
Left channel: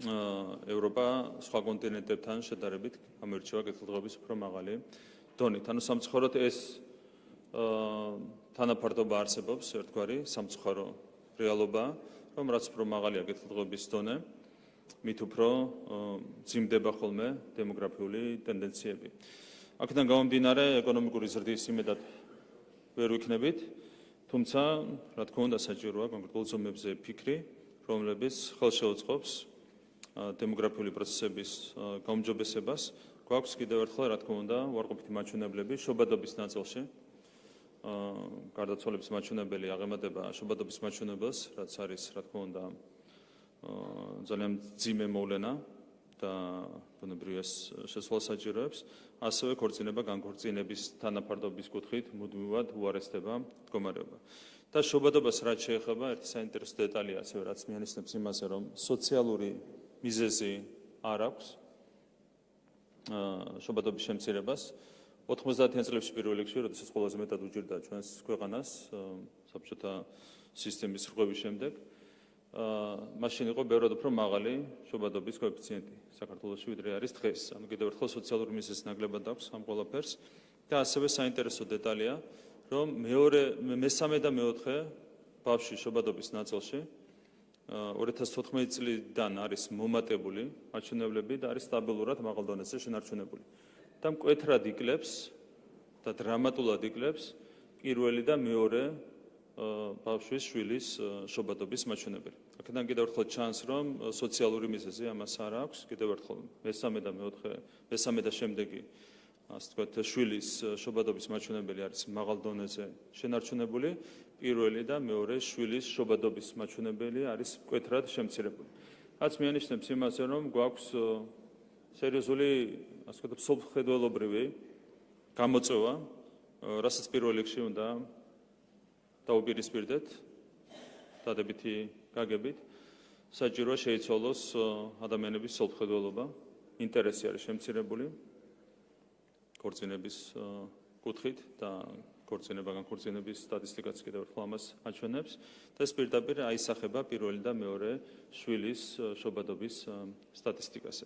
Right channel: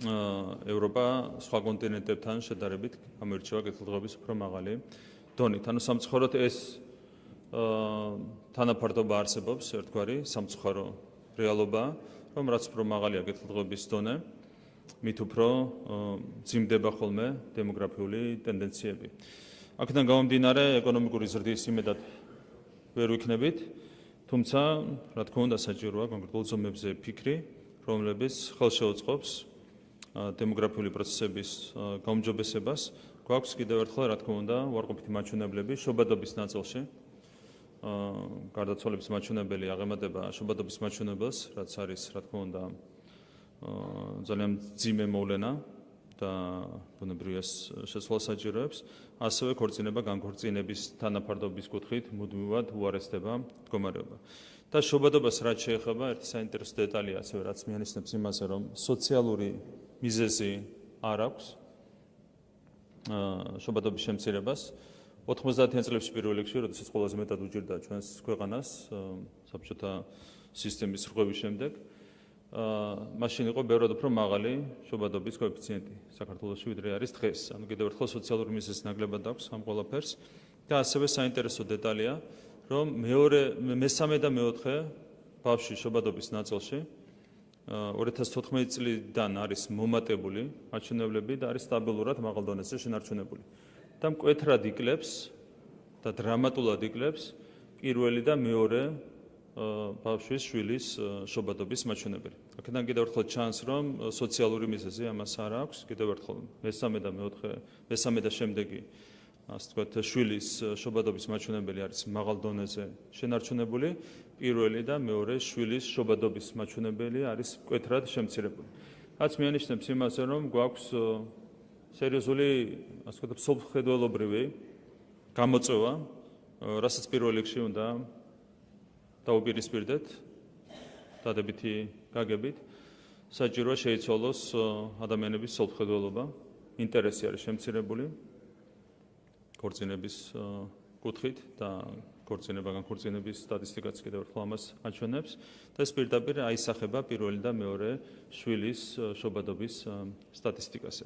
ევროპა სხვა კონტინენტებთან შედარებით გამოირჩევა კეთილდღეობის უფრო მაღალი დონით. ანუ სამწუხაროდ ეს თანაფარდობა არსებობს, ერთგვარი სამწუხარო რეალობა, რომ რაც უფრო მაღალია კეთილდღეობის დონე, მით უფრო მძიმდება ხოლმე დემოგრაფიული ტენდენციები. აქედან გამომდინარე, ეკონომიკური ზრდის იმედად ვერ ვიქნებით, თუმცა, რა თქმა უნდა, საჭიროა კონკრეტულ ზომებზე ფიქრი, რომლებიც ხელშეუწყობს დემოგრაფიული პროცესების გაუმჯობესებას. გვაქვს კიდევ ერთხელ, რა თქმა უნდა, უარყოფითი მაჩვენებლები შობადობის ნაწილში. გარდაცვალების მაჩვენებელი აღემატება შობადობის მაჩვენებელს, რაც არის, რა თქმა უნდა, ძალიან მძიმე მოვლენა და ბუნებრივია შესვლა საჭიროებს. ასევე ქორწინება განქორწინების თანაფარდობის კუთხით მუდმივად უარესდება მდგომარეობა. და შობადობას რაც შეეხება, ერთი საინტერესო დეტალია ასევე რაც მიანიშნებს იმაზე, რომ სოციალური მიზეზი არ აქვს შობადობის შემცირებას. 90-იან წლებში პირველ რიგში, როდესაც ყველაზე მეტად უჭირდა ჩვენს ქვეყანას საბჭოთა სისტემის რღვევის შემდეგ, მაშინ იყო ბევრად უფრო მაღალი შობადობის კოეფიციენტი საქართველოში, ვიდრე არის დღეს. ანუ კიდევ ერთხელ სოციალური მიზეზი ნაკლებად აქვს ამ ყველაფერს და ასევე საინტერესო დეტალია, რომ მესამე და მეოთხე ბავშვის შობადობის ნაწილში 2014 წლიდან არის მომატებული მაჩვენებლები და არის სტაბილურად მაღალ დონეზე შენარჩუნებული. და მკვეთრად იკლებს და დრამატულად იკლებს პირველი და მეორე ბავშვის შვილის შობადობის მაჩვენებელი. აქედან კიდევ ერთხელ ჩანს, რომ სოციალური მიზეზი ამას არ აქვს. კიდევ ერთხელ მესამე და შემდეგი ასე ვთქვათ, შვილის შობადობის მაჩვენებელი არის მაღალ დონეზე შენარჩუნებული. პირველი და მეორე შვილის შობადობის მაჩვენებელი არის მკვეთრად შემცირებული. რაც მიანიშნებს იმაზე, რომ გვაქვს სერიოზული, ასე ვთქვათ, სოფლმხედველობრივი გამოწვევა, რასაც პირველ რიგში უნდა დაუპირისპირდეთ დადებითი გაგებით. საჭიროა შეიცვალოს ადამიანების სოფლმხედველობა, ინტერესი არის შემცირებული ქორწინების კუთხით და განქორწინების სტატისტიკაც კიდევ ერთხელ ამას აჩვენებს და ეს პირდაპირ აისახება პირველი და მეორე შვილის შობადობის სტატისტიკაზე.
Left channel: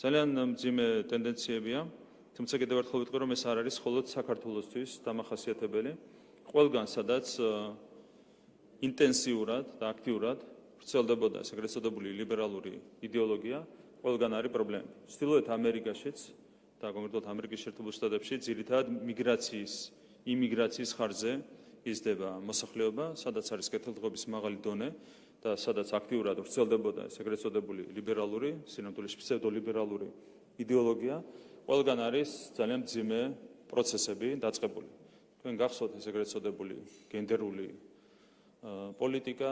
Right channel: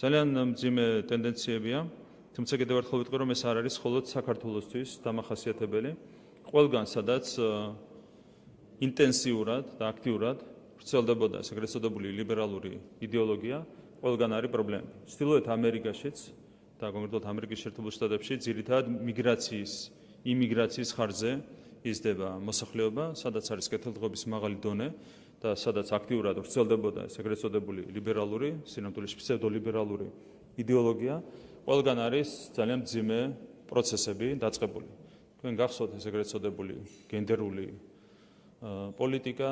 ძალიან მძიმე ტენდენციებია, თუმცა კიდევ ერთხელ ვიტყვი, რომ ეს არ არის მხოლოდ საქართველოსთვის დამახასიათებელი. ყველგან, სადაც ინტენსიურად და აქტიურად ვრცელდებოდა ეს ეგრეთ წოდებული ლიბერალური იდეოლოგია, ყველგან არის პრობლემა. ჩრდილოეთ ამერიკაშიც და კონკრეტულად ამერიკის შეერთებულ შტატებში ძირითადად იმიგრაციის ხარჯზე იზრდება მოსახლეობა, სადაც არის კეთილდღეობის მაღალი დონე და სადაც აქტიურად ვრცელდებოდა ეს ეგრეთ წოდებული ლიბერალური, სინამდვილეში ფსევდოლიბერალური იდეოლოგია, ყველგან არის ძალიან მძიმე პროცესები დაწყებული. თქვენ გახსოვთ ეს ეგრეთ წოდებული გენდერული პოლიტიკა,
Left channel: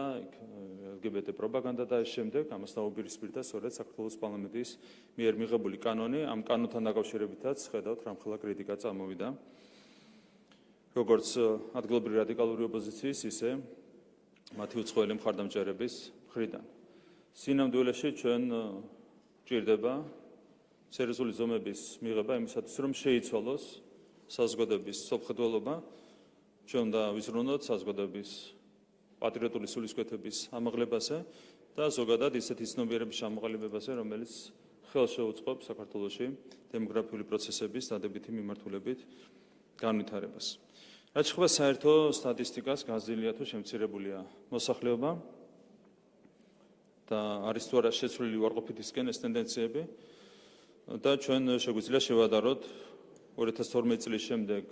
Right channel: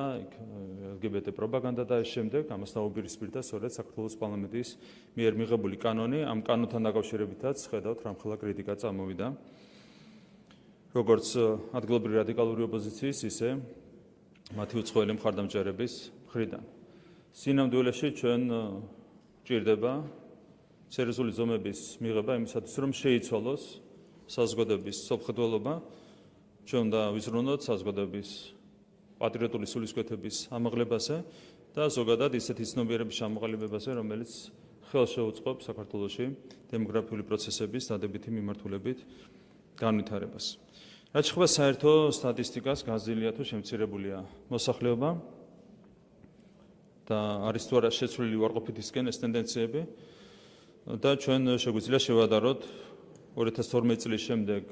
LGBT პროპაგანდა და ეს შემდეგ ამას დაუპირისპირდა სწორედ საქართველოს პარლამენტის მიერ მიღებული კანონი. ამ კანონთან დაკავშირებითაც ხედავთ, რამხელა კრიტიკა წამოვიდა როგორც ადგილობრივი რადიკალური ოპოზიციის, ისე მათი უცხოელი მხარდამჭერების მხრიდან. სინამდვილეში ჩვენ ჭირდება სერიოზული ზომების მიღება იმისათვის, რომ შეიცვალოს საზოგადოების სოფლმხედველობა, ჩვენ უნდა ვიზრუნოთ საზოგადოების პატრიოტული სულისკვეთების ამაღლებაზე და ზოგადად ისეთი ცნობიერების ჩამოყალიბებაზე, რომელიც ხელს შეუწყობს საქართველოში დემოგრაფიული პროცესების დადებითი მიმართულებით განვითარებას. რაც შეეხება საერთო სტატისტიკას, გაზრდილია თუ შემცირებულია მოსახლეობა და არის თუ არა შეცვლილი უარყოფითისკენ ეს ტენდენციები და ჩვენ შეგვიძლია შევადაროთ 2012 წლის შემდეგ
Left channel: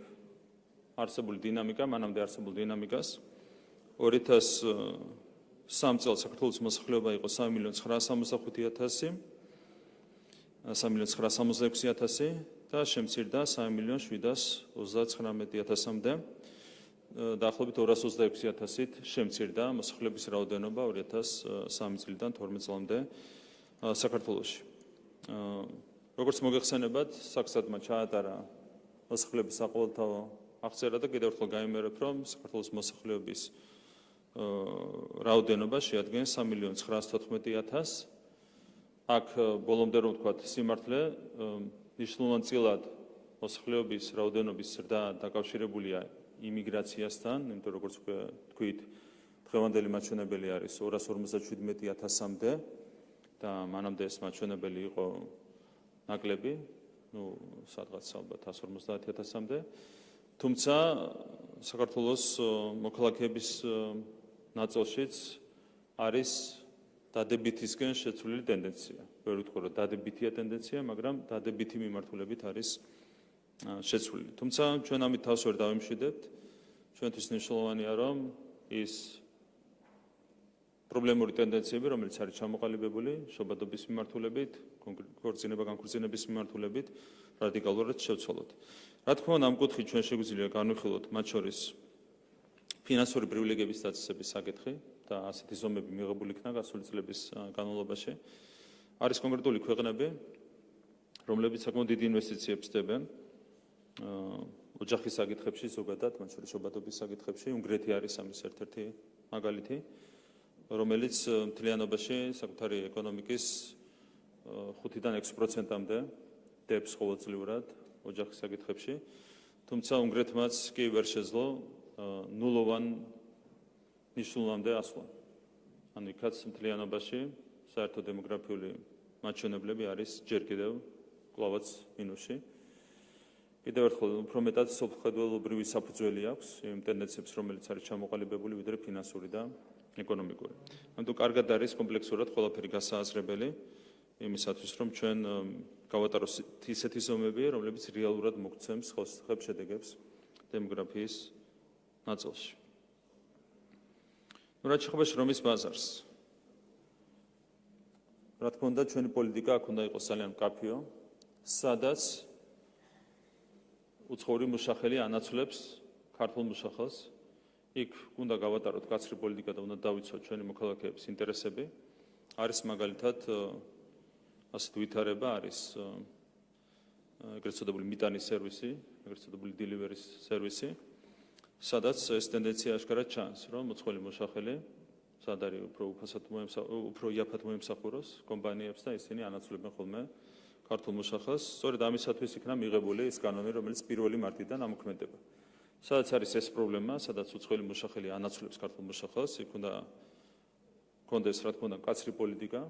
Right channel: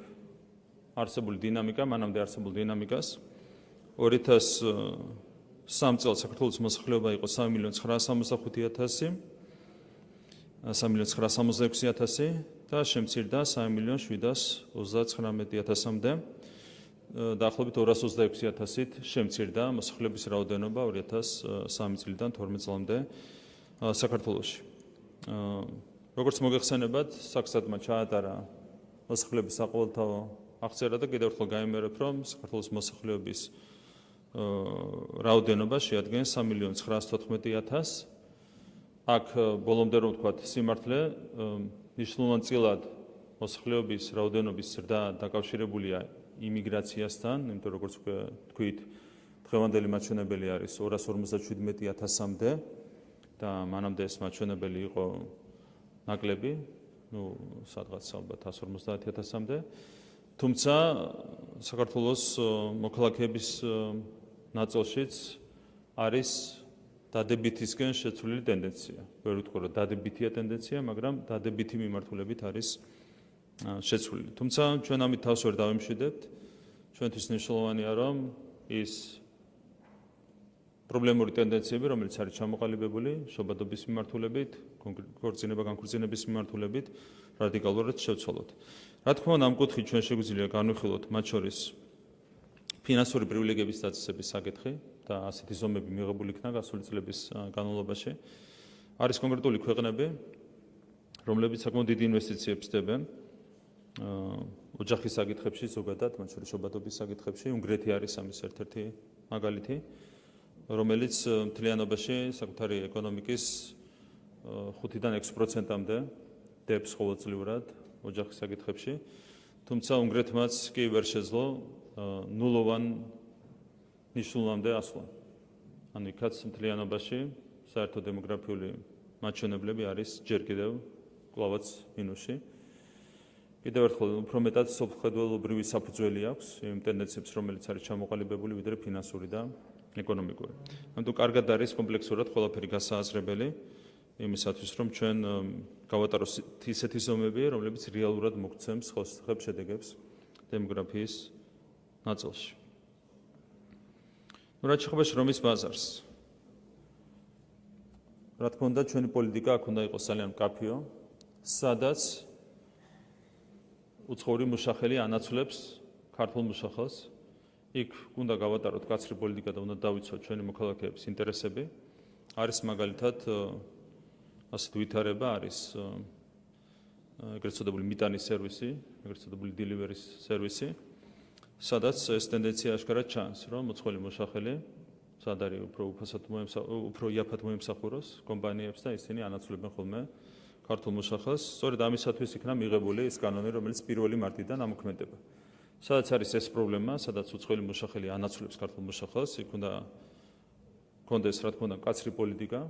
არსებული დინამიკა, მანამდე არსებულ დინამიკას. 2003 წელს საქართველოს მოსახლეობა იყო 3.966.000 და შემცირდა 3.739.000-მდე. დაახლოებით 226.000-ით შემცირდა მოსახლეობის რაოდენობა 2003 წლიდან 12 წლამდე საქართველოში. როგორც მოგეხსენებათ, საქსადმა ჩაატარა მოსახლეობის საყოველთაო აღწერა და კიდევ ერთხელ გამიმერებ, რომ საქართველოს მოსახლეობის რაოდენობა შეადგენს 3.914.000. აქ ბოლომდე რომ ვთქვათ, სიმართლე მნიშვნელოვანწილად მოსახლეობის რაოდენობის ზრდა დაკავშირებულია იმიგრაციასთან, იმიტომ როგორც თქვით, დღევანდელი მაჩვენებელი არის 257.000-მდე და მანამდე ეს მაჩვენებელი იყო ნაკლები, სადღაც ალბათ 150.000-მდე. თუმცა საქართველოს მოქალაქეების ნაწილშიც არის დადებითისკენ შეცვლილი ტენდენცია. ვერ ვიტყვი, რომ დადებითია ტენდენცია, მაგრამ დადებითი მიმართულებით არის შეცვლილი. თუმცა ჩვენ ამით თავს ვერ დავემშვიდებთ. ჩვენთვის მნიშვნელოვანია, რომ ის პრობლემური ტენდენციები, რომელიც არის ჩამოყალიბებული შობადობის მიმართულებით, განქორწინების მიმართულებით, რადიკალურად შევცვალოთ. რა თქმა უნდა, ამ კუთხით ჩვენ შეგვიძლია განვიხილოთ მათ შორის ფინანსური პრივილეგიების დაწესების საკითხი და ასეთი ზომები მიღებული იქნა გასული წლების განმავლობაში. არის კონკრეტული ქვეყნები, რომლებიც საკმაოდ დიდი ინვესტიციებს ხდებენ ოჯახის საკითხებში ზოგადად, მათ შორის შობადობის საკითხებში, უნგრეთი არის ამის ერთ-ერთი მაგალითი, რომელიც მთლიანობაში საკუთარი ეკონომიკის 5-დან 6%-მდე დებს ყოველწლიურად ოჯახის საკითხებში, თუმცა უნგრეთმაც კი ვერ შეძლო ნულოვან ნიშნულამდე ასვლა. ანუ იქაც მთლიანობაში საერთო დემოგრაფიული მაჩვენებლები არის ჯერ კიდევ კვლავაც მინუსში. კიდევ ერთხელ უფრო მეტად სოფლმხედველობრივი საფუძველი აქვს იმ ტენდენციებს, რომელიც არის ჩამოყალიბებული, ვიდრე ფინანსური და ეკონომიკური. ამიტომ კარგად არის კომპლექსურად ყველაფერი გასააზრებელი იმისათვის, რომ ჩვენ გავატაროთ ისეთი ზომები, რომლებიც რეალურად მოგცემს ხელშეუხლებ შედეგებს დემოგრაფიის ნაწილში. რაც შეეხება შრომის ბაზარს. რა თქმა უნდა, ჩვენი პოლიტიკა აქ უნდა იყოს ძალიან მკაფიო, სადაც უცხოური მუშახელი ანაცვლებს ქართულ მუშახელს. იქ უნდა გავატაროთ კაცრი პოლიტიკა და უნდა დავიცოთ ჩვენი მოქალაქეების ინტერესები. არის მაგალითად ასეთ ვითარება არის ეგრეთ წოდებული მიტანის სერვისი, ეგრეთ წოდებული დილივერის სერვისი, სადაც ეს ტენდენცია აშკარად ჩანს, რომ უცხოელი მუშახელი სად არის უფრო იაფად მოემსახუროს კომპანიებს და ისინი ანაცვლებენ ხოლმე ქართულ მუშახელს. სწორედ ამისათვის იქნა მიღებული ეს კანონი, რომელიც 1 მარტიდან ამოქმედება. სადაც არის ეს პრობლემა, სადაც უცხოელი მუშახელი ანაცვლებს ქართულ მუშახელს, იქ უნდა კონდეს რა თქმა უნდა კაცრი პოლიტიკა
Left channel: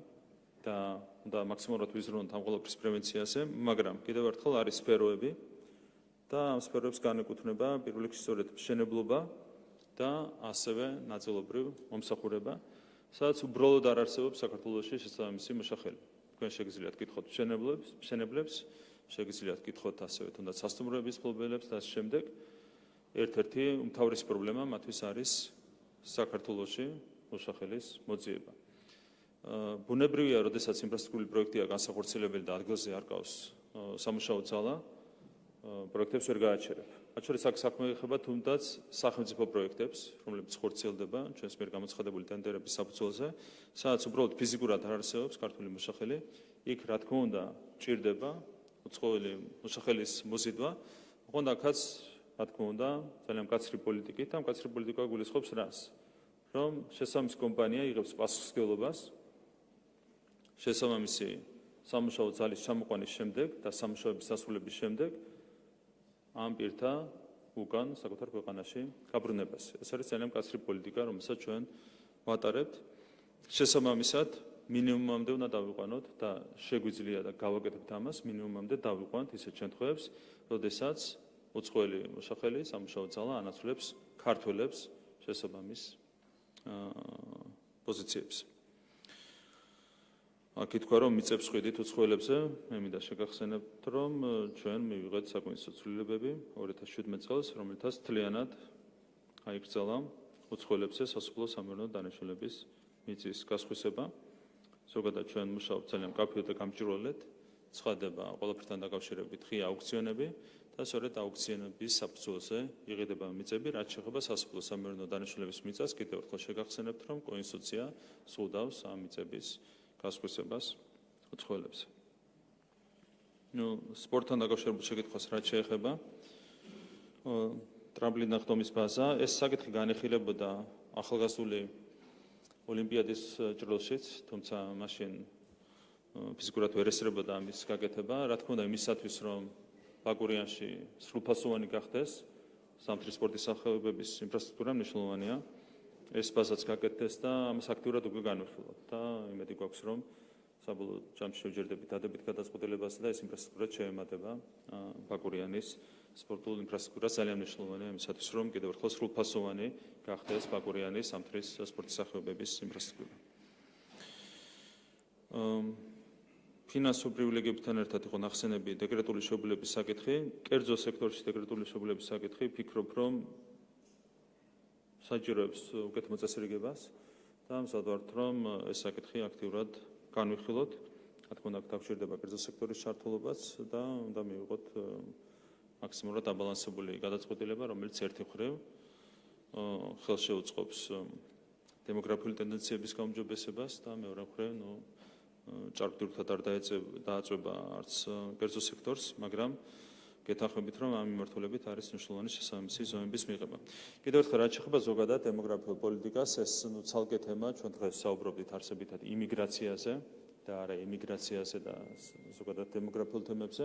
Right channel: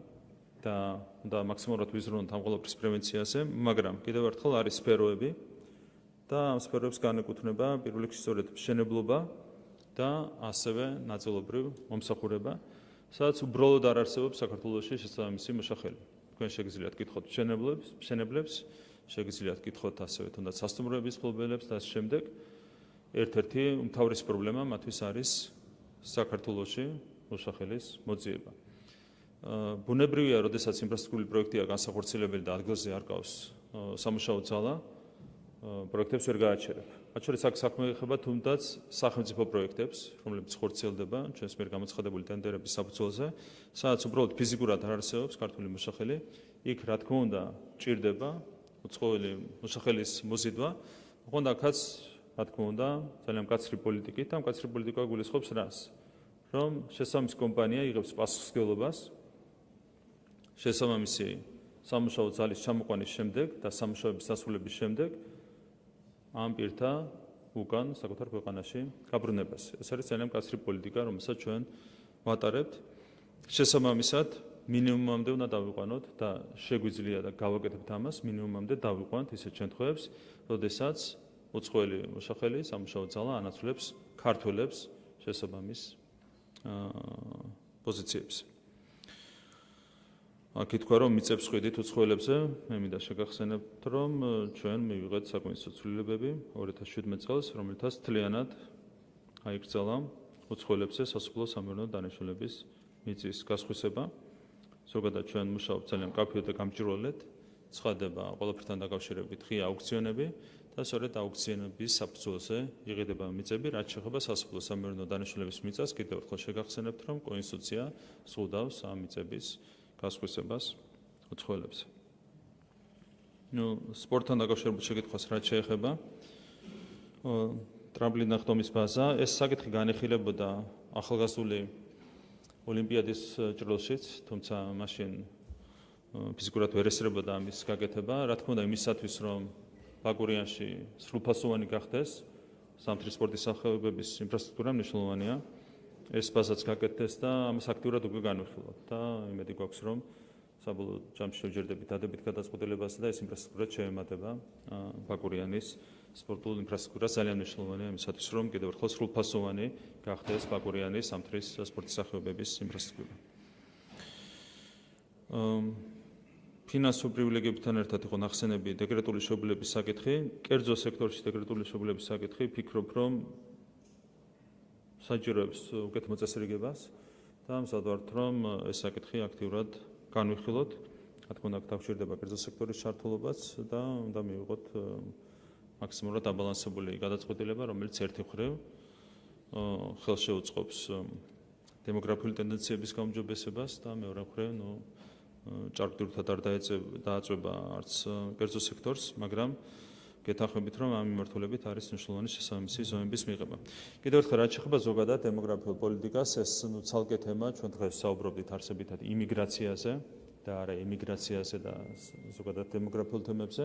და უნდა მაქსიმალურად ვიზრუნოთ ამ ყველაფრის პრევენციაზე, მაგრამ კიდევ ერთხელ არის სფეროები და ამ სფეროებს განეკუთვნება პირველ რიგში სწორედ მშენებლობა და ასევე ნაწილობრივ მომსახურება, სადაც უბრალოდ არ არსებობს საქართველოში შესაბამისი მუშახელი. თქვენ შეგიძლიათ გკითხოთ მშენებლებს, შეგიძლიათ გკითხოთ ასევე თუნდაც სასტუმროების მფლობელებს და ამ შემდეგ. ერთ-ერთი უმთავრესი პრობლემა მათთვის არის საქართველოში მუშახელის მოძიება. ბუნებრივია, როდესაც ინფრასტრუქტურული პროექტია განსახორციელებელი და ადგილზე არ გავს სამუშაო ძალა, პროექტებს ვერ გააჩერებ. მათ შორის აქ საქმე ეხება თუნდაც სახელმწიფო პროექტებს, რომლებიც ხორციელდება ჩვენს მიერ გამოცხადებული ტენდერების საფუძველზე, სადაც უბრალოდ ფიზიკურად არ არსებობს ქართული მუშახელი, იქ რა თქმა უნდა ჭირდება უცხოელი მუშახელის მოზიდვა, ოღონდ აქაც რა თქმა უნდა ძალიან მკაცრი პოლიტიკით, ამ მკაცრი პოლიტიკა გულისხმობს რას? რომ შესაბამისი კომპანია იღებს პასუხისმგებლობას შესაბამისი სამუშაო ძალის ჩამოყვანის შემდეგ და სამუშაოების დასრულების შემდეგ ამ პირთა უკან საკუთარ ქვეყანაში გაბრუნებას. ეს არის ძალიან მკაცრი პოლიტიკა, რომელსაც ჩვენ ვატარებთ. შესაბამისად, მინიმუმამდე უნდა დავიყვანოთ და შეგვიძლია და გავაკეთებთ ამას, მინიმუმამდე დავიყვანოთ ისეთ შემთხვევებს, როდესაც უცხოელი მუშახელი სამუშაო ძალა ანაცვლებს ქართველებს შესაბამის პოზიციებს. აქ ითქვა, რომ მიწებს ხვიდით უცხოელებზე, მე მინდა შეგახსენებთ, რომ ჩვენ მივიღეთ საკონსტიტუციო ცვლილებები 2017 წელს, რომელთაც მთლიანად აიკრძალა უცხოელებზე სასოფლო სამეურნეო დანიშნულების მიწის გასხვისება. ზოგადად ჩვენ მუშაობთ ძალიან მკაფიოდ და გამჭვირვალედ, ცხადდება ყველაფერთან დაკავშირებით ღია აუქციონები და სწორედ აუქციონების საფუძველზე იღებდება მიწები, რაც შეეხება სასოფლო სამეურნეო დანიშნულების მიწას. კიდევ ერთხელ შეგახსენებთ, რომ კონსტიტუცია სულდავს ამ მიწების გასხვისებას უცხოელებზე. სპორტთან დაკავშირებულ შეკითხვას რაც შეეხება ტრამპლინა ხდომის ბაზა, ეს საკითხი განეხილებოდა ახალგაზრდული ოლიმპიადის ჭრილშიც, თუმცა მაშინ ფიზიკურად ვერ ესწრებოდა ამის გაკეთება. რა თქმა უნდა, იმისათვის, რომ ბაკურიანში სრულფასოვანი გახდეს სამთრის სპორტის სახეობების ინფრასტრუქტურა მნიშვნელოვანია. ეს ბაზაც გაკეთდეს და ამას აქტიურად უკვე განვიხილავთ და იმედი გვაქვს, რომ საბოლოო ჯამში შევჯერდებით დადებით გადაწყვეტილებასა და ეს ინფრასტრუქტურა შეემატება ბაკურიანის სპორტულ ინფრასტრუქტურას. ძალიან მნიშვნელოვანია იმისათვის, რომ კიდევ ერთხელ სრულფასოვანი გახდეს ბაკურიანის სამთრის სპორტის სახეობების ინფრასტრუქტურა. ფინანსურ პრივილეგიებთან ერთად იყო ნახსენები დეკრეტული შეუძლებლობის საკითხი. კერძო სექტორში დეკრეტული შეუძლებლობის საკითხი ფიქრობ, რომ საჭიროებს უკეთ მოწესრიგებას და მზადვართ, რომ ეს საკითხი აქტიურად განვიხილოთ. რა თქმა უნდა, დაგჭირდება კერძო სექტორის ჩართულობაც და უნდა მივიღოთ მაქსიმალურად დაბალანსებული გადაწყვეტილება, რომელიც ერთი მხრივ ხელშეუწყობს დემოგრაფიული ტენდენციების გაუმჯობესებას და მეორე მხრივ, ჭარბტირულად არ დააწვება არც კერძო სექტორს, მაგრამ გეთანხმებით, რომ ამ მიმართულებით არის მნიშვნელოვანი შესაბამისი ზომების მიღება. კიდევ ერთხელ, რაც შეეხება ზოგადად დემოგრაფიულ პოლიტიკას, ეს ცალკე თემა, ჩვენ დღეს საუბრობდით არსებითად იმიგრაციაზე და არა იმიგრაციაზე და ზოგადად დემოგრაფიულ თემებზე.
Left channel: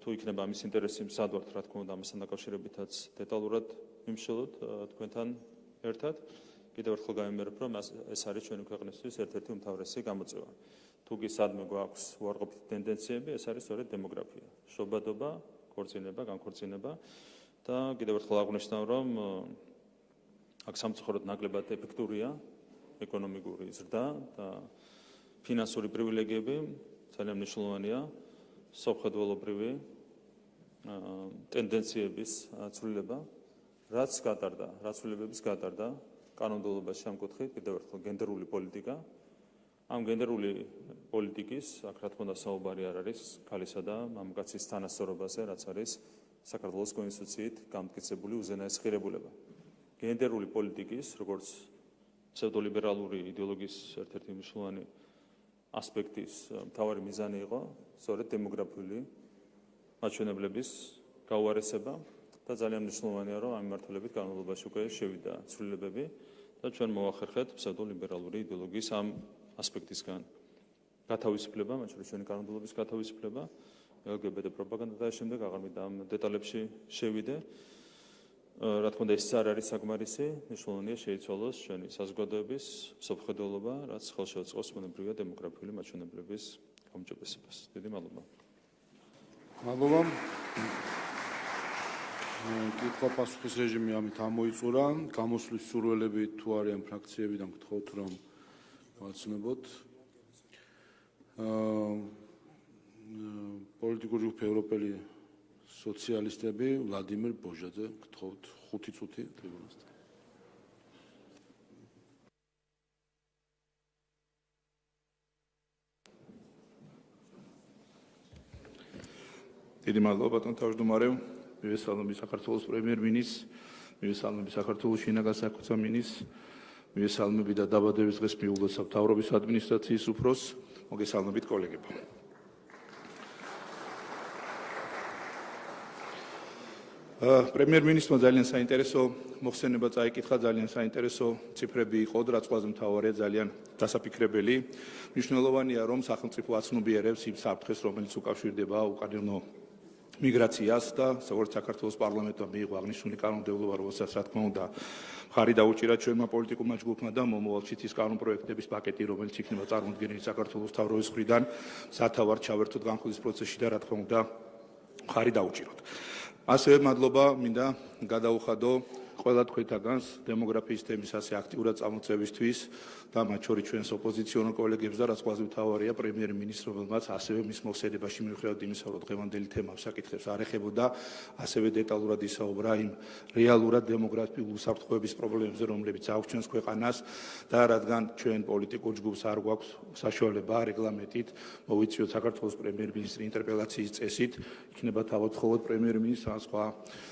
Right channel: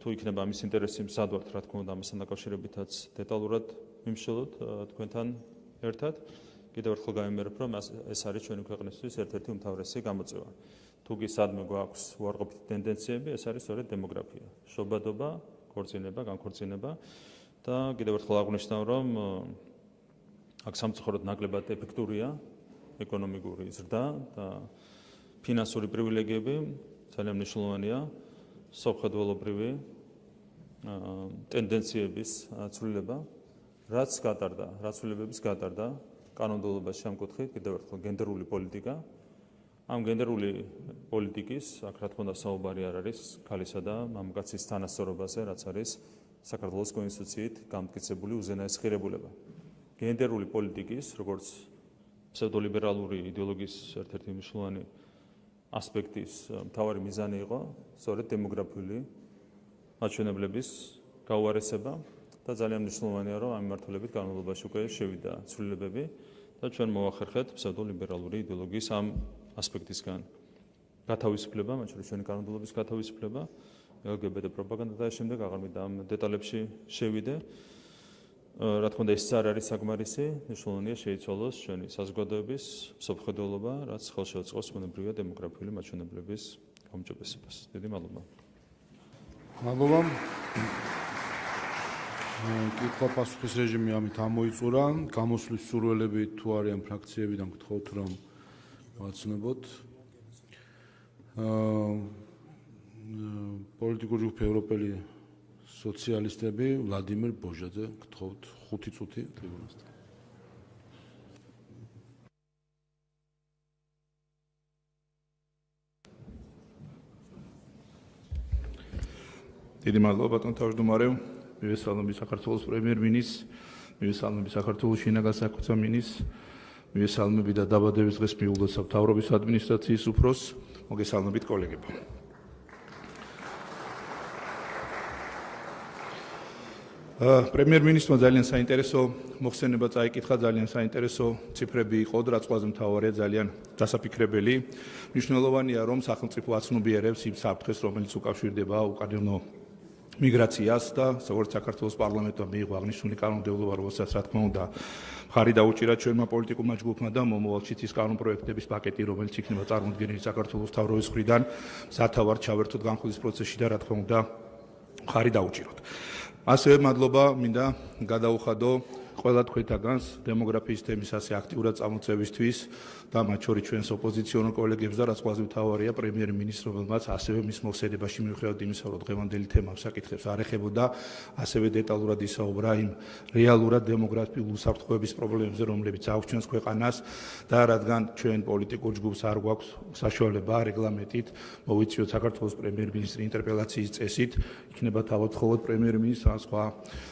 თუ იქნება ამის ინტერესი, მზად ვართ, რა თქმა უნდა, ამასთან დაკავშირებითაც დეტალურად ვიმსჯელოთ თქვენთან ერთად. კიდევ ერთხელ გავიმეორებ, რომ ეს არის ჩვენი ქვეყნისთვის ერთ-ერთი უმთავრესი გამოწვევა. თუ კი სადმე გვაქვს უარყოფითი ტენდენციები, ეს არის სწორედ დემოგრაფია. შობადობა, ქორწინება, განქორწინება და კიდევ ერთხელ აღვნიშნავ, რომ აქ სამწუხაროდ ნაკლებად ეფექტურია ეკონომიკური ზრდა და ფინანსური პრივილეგიები ძალიან მნიშვნელოვანია სამხედველობრივი ტენდენციების ცვლილება, რაც ცვლილებების გატარდა კანონმდებლობაში ამ კუთხით, კიდევ ერთხელ გენდერული პოლიტიკა. ამ გენდერული პოლიტიკის, აქ რა თქმა უნდა საუბარი არ არის ქალისა და მამაკაცის თანასწორობაზე, რაც არის საქართველოს კონსტიტუციით გამტკიცებული უზენაესი ღირებულება. გენდერული პოლიტიკის, როგორც ფსევდოლიბერალური იდეოლოგიის ერთ-ერთი მნიშვნელოვანი ასპექტის მთავარი მიზანი იყო სწორედ დემოგრაფიული მაჩვენებლების გაუარესება და ძალიან მნიშვნელოვანია, რომ ამ მიმართულებით განმავლობაში უკვე შევიდა ცვლილებები და ჩვენ მოვახერხეთ ფსევდოლიბერალური იდეოლოგიის ამ ასპექტისგან გათავისუფლება, მათ შორის ჩვენი კანონმდებლობის გათავისუფლება, LGBT პროპაგანდა და შემდეგ აღარ მინდა ამ დეტალებში შევიდე. რა თქმა უნდა, ეს არ არის საკმარისი, მნიშვნელოვანია შეიცვალოს ჩვენი საზოგადოების მსოფლმხედველობა, რაც ხელშეუწყობს ბუნებრივი დემოგრაფიული მაჩვენებლების გაუმჯობესებას. დიდი მადლობა. მადლობა. კითხვა-პასუხის რეჟიმი ამით ამოიწურა. გამოსვლის სურვილები თუ არიან ფრაქციებიდან, გთხოვთ რომ ვაცნობოთ. პოლიტიკური ჯგუფი ევროპელი სოციალისტები, ვლადიმერ ბოჟაძე, გთხოვთ 5 წუთი ტრიბუნასთან. დიდი მადლობა ბატონ თავმჯდომარე. მივესალმები საქართველოს პრემიერ-მინისტრს, მივესალმები საქართველოს შინაგან საქმეთა მინისტრს, მივესალმები და დაბადების დღეს მიუღოთ სამთავრობის ადმინისტრაციის უფროსს, მოგესალმებით კოლეგებო. პრემიერ-მინისტრმა ძალიან საინტერესო მოხსენება წაიკითხა, ძალიან საინტერესო ციფრები იყო, რაც ყველაზე მთავარია, ძალიან დასაფიქრებელი. მნიშვნელოვანია, რომ სახელმწიფო აცნობიერებს იმ საფრთხეს, რომელიც უკავშირდება უკანონო მიგრაციას და როგორც საქართველოს პარლამენტმა მიიღო აღნიშნული კანონმდებლობა, რომელსაც რა თქმა უნდა მხარი დაუჭირა ჩვენმა პოლიტიკურმა ჯგუფმა და მომავალში ის კანონპროექტების პაკეტი, რომელიც იქნება წარმოდგენილი საქართველოს მთავრობის მხრიდან, სათავარ ჩავერთოთ განხილვის პროცესში და რა თქმა უნდა მხარი დაუჭიროთ. ასევე მადლობა მინდა გადაუხადო ყველა თქვენთაგანს დემოგრაფიის თემის ასე აქტიურად წამოწევისთვის და მათ შორის ჩვენს ოპოზიციონერ კოლეგებს და რაც ყველაზე მთავარია პრემიერ-მინისტრს, რომელმაც ასევე მის მოხსენებაში მიუხედავად იმისა, რომ დღევანდელი თემა საკითხებს არ ეხებოდა, ასევე დეტალურად ისაუბრა იმ რეალურად დემოგრაფიულ უსაფრთხოების პრობლემებზე, რომლებიც აქვს ჩვენს ქვეყანას და რადგან ჩვენ პოლიტიკურ ჯგუფს არ გვაქვს საშუალება რეგლამენტით მოვიწიოთ საქართველოს პრემიერ-მინისტრის ინტერპელაციის წესით, იქნება თავად მხოლოდ პრემიერ-მინისტრს ან სხვა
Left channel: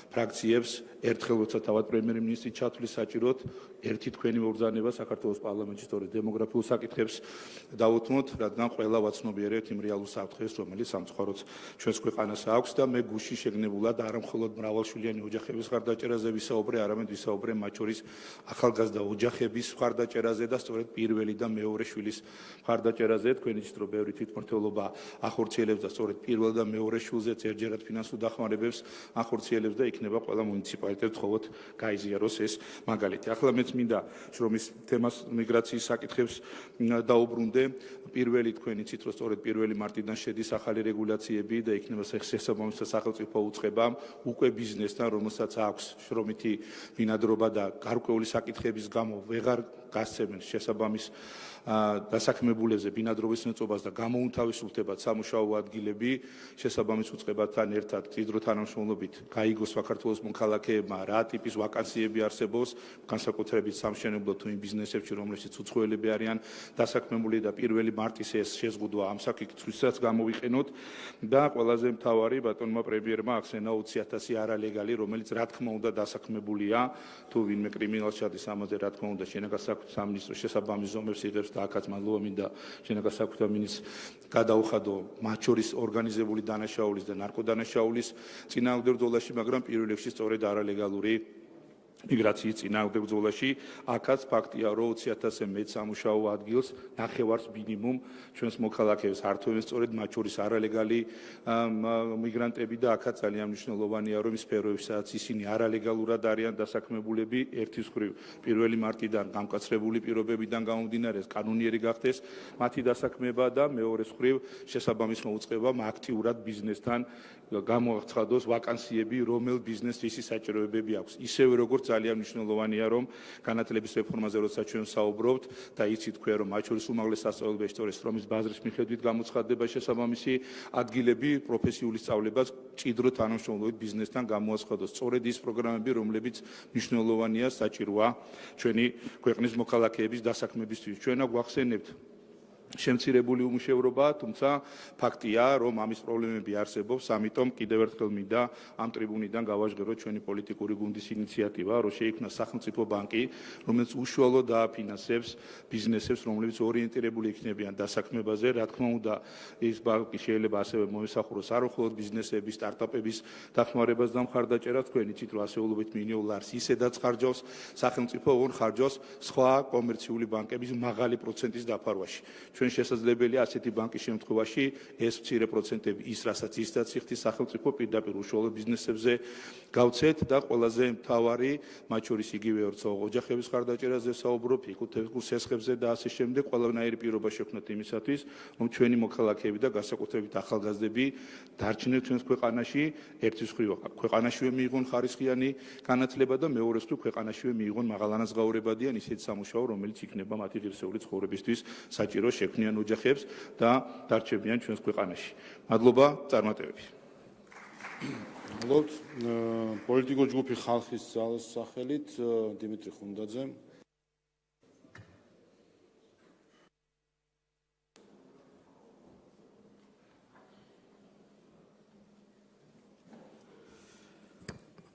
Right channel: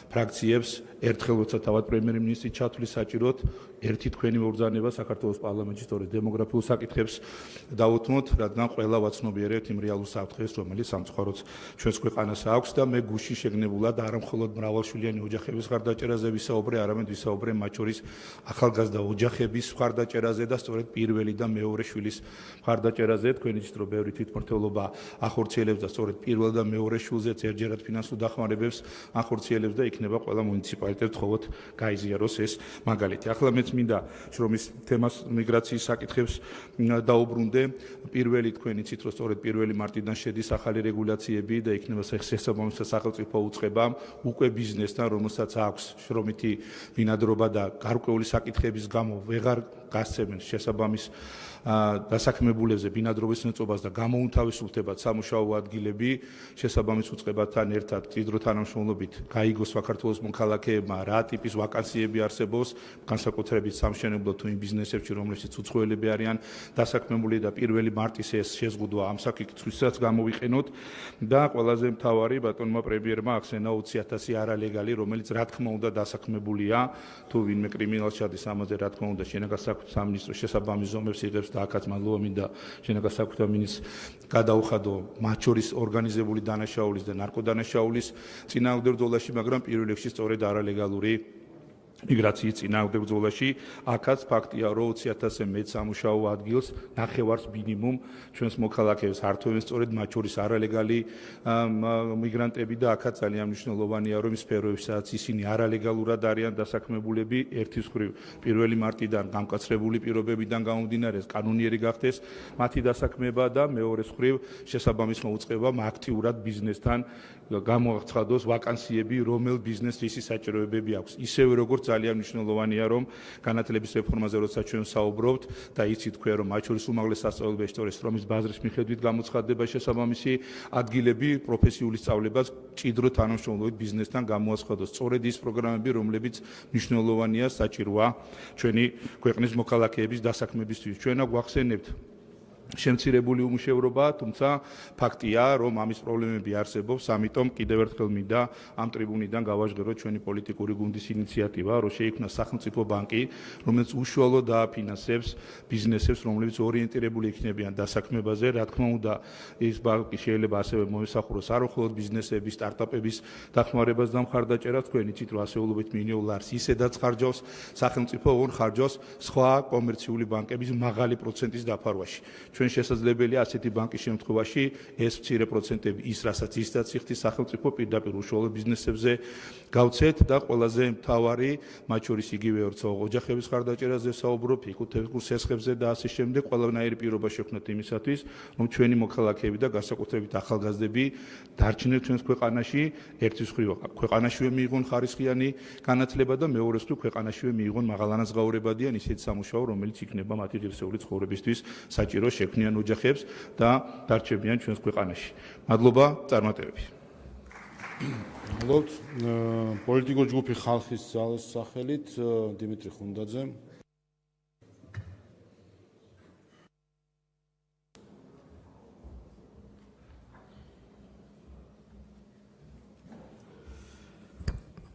ფრაქციებს ერთხელ როცა თავად პრემიერ-მინისტრი ჩათვლის საჭიროდ ერთი თქვენი მობრძანება საქართველოს პარლამენტში სწორედ დემოგრაფიულ საკითხებს დავუთმოთ, რადგან ყველა ვაცნობიერებთ იმ რეალურ საფრთხეს, რომელიც სამწუხაროდ ჩვენს ქვეყანას აქვს და მე გუშინ შეგნებულად არა მხოლოდ მრავალშვილიანი ოჯახების მხარდაჭერაზე ვისაუბრე, არამედ ვისაუბრე მათ შორის ახალგაზრდა ოჯახების მხარდაჭერაზე და სწორედ პირველი და მეორე შვილის მხარდაჭერაზე. თქვენი იცით, რომ ბევრი თვითმმართველობა ახორციელებს და სწორედ პირველ და მეორე შვილზეც ერთჯერად ფინანსურ დახმარებებს ახორციელებს და იქნება ყველა მუნიციპალიტეტს მხოლოდ გაიზიაროს ეს მაგალითი. ახლა მეც მინდა რომ ის თემას მიგრაციის საკითხებს დაუბრუნდე. პირველი თქვენ იცით, რომ სწორედ 1 მარტიდან შედის ახალი რეგულაციები და იქნება შესაბამისად სახელმწიფო უწყება უკვე ბიზნესთან, რომელსაც აქვს შრომითი ბინადრობა და გარკვეული საკითხების გამო ვეღარ გასცემენ შესაბამის დასაქმებულებზე ბინადრობის ნაწობას და გამოუთავისუფლდებათ სამუშაო ადგილები შესაბამის უწყებასთან ერთად მჭიდრო თანამშრომლობით გაიგოს საქართველოს მოქალაქეებმა რა ტიპის ვაკანსიები არსებობს, განსაკუთრებით სამშენებლო თუ იმ ბიზნესებში, რომლებშიც უცხოელები არიან დასაქმებული და 1 მარტის ეს შეზღუდვა ამ საკითხისთვისაც გამოვიყენოთ და ყველაზე მთავარი ბატონმა პრემიერმა ახსენა 20,000 არალეგალი, რომელიც რა თქმა უნდა დასაქმებულია, თუ ვინმე კრიმინალს ჩადის ამაზე, რა თქმა უნდა შინაგან საქმეთა სამინისტრო შესაბამის ზომებს იღებს და აქაც მადლობა მინდა შინაგან საქმეთა მინისტრს გადაუხადო მათ შორის ორგანიზებული დანაშაულის და ნარკოდანაშაულის წინააღმდეგ ბრძოლაში, მაგრამ პირველ რიგში სწორედ არალეგალური მიგრაციის წინააღმდეგ ბრძოლაში. აქაც ფაქტია, რომ 20,000-ზე მეტ სამუშაო ადგილს ნახევარს მინიმუმ ჩვენს მოქალაქეებს ართვენ სწორედ მათ შორის არალეგალი მიგრანტები და აქაც ძალიან მნიშვნელოვანია, რომ იმ სფეროებში, სადაც ისინი არალეგალურად არიან დასაქმებულები, ერთის მხრივ 1 მარტიდან გამკაცრებული პირობებიდან გამომდინარე კანონიერი გახდეს მათი დასაქმება და მეორეს მხრივ შესაბამის მოუწყება აქტიურად ბიზნესთან გამოაცხადოს ვაკანსიები, რომელ ბიზნესს ისი საჭიროებები აქვს. ისევე როგორც ძალიან მნიშვნელოვანია, რომ განათლების რეფორმაზე როცა ჩვენ საუბრობთ და იცით თქვენ, რომ მათ შორის უმაღლეს სასწავლებელში სწორედ სტრომის ბაზრის მიხედვით გამოცხადდება შესაბამისი ადგილები, პროფესიული სწავლებაც ჭიდრო თანამშრომლობით ბიზნესთან გამოაცხადოს. სწორედ ის პროგრამები, რომლებიც მნიშვნელოვანია საჭიროა ჩვენი ქვეყნის მოქალაქეების დასაქმებისთვის. ჩვენ გვახსენებთ შემცირებული უმუშევრობა, თუმცა ფაქტია, რომ ამის პრობლემები არსებობს, ამიტომ კიდევ ერთხელ მინდა ამ ტრიბუნიდან გავაჟღეროთ ჩვენი პოლიტიკური გუნდის ინიციატივა, რომ შეიქმნას სახელმწიფო ბანკი, რომელიც უშუალოდ დააფინანსებს ბიზნესებს, რომლებიც ორიენტირებული იქნებიან დასაქმებაზე. რა თქმა უნდა, ის ბანკი შეიძლება ასევე მოესახუროს არაერთგვარად ბიზნესების, სტარტაპების დახმარებას და მხარდაჭერას. თქვენ იცით, რომ ასეულობით მილიონ ლარს ისედაც ხარჯავს სახელმწიფო, ორ ხარჯავს სხვა კომერციული ბანკების მაღალი პროცენტის დაფარვაში. ჩვენ შესაძლებელია ასეთი ბანკის შემთხვევაში ეს მცირე პროცენტები ის, რასაც ისაც იხდის სახელმწიფო პირდაპირ უშუალო ბიზნესებზე გავცეთ და ყველაზე მთავარი, მათ შორის იგივე ოჯახების ხარდაჭერაზე საუბრობ, ფიკუთების სესხებზე და ასე შემდეგ, ყველანაირი პირობა შექმნათ იმისათვის, რომ ჩვენი მოქალაქეები და განსაკუთრებით ახალგაზრდები დარჩნენ ჩვენს ქვეყანაში, ერთის მხრივ ქვეყანაშივე მიიღონ ხარისხიანი განათლება და მეორეს მხრივ ქვეყანაშივე მიიღონ მაღალანაზღაურებადიან ისეთი სამუშაო, რომელიც იქნება მათი ღირსეული ცხოვრებისთვის საჭირო შექმნიან ოჯახებს და დარჩებიან ჩვენს ქვეყანაში. მადლობა წარმატებები. მოგოთ პოლიტიკურ ჯგუფი ხალხის ძალის სახელით დიმიტრი ხუნდაძე.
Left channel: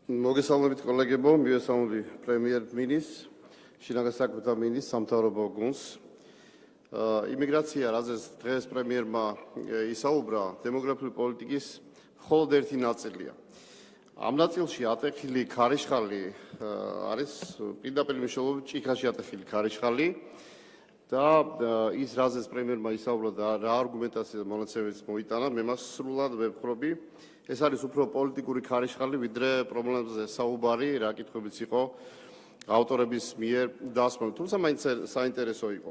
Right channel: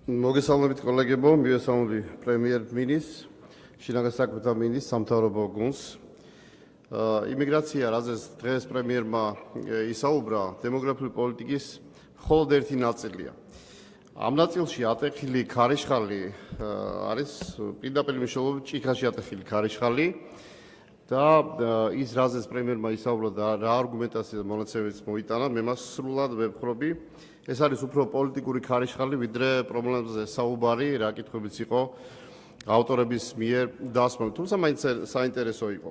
მოგესალმებით კოლეგებო, მივესალმები პრემიერ-მინისტრს, შინაგან საქმეთა მინისტრს, სამთავრობო გუნდს. იმიგრაცია, რაზეც დღეს პრემიერმა ისაუბრა, დემოგრაფიული პოლიტიკის მხოლოდ ერთი ნაწილია. ამ ნაწილში ატეხილი ქარიშხალი არის პირდაპირ მნიშვნელობით ჭიქაში ატეხილი ქარიშხალი და ის, რაზეც პრემიერმა ისაუბრა და რა არგუმენტაცია და მონაცემებიც მოიტანა, მე მას სრულად ვებხრობი. ეს არის უფრო პოლიტიკური ქარიშხალი, ვიდრე პრობლემებზე საუბარი, რა კითხვებიც იყო ავტორების მიერ დასმული. თუმცა მაინც საინტერესო იყო.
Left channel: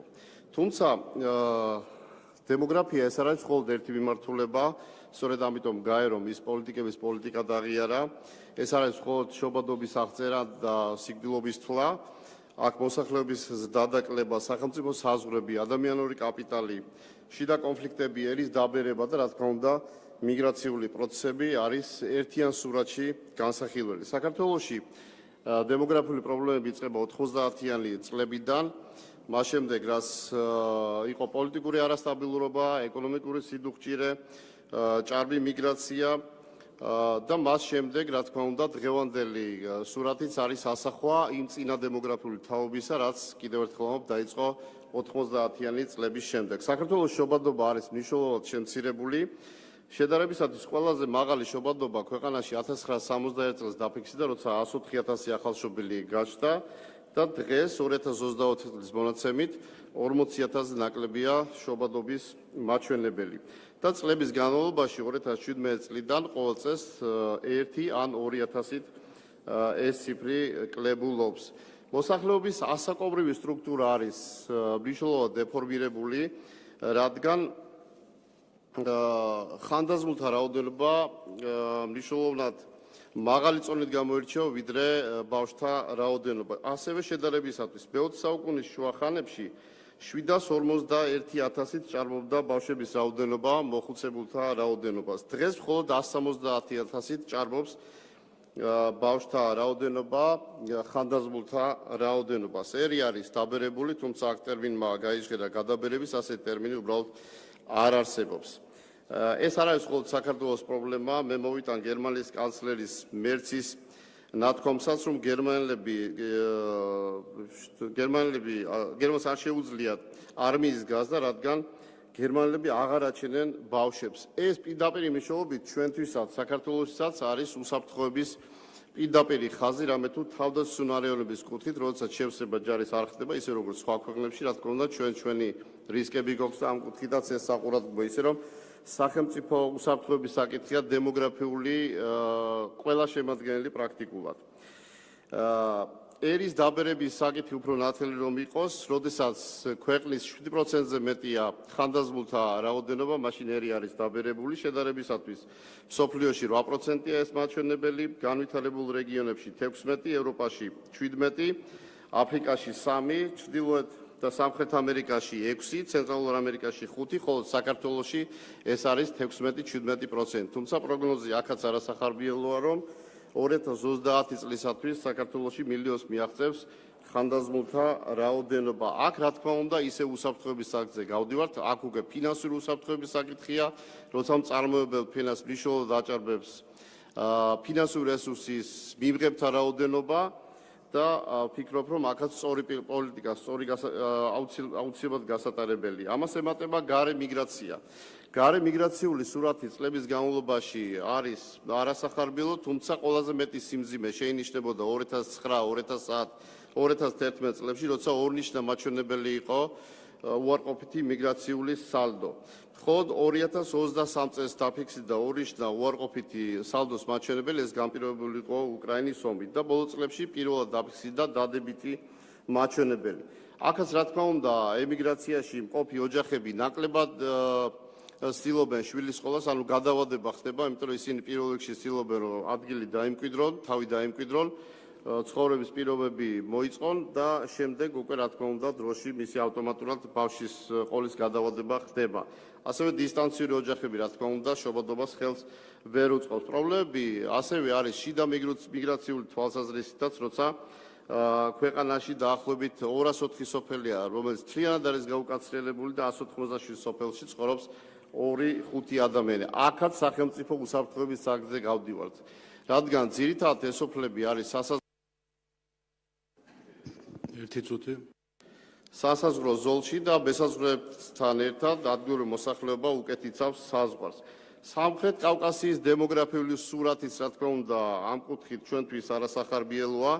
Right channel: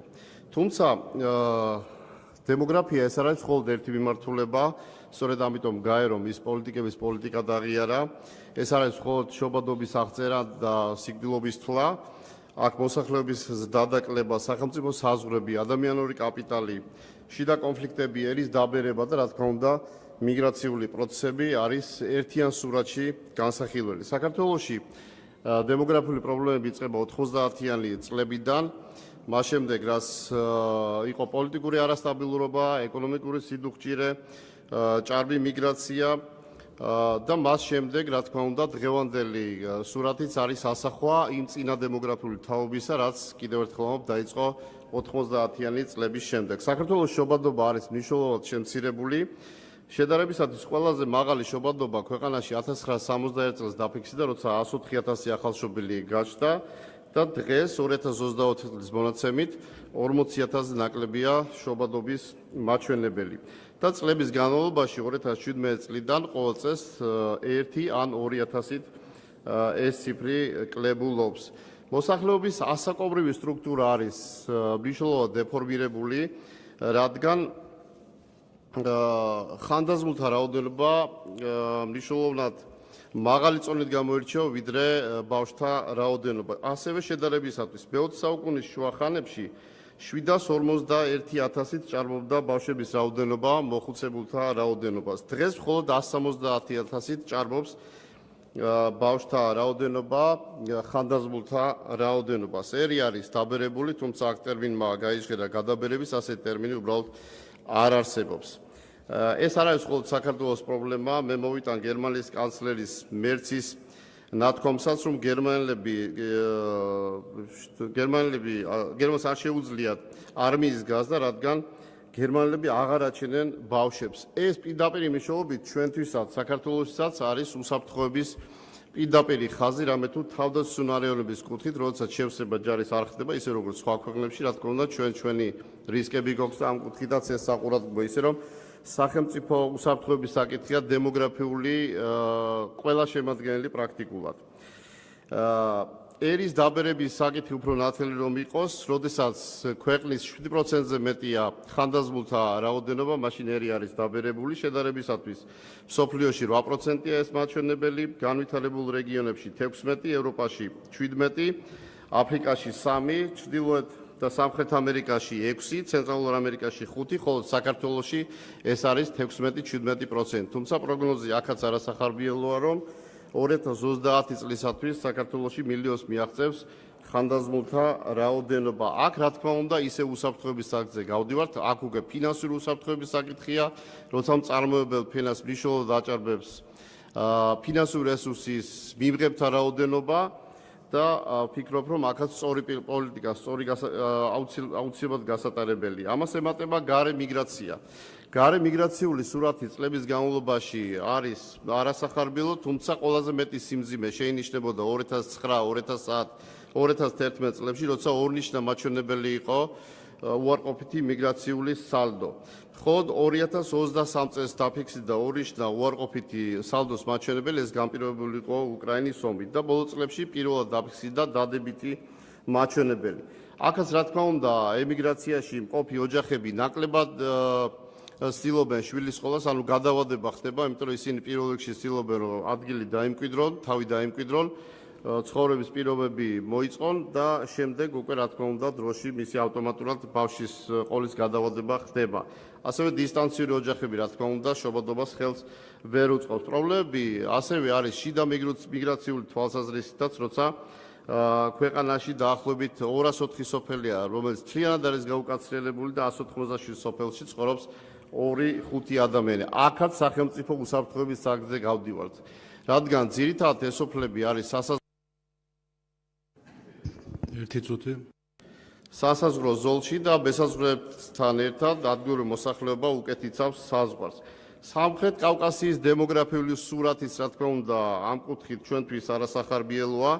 თუმცა დემოგრაფია ეს არ არის მხოლოდ ერთი მიმართულება, სწორედ ამიტომ გაერო ის პოლიტიკების პოლიტიკა დაღიარა. ეს არის მხოლოდ შობადობის აღწერა და სიკვდილობის თვლა. აქ მოსახლეობის დადაკლება, სახელმწიფო საზღვრები, ადამიანური კაპიტალი, შიდა კონფლიქტები, ერის დაბერება და რა თქმა უნდა მიგრაციული პროცესები არის ერთიან სურათში განსახილველი. საქართველოში დემოგრაფიული პრობლემები იწყება 90-იანი წლებიდან. მას შემდეგ, რაც იყო პოლიტიკური არასტაბილურობა, ეკონომიკური სიდუხჭირე, ჭარბი მიგრაცია და მას შემდეგ, რა თქმა უნდა, დღევანდელი სურათიც არის ასახვა იმ წინა დემოგრაფიული თაობისა, რაც კიდევ ერთხელ დაიწყო 90-იანი წლების შემდეგ. საქართველოს შობადობა არის მნიშვნელოვნად შემცირებული. შედარებისათვის ყველაზე მაღალი შობადობა ქვეყანაში 1961 წელს დაფიქსირდა, როცა 104,000 ახალშობილი გაჩნდა და დღეს 2024 წლის მონაცემით 40,000 ნაკლებია შობადობის მაჩვენებელი. და წლების განმავლობაში 2017 წლიდან ყოველ წელს 1 ან 2,000-ით ეს ციფრი კლებულობს. მოსახლეობის ასაკობრივი სტრუქტურა არის მნიშვნელოვნად დეფორმირებული, რადგან ხანდაზმულთა რაოდენობა მნიშვნელოვნად მაღალი წონით გამოირჩევა ვიდრე ბავშვთა რაოდენობა. ასევე შედარებისათვის მე-20 საუკუნის შუა ხანებში 751,000-ით ჭარბობდა ბავშვების რაოდენობა მოხუცებულთა რაოდენობას. დღეს მხოლოდ 170,000-ით ჭარბობს ბავშვთა რაოდენობა ხანდაზმულთა რაოდენობას. ერი არის დაბერებული, თუმცა აქ ტერმინმა გაიჟღერა გადაბერების, ასეთი ტერმინი უბრალოდ არ არსებობს. ეს არ არის მხოლოდ საქართველოს პრობლემა, მე მოვიტან გერმანიის კანცლერის მერცის ნათქვამსაც, რომ გერმანელს არ შეუძლიათ არმიის გაზდა, რადგან გერმანელები აღარ აჩენენ ბავშვებს. ეს პირდაპირ მნიშვნელობით ჩვენთვისაც, საქართველოსაც არის უსაფრთხოების პირდაპირი ხაზი, რამე თუ თავდაცუნარეობის კუთხით, როდესაც შევსება ჯარის არ ხდება, ისე როგორც სხვა ქვეყნებში, რა თქმა უნდა, ჩვენი რისკები გვაქვს და ამ კუთხითაც ეს საყურადღებო, ისე რომ სახელმწიფო უსაფრთხოების საკითხია დემოგრაფიული ყველა შემადგენელი პრაქტიკულად. ერის დაბერების საკითხი უფრო ნათელი რომ იყოს, როდესაც ქვეყნის 7%-ზე მეტია ხანდაზმულთა რაოდენობა, მაშინ ერი არის დაბერებული შედარებისათვის. მსოფლიოში 8%-ია ეს მაჩვენებელი, განვითარებულ რეგიონებში 16, ევროპაში 17, აფრიკაში 3, ჩრდილოეთ და სამხრეთ ამერიკაში 6, ცენტრალურ ამერიკაში 5, ხოლო საქართველოში ეს არის 16-17%. თუმცა პროგნოზი აქაც არასახარბიელოა, რომ 2030 წლისათვის საქართველოში მილიონს მიაღწევს ხანდაზმულთა რაოდენობა. აქ რა თქმა უნდა ისე უსაფრთხოების საკითხზე გავდივართ, აქ უკვე ფინანსური უსაფრთხოების საკითხია, როცა მწარმოებელ ფენას მნიშვნელოვნად აჭარბებს ფინანსური რესურსის მიღებთა რაოდენობა და ფიქრობ, რომ აქაც სწორი პოლიტიკა, აუცილებლად გასატარებელია. ამას ემატება გარე მიგრაცია. გარე მიგრაციული სურათი წლების განმავლობაში არის არასახარბიელო, თუმცა ყველაზე მეტი სიმძიმე შეინიშნებოდა 2009-2010-2011 წლებში, როცა ორნიშნა მაჩვენებელი იყო უარყოფითი მიგრაციული სალდო. მხოლოდ 2023 წელს დაფიქსირდა ორნიშნა უარყოფითი სალდოს მაჩვენებელი, ეს განპირობებული იყო უკრაინის ომით და ბოლო წლებში პირველად დაფიქსირდა დადებითი მაჩვენებელი. აქაც რა თქმა უნდა, ემიგრაციაში მყოფი ოჯახები ნაკლებად ცდილობენ შვილის სკოლას, ანუ გადავადება ხდება, იმიტომ რომ ისინი პირველ რიგში ცდილობენ, რომ ადგილი დაიმკვიდრონ, თავი დაიმკვიდრონ, ცხოვრების პირობები მოიწყონ და შემდეგ უკვე რა თქმა უნდა დროში მისი ავტომატურად ბავშვის ყოლის გადავადება ხდება. ასევე დისტანციური ოჯახები რა თქმა უნდა შობადობას ხელს ვერ უწყობს. პრობლემები ასევე არის შიდა მიგრაციული თვალსაზრისითაც, როცა ქვეყანაში დაახლოებით 204 სოფელია, რომელიც მთლიანად არის გაუკაცრიელებული და 187 სოფელში ცხოვრობს 2-5 ადამიანი. აქაც სახელმწიფო უსაფრთხოების საკითხზე გავდივართ. რადგან ძირითადად ეს სოფლები არის სასაზღვრო ზოლში და მესაზღვრეებთან ერთად ადგილობრივი მოსახლეობა უკეთ იცავს საზღვარს. სამხრეთ კავკასიის დემოგრაფიული სურათიც რა თქმა უნდა ამ კუთხით ჩვენთვის არასახარბიელოა,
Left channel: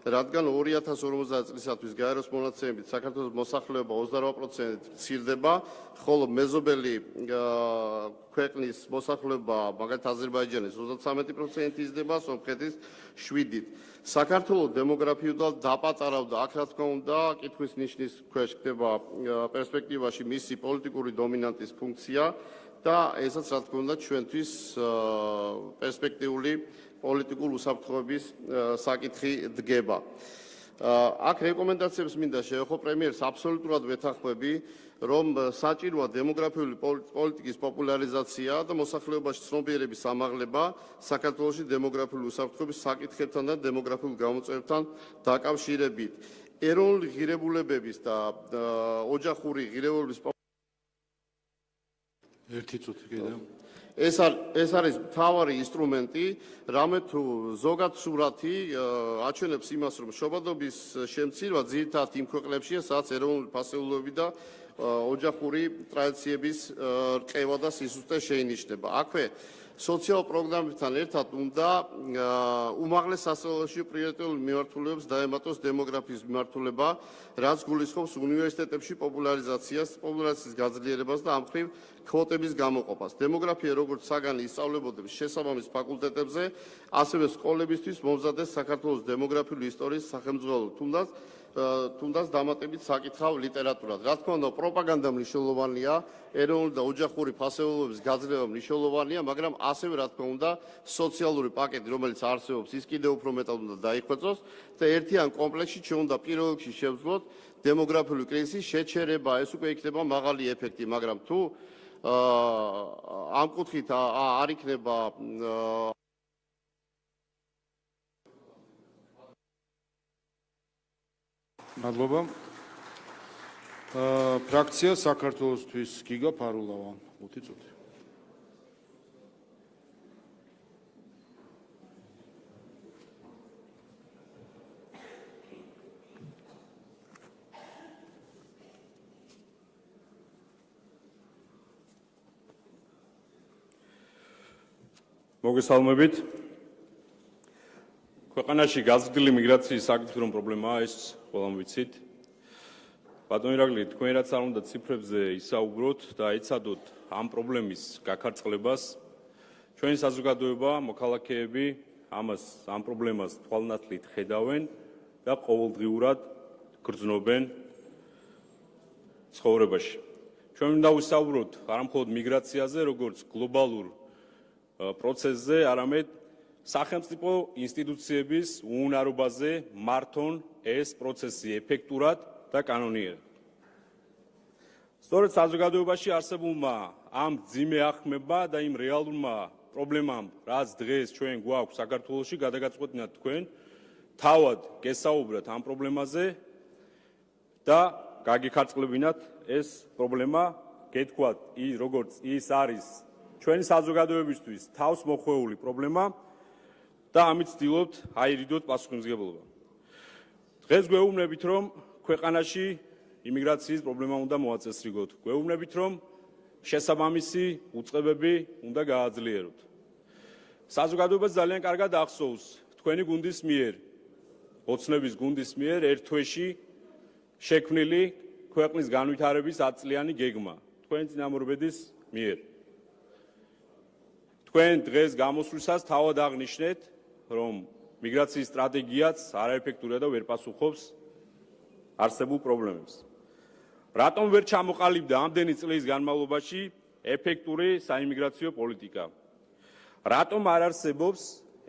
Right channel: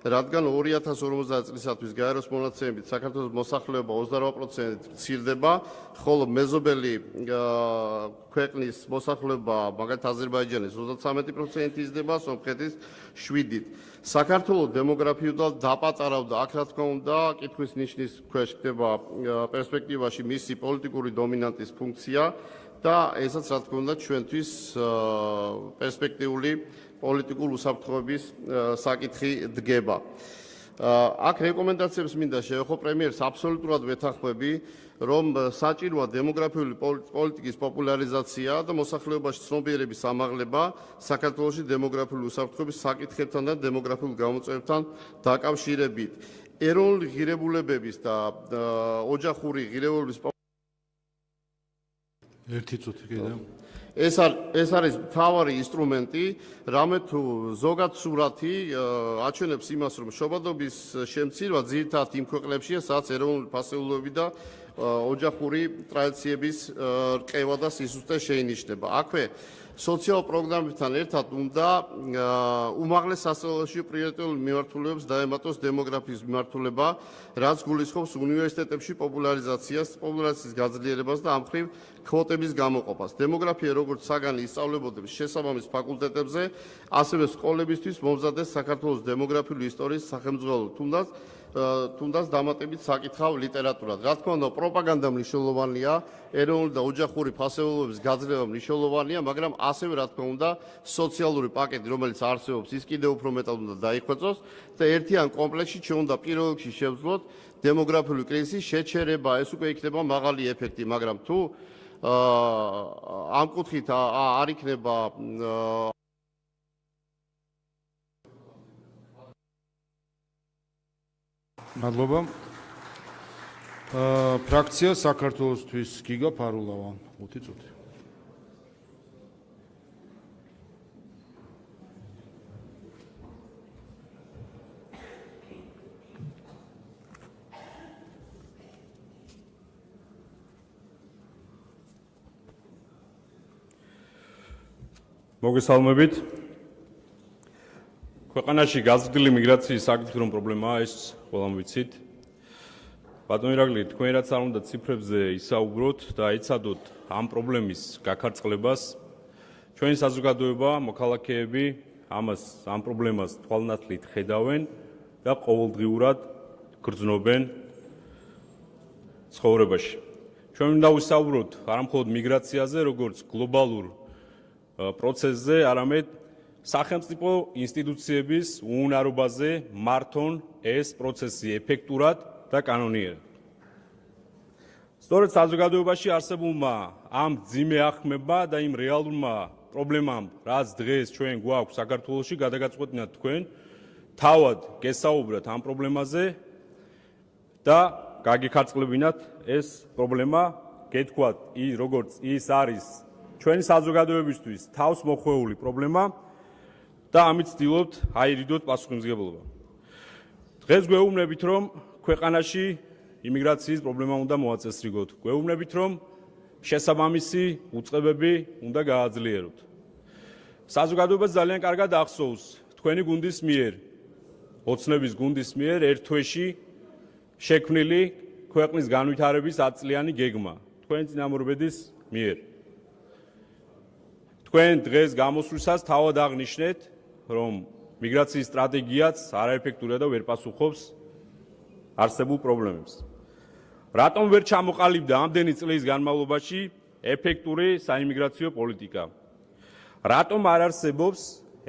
რადგან 2050 წლისათვის გაეროს მონაცემებით საქართველოს მოსახლეობა 28% მცირდება, ხოლო მეზობელი ქვეყნის მოსახლეობა, მაგალითად აზერბაიჯანის 33% იზრდება, სომხეთის 7%. საქართველოს დემოგრაფიულად დაპატარავდა, აქ რა თქმა უნდა, კითხვის ნიშნის ქვეშ ხდება პერსპექტივაში მისი პოლიტიკური დომინანტის ფუნქცია და ესაც რა თქმა უნდა ჩვენთვის პერსპექტიული პოლიტიკურ უსაფრთხოების საკითხი დგება. აქ რეკომენდაციებს მინდა შევეხო პრემიერს აბსოლუტურად ვეთანხმები, რომ საჭიროა დემოგრაფიული პოლიტიკის პოპულარიზაცია და მოსახლეობაში ცნობიერების ამაღლება საქართველოში დემოგრაფიული უსაფრთხოების საკითხებთან და დემოგრაფიულ გამოწვევებთან დაკავშირებით. ეროვნული ღირებულებების და ოჯახური ღირებულების ეს არის მთავარი ინსტრუმენტი, რამე თუ ზოგად სურათი აჩვენებს იმას, რომ შობადობის შემცირვა ძირითადად იმ ქვეყნებშია, სადაც ეროვნული ფასეულობები და ოჯახური ტრადიციების რყევა და სისუსტე შეინიშნება. აქვე სოციალურ პროგრამებთან ერთად უნდა უმაღლეს სასწავლებლებში პრიორიტეტულ მიმართულებებს დაემატოს დემოგრაფიის მიმართულება, რაც გულისხმობს უნივერსიტეტებში პოპულარიზაციას, პოპულაციის გაძლიერებას და ამ მხრივ კვოტების გამოყოფას. დემოგრაფია როგორც საგანი ისწავლებოდებს შესაბამის ფაკულტეტებზე, ასევე სკოლებისთვის მომზადდეს საქართველოს დემოგრაფიული ისტორიის სახელმძღვანელო, თუნდაც დამატებით საკითხავ ლიტერატურად. რა თქმა უნდა, პროპაგანდა მნიშვნელოვანია, ეროვნული და ოჯახური ფასეულობების გაძლევა მნიშვნელოვანია, მაგრამ ასევე რა თქმა უნდა, სოციალური პაკეტი, რომელიც არსებობს, ის კიდევ უფრო მეტად უნდა დაიხვეწოს და ერთიან კომპლექსში ჩვენ უნდა პირველ რიგში შევძლოთ დემოგრაფიული კრიზისის შეჩერება. ეს უკვე იქნება მაღალი ეფექტი, მაგრამ თუ ამ კუთხით არ იქნება მადლობა. ფრაქცია საქართველოსთვის გიგა ფარულავა 5 წუთი. მოგესალმებით. ქვეყანაში გაზრდილი მიგრაციის საკითხი რომ პრობლემაა, ეს ყველამ ვიცით. ბატონო ირაკლი, თქვენ რაც არ უნდა ციფრებზე ისაუბროთ და აიცადოთ ამ პრობლემის გაქარწყლებას, ჩვენი საზოგადოება, მოქალაქეები ამ პრობლემას თვალნათლით ხედავენ და ყოველდღიურად გრძნობენ ცხოვრებაში. ჩვენ უნდა ვისაუბროთ არა მხოლოდ მიგრაციაზე, როგორც გლობალურ პროცესზე, არამედ სახელმწიფო ინსტიტუციების უუნარობაზე მართონ ეს პროცესი ეფექტურად და კანონიერად. სწორედ საზოგადოებაში არსებულმა ამ ძიმე ახმება და იმ რეალურმა პრობლემამ, რაც დღეს ჩვენ გვაქვს საქართველოში, გადაგაწყვეტინათ თქვენ, თავად გესაუბრათ ამ პრობლემაზე და გაგიქარწყლებინათ ეს პრობლემა, გეთქვათ, როგორც ის არის ჩვენი საზოგადოებისთვის თავს მოხვეული პრობლემა და ამით ვცდილობთ აირიდოთ პასუხისმგებლობა. დღეს გვეუბნებით, რომ ქვეყანაში იმიგრაციის პრობლემა უნდა მოაწესრიგოთ. გვეუბნებით, რომ შესაბამისი უწყებები უნდა გააძლიეროთ. საზოგადოებას ძალიან კარგად ახსოვს თქვენი გუნდის მიერ, ოცნების გუნდის მიერ ერთ თვეში შექმნილი ქვეყნის განვითარების 10 წლიანი გეგმა თქვენი წინამორბედის მიერ. თქვენ დღეს გამოსვლისას თავად აღნიშნეთ, რომ მიგრაციის სტრატეგიაც არაეფექტურია და ვერ პასუხობს არსებულ პრობლემებს. რატომ ვერ ჩამოყალიბდა ამდენი წლის განმავლობაში ეფექტური საიმიგრაციო პოლიტიკა? რატომ არ არსებობს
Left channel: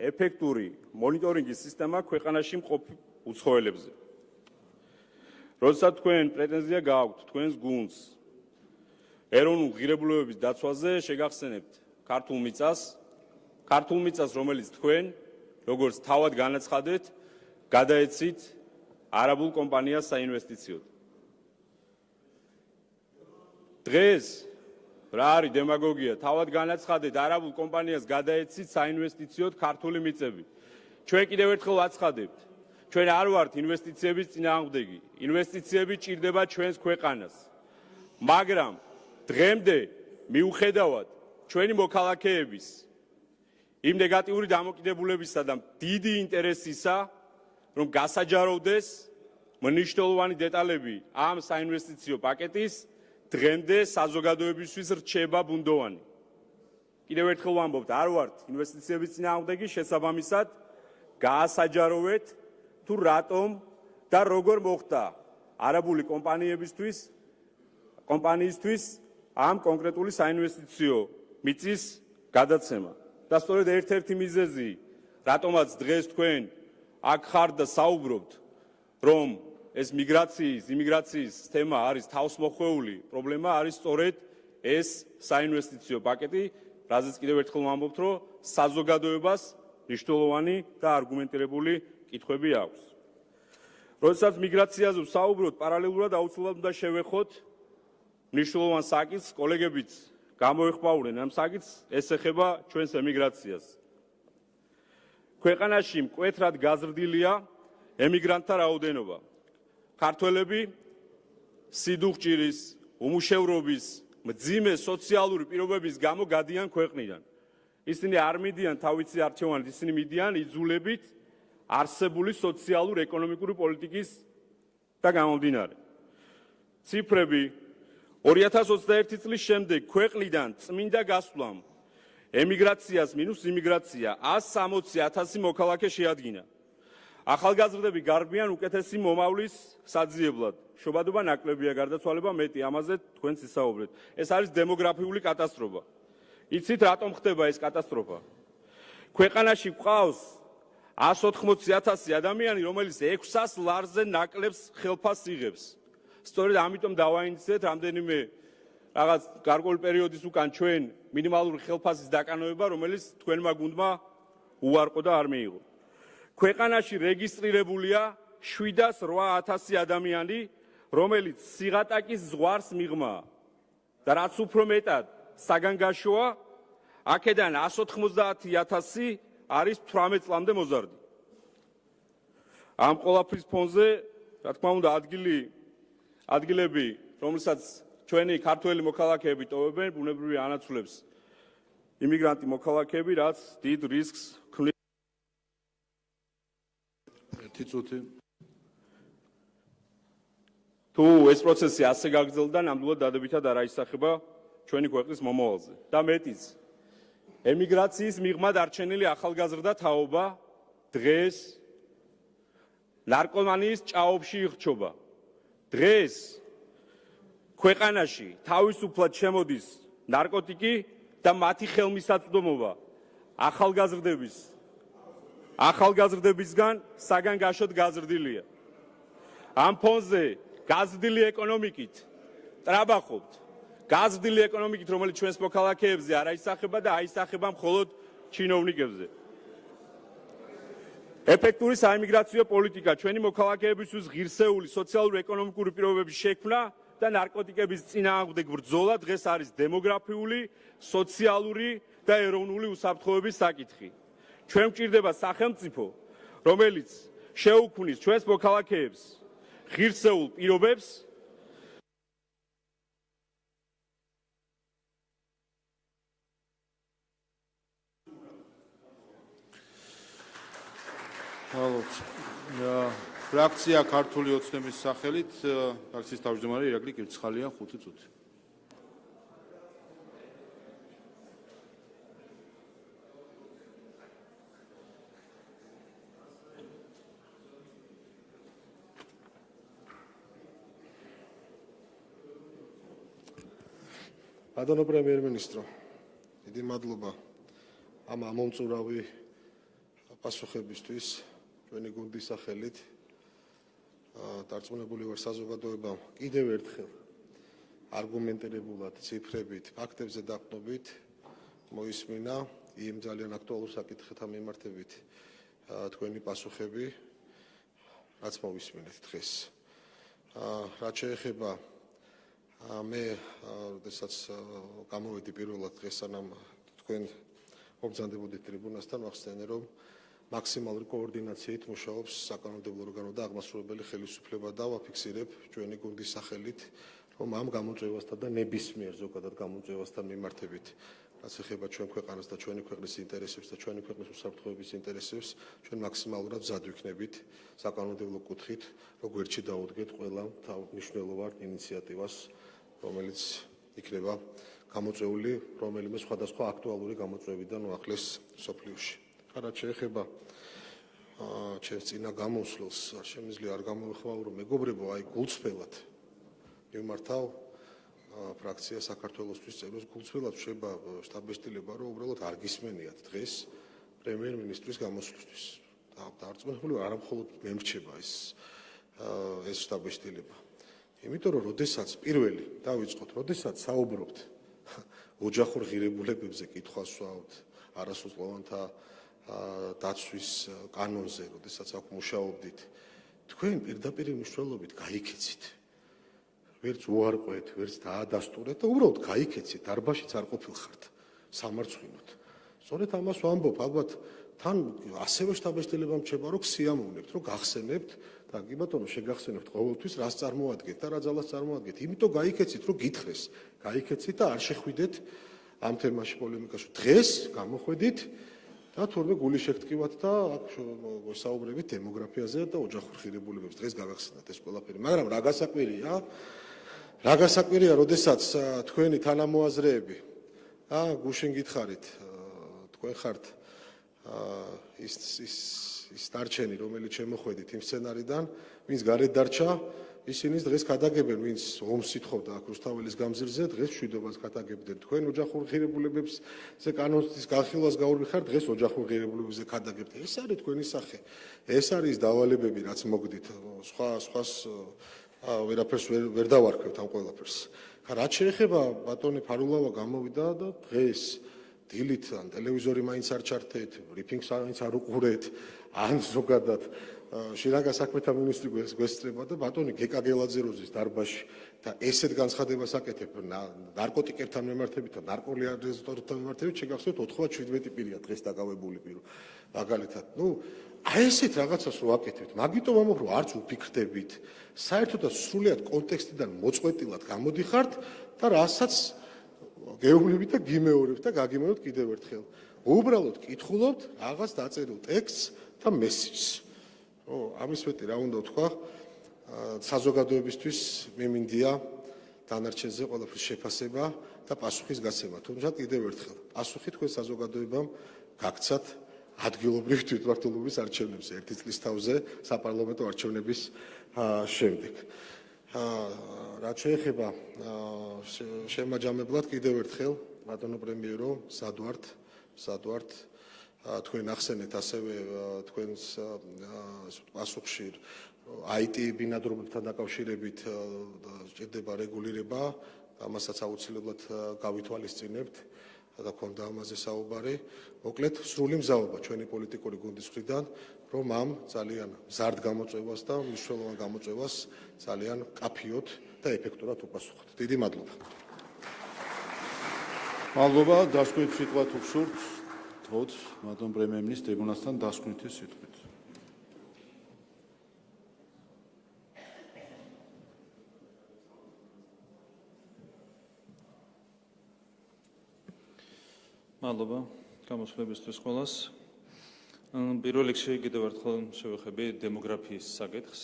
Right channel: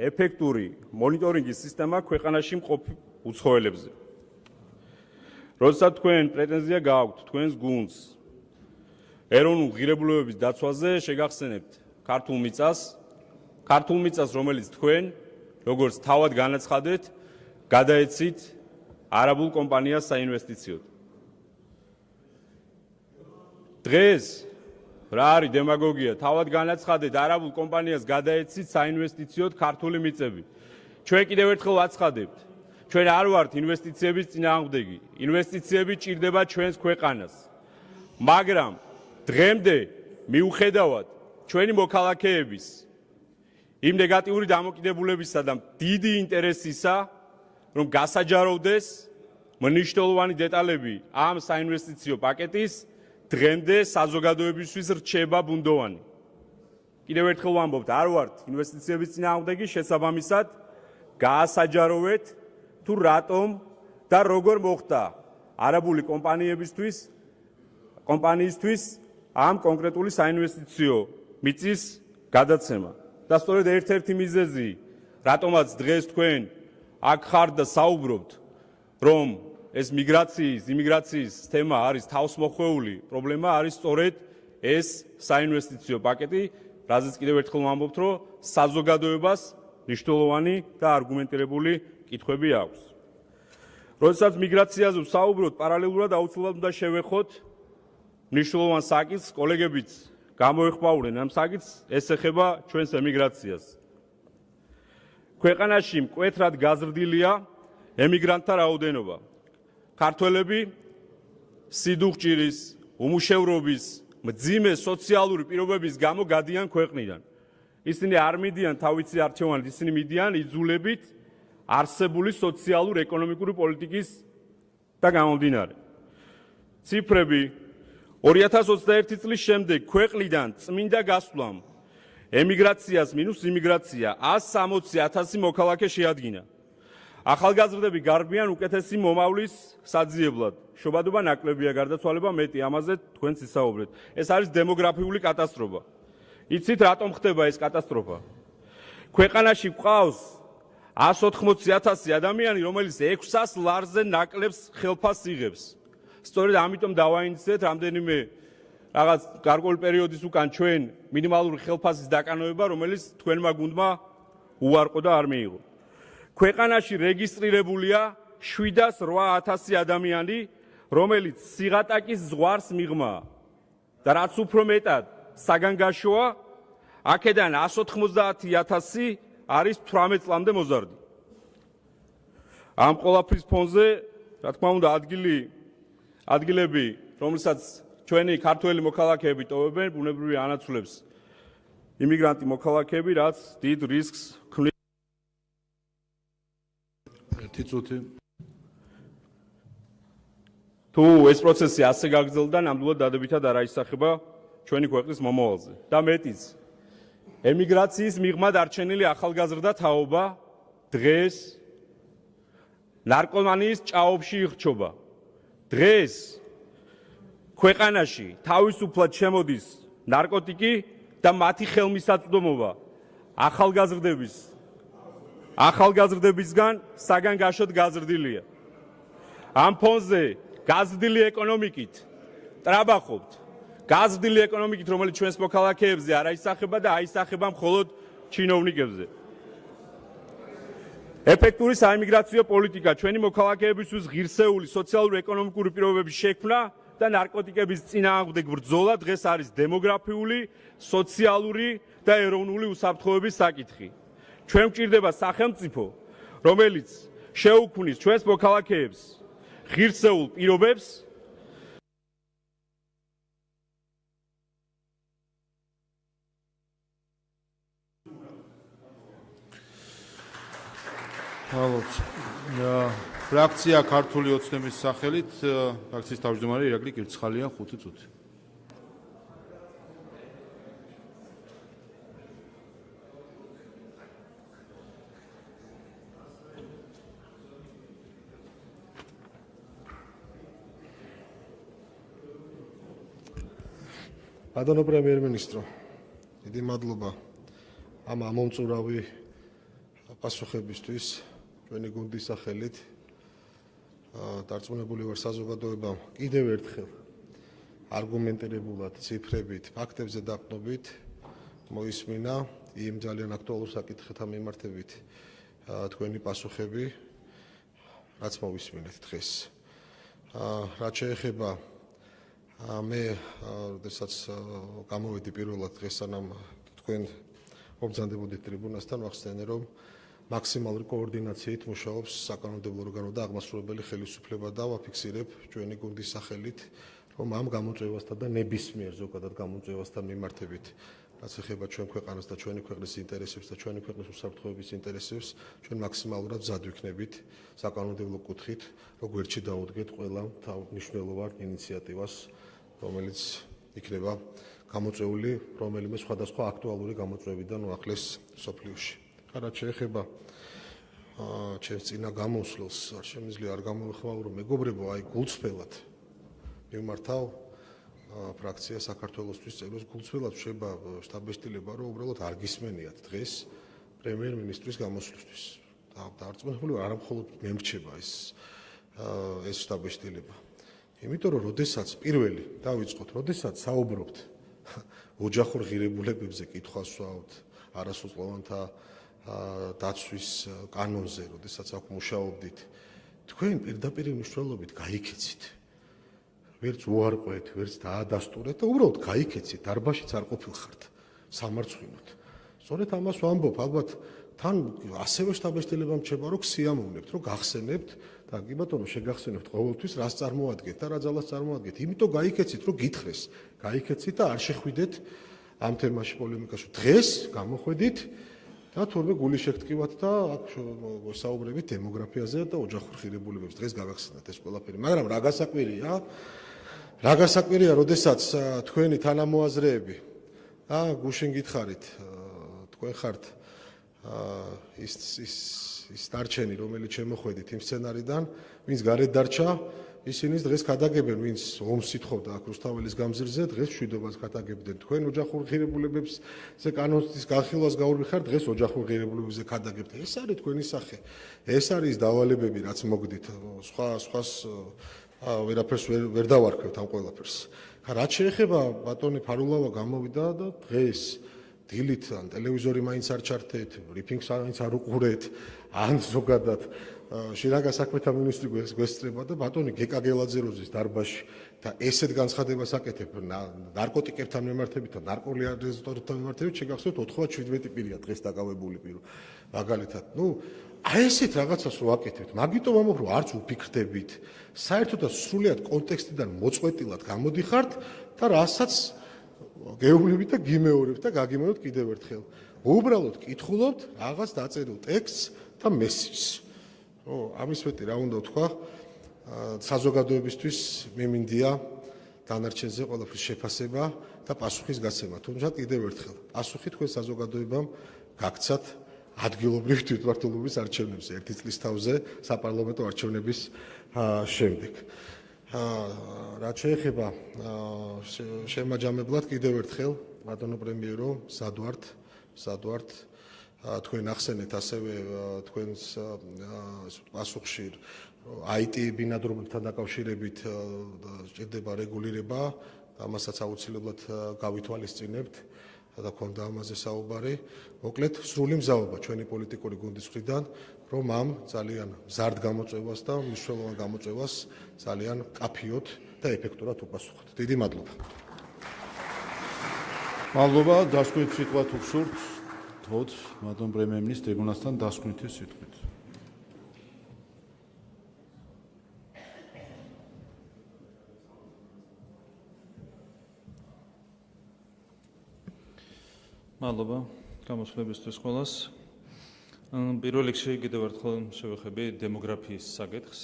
ეფექტური მონიტორინგის სისტემა ქვეყანაში მყოფ უცხოელებზე? როდესაც თქვენ პრეტენზია გააქვთ თქვენს გუნდს ეროვნულ ღირებულებების დაცვაზე, შეგახსენებთ ქართულ მიწას, რომელიც თქვენ, როგორც თავად განაცხადეთ, გადაეცით არაბულ კომპანიას საინვესტიციოდ. დღეს რა არის დემაგოგია? თავად განაცხადეთ, არაბულ კომპანიას გადაეცით საინვესტიციოდ ქართული მიწები. ჩვენ კიდევ ერთხელ ვაცხადებთ, ჩვენ არ ვართ ინვესტიციების წინააღმდეგი. ინვესტიციები ჭირდება ჩვენს ქვეყანას. მაგრამ დღემდე მიუხედავად ჩვენი მოქალაქეების იმ ნეგატიური დამოკიდებულებისა და დიდი ინტერესისა, რომ გასაჯაროვდეს მნიშვნელოვანი დეტალები ამ საინვესტიციო პაკეტის, დღემდე საზოგადოებისთვის რჩება ბუნდოვანი. კიდევ ერთხელ ვამბობთ, არ ვართ ინვესტიციების წინააღმდეგი, შესაბამისად გაასაჯაროვეთ თუ რატომ და როგორ მოხდა არაბული კომპანიისთვის ამ კონკრეტული საინვესტიციო მიწის გადაცემა. და სწორედ ერთ-ერთი მიზეზი, რატომაც დღეს თქვენ აქ ხართ და საუბრობთ, რომ ეს იმიგრაციის თემა არის თავსმოხვეული პრობლემა, არის სწორედ ეს საინვესტიციო პაკეტი, რაზეც კიდევ ერთხელ ვამბობთ, რომ საზოგადოებას მნიშვნელოვანი და არგუმენტირებული კითხვები აქვს. როდესაც მიგრაციაზე ვსაუბრობთ, პარალელურად აუცილებლად უნდა შევეხოთ მნიშვნელოვან საკითხს, კოლეგებიც გამოეხმაურნენ ამ საკითხს, ეს ეხება ჩვენს ემიგრაციას. ქვეყანაში მკვეთრად გაზრდილია ემიგრანტთა რაოდენობა. ქართველები სიდუხჭირის, უმუშევრობის, მძიმე სოციალური პირობების გამო გადიან ქვეყნიდან. ისინი არ მიდიან თავისი არჩევანით, ისინი მიდიან იძულებით არსებული სოციალურ-ეკონომიკური პოლიტიკის და გამომდინარე. ციფრები 2021 წლის შემდეგ ქვეყნიდან წმინდა გასვლამ ემიგრაციას მინუს იმიგრაცია 160,000 მოქალაქე შეადგინა. ახალგაზრდები გარბიან უკეთესი მომავლის საძიებლად. შობადობა ნაკლებია, გარდაცვალება მეტი, ამაზე თქვენც ისაუბრეთ. ეს არის დემოგრაფიული კატასტროფა. იცით რატომ ხდება ეს კატასტროფა? ქვეყანაში გვყავს 180,000 ადამიანი, რომელიც 600 ლარზე ნაკლებს ხელფასს იღებს. სწორედ ამიტომ დავაინიცეთ რამდენიმე რაღაც გარკვეული პერიოდის უკან ჩვენ მინიმალური ხელფასის დაკანოება, რომელიც თქვენმა გუნდმა უარყო და არ მიიღო. ქვეყანაში რეგისტრირებულია 708,000 ადამიანი, რომელიც სიღატაკის ზღვარს მიღმა და რაც უფრო მეტად საგანგაშოა, აქედან 190,000 არის 18 წლამდე მოზარდი. ამ ყველაფრის ფონზე, რა თქმა უნდა, ადგილები, რომელსაც ჩვენი ქართველი მოქალაქეები ტოვებენ, ბუნებრივი ანაცვლებს იმიგრანტი მოქალაქეები, რაც დიდ რისკს ქმნის. ერთი წუთი. თუ ეს პროცესი ასე გაგრძელდა, ნამდვილად დადებითად არ აისახება ჩვენი ქვეყნის მომავალზე. და მეტიც, ემიგრაციის მიღმა დარჩენილი ახალგაზრდა თაობა დღეს ნარკომანიის ჭაობში იხჩობა. დღეს ქვეყანაში თავისუფლად შემოდის ნარკოტიკი და მათი ხელმისაწვდომობა ახალგაზრდებისგან საგანგაშოდ გაზრდილია. ამ ფონზე გაზრდილი ეკონომიკით ტრაბახობთ. გაზრდილი ეკონომიკით, რომელიც ჩვენს მოქალაქეებზე არ აისახება და აისახება მხოლოდ ჩინოვნიკებზე. ეფექტური საიმიგრაციო პოლიტიკა ჩვენი მოქალაქეებისთვის ღირსეული სოციალურ-ეკონომიკური პირობების შექმნა და ნარკოტიკების წინააღმდეგ ბრძოლა დღეს არის დემოგრაფიული, სოციალური და ეროვნული უსაფრთხოების საკითხი. ჩვენ გვჭირდება სახელმწიფო, რომელიც შეუქმნის ჩვენს მოქალაქეებს ღირსეულ პირობებს ფრაქცია ქართული ოცნების სახელით ფრაქციის თავმჯდომარე ირაკლი კირცხალია 5 წუთი. ბატონო პრემიერ-მინისტრო, დიდი მადლობა ამ ამომწურავი პასუხებისთვის ჩვენი გუნდის სახელით. დარწმუნებული ვარ საზოგადოებამ კიდევ ერთხელ არგუმენტირებულად, ციფრებით, ფაქტებზე დაყრდნობით მოისმინა იმ ძალიან აქტუალურ საკითხებთან მიმართებით თქვენი პასუხები, რაც მოვისმინეთ დღეს. რაც შეეხება მე, როდესაც გამოვედი პირველად დღეს, სანამ თქვენ მობრძანდებოდით ტრიბუნასთან, ვახსენე, რომ მაქსიმალური კოორდინაციით მუშაობს საკანონმდებლო ორგანო და აღმასრულებელი ხელისუფლება და ვაფიქსირებ ჩვენი გუნდის სახელით, რომ ამ გამოწვევასთან და ნებისმიერ ზოგადად გამოწვევასთან მიმართებით, რაც ეხება ჩვენ ქვეყანას და ჩვენი ქვეყნის ინტერესებს და ჩვენი ქვეყნის უსაფრთხოების ინტერესებს, ჩვენ მაქსიმალურად მზად ვიქნებით საკანონმდებლო კუთხით, როგვერთში დაუდგეთ ყველა მნიშვნელოვან ინიციატივას, რომელიც იქნება გამოწვეული რომელიმე სხვადასხვა აქტუალური გამოწვევიდან უახლეს სოფლიოში. რაც შეეხება ჩემს წინა გამოსვლას, არ შემიძლია არ გამოვხმაურო მეგობრებო, აი გულწრფელად მიმართავ ფრაქცია საქართველოსთვის წევრებს გულწრფელად შეება შტაბ-ბეჭდილება, რომ უბრალოდ არ გისმენიათ დღეს პრემიერ-მინისტრის გამოსვლისთვის. დარწმუნებული ვარ, არა მხოლოდ მე მრჩება ეს შტაბ-ბეჭდილება. იმიტომ რომ როდესაც პირველი დავიწყოთ, როდესაც საუბრობთ ოჯახურ ღირებულებებზე, კითხვას ვსვამთ არასრულწლოვანთა დაცვის კანონზე, როდესაც აქ მუშაობდით, თქვენ პირდაპირ მნიშვნელობით გაიქეცით. ვერც უარყვეთ, ვერც დაადასტურეთ და უბრალოდ გაიქეცით, დარბაშიც არ ყოფილხართ სამარცხვინოთ. სწორედ ამას ვამბობ, ალბათ თან ასევე შტაბ-ბეჭდილებამ რჩება, რომ სიამოვნებთ, რომ გახსენებთ და კი ბატონო შეგახსენებთ ყოველთვის რას წარმოადგენთ და რა ძალას წარმოადგენთ. იმიტომ გაიქეცით, რომ გითხრეს, გაიქეცით და არ შეხვიდეთ ამ თემაში პოლემიკაში. დღეს გამოხვედით და თურმე გული შეგტკივათ და აქ საუბრებით დემოგრაფიაზე და ოჯახურ ღირებულებებზე. დღეს გაგახსენათ ეს ყველაფერი. მაგრამ რა გასაკვირია, როდესაც თქვენი თანამოაზრეები და გუშინ გითხარით, თქვენ ხართ ის დარჩენი, რომელიც შემოხვედით იმ სცენარიდან, ვინც გარეთ დარჩა, ისინი დღეს გადაგებენ, ვინც ომს ითხოვდა აქ რუსთაველის გამზირზე, დღეს მშვიდობას გადაგებდნენ. თქვენ ოჯახურ ღირებულებებზე კანონის განხილვას გაურბიხართ, დღეს ოჯახურ ღირებულებებზე გადაგებთ. ეს არის თქვენი სახე. ეს არის დავალებები, რაც მოგდით. სხვას ვერაფერს ვერ დავარქვევთ ამ ყველაფერს. რაც შეეხება ბატონი ფარულავა გამოვიდა და დღეს დილით ან ტელევიზორი მაინც არ ჩართეთ, ბრიფინგს მაინც არ უყურეთ, ან ზოგადად შინაგან საქმეთა მინისტრი გვესწრება და ბატონი გეკა გელაძეროზის დარბაზში და ესეთ განცხადებას აკეთებ ნარკოტიკებთან მიმართებით და ნარკოლიგარებთან მიმართებით, შეგახსოვთ 97 პირია დღეს დაკავებული პირო. მაგალითად, აი ესეთ რაღაცას რო აკეთებთ, მაგიტომ ამბობ, რომ არც უფიქრდებით, საერთოდაც სრულიად კონტექსტიდან მოწყვეტილად გამოდიხართ და რასაც გეუბნებით და გიმეორებთ და გაგიმეორებთ კიდევ ერთხელ. უბრალოდ კითხულობთ რაღაც დაწერილ ტექსტს და მესიჯს. ამის მეტი რა უნდა ვთქვა, საზოგადოებისთვის მიმინდია დანარჩენზე ყველაფრის შეფასება და პასუხის გაცემა. თუმცა კიდევ ერთხელ, პასუხი თქვენ საზოგადოებამ გაგცათ ადგილობრივი თვითმმართველობის არჩევნებზე 1 წლის თავზე საპარლამენტო არჩევნების შემდეგ. რაც შეეხება შემაჯამებლად კიდევ ერთხელ ბატონო პრემიერო, სად ვართ თქვენ ახსენეთ ასევე თქვენს პასუხში IT ბინადრობებთან დაკავშირებით სჭირდება რეგულირება, ამასაც აუცილებლად გავითვალისწინებთ და ქონდა ამაზე საუბარი. მოკლედ, სრული მზაობა ჩვენი პოლიტიკური გუნდის მხრიდან, რომ ამ ძალიან მზარდ გამოწვევას და მნიშვნელოვან გამოწვევას ძალიან კაფიოდ და ეფექტურად უპასუხოთ. დიდი მადლობა. მადლობა, დასკვნით სიტყვა თუ გსურთ, თოთ ბატონ პრემიერ-მინისტრ ტრიბუნასთან დასკვნითი სიტყვით. მადლობა გამოსვლებისთვის ყველას. პირველ რიგში კიდევ ერთხელ შევეხები დემოგრაფიის საკითხს.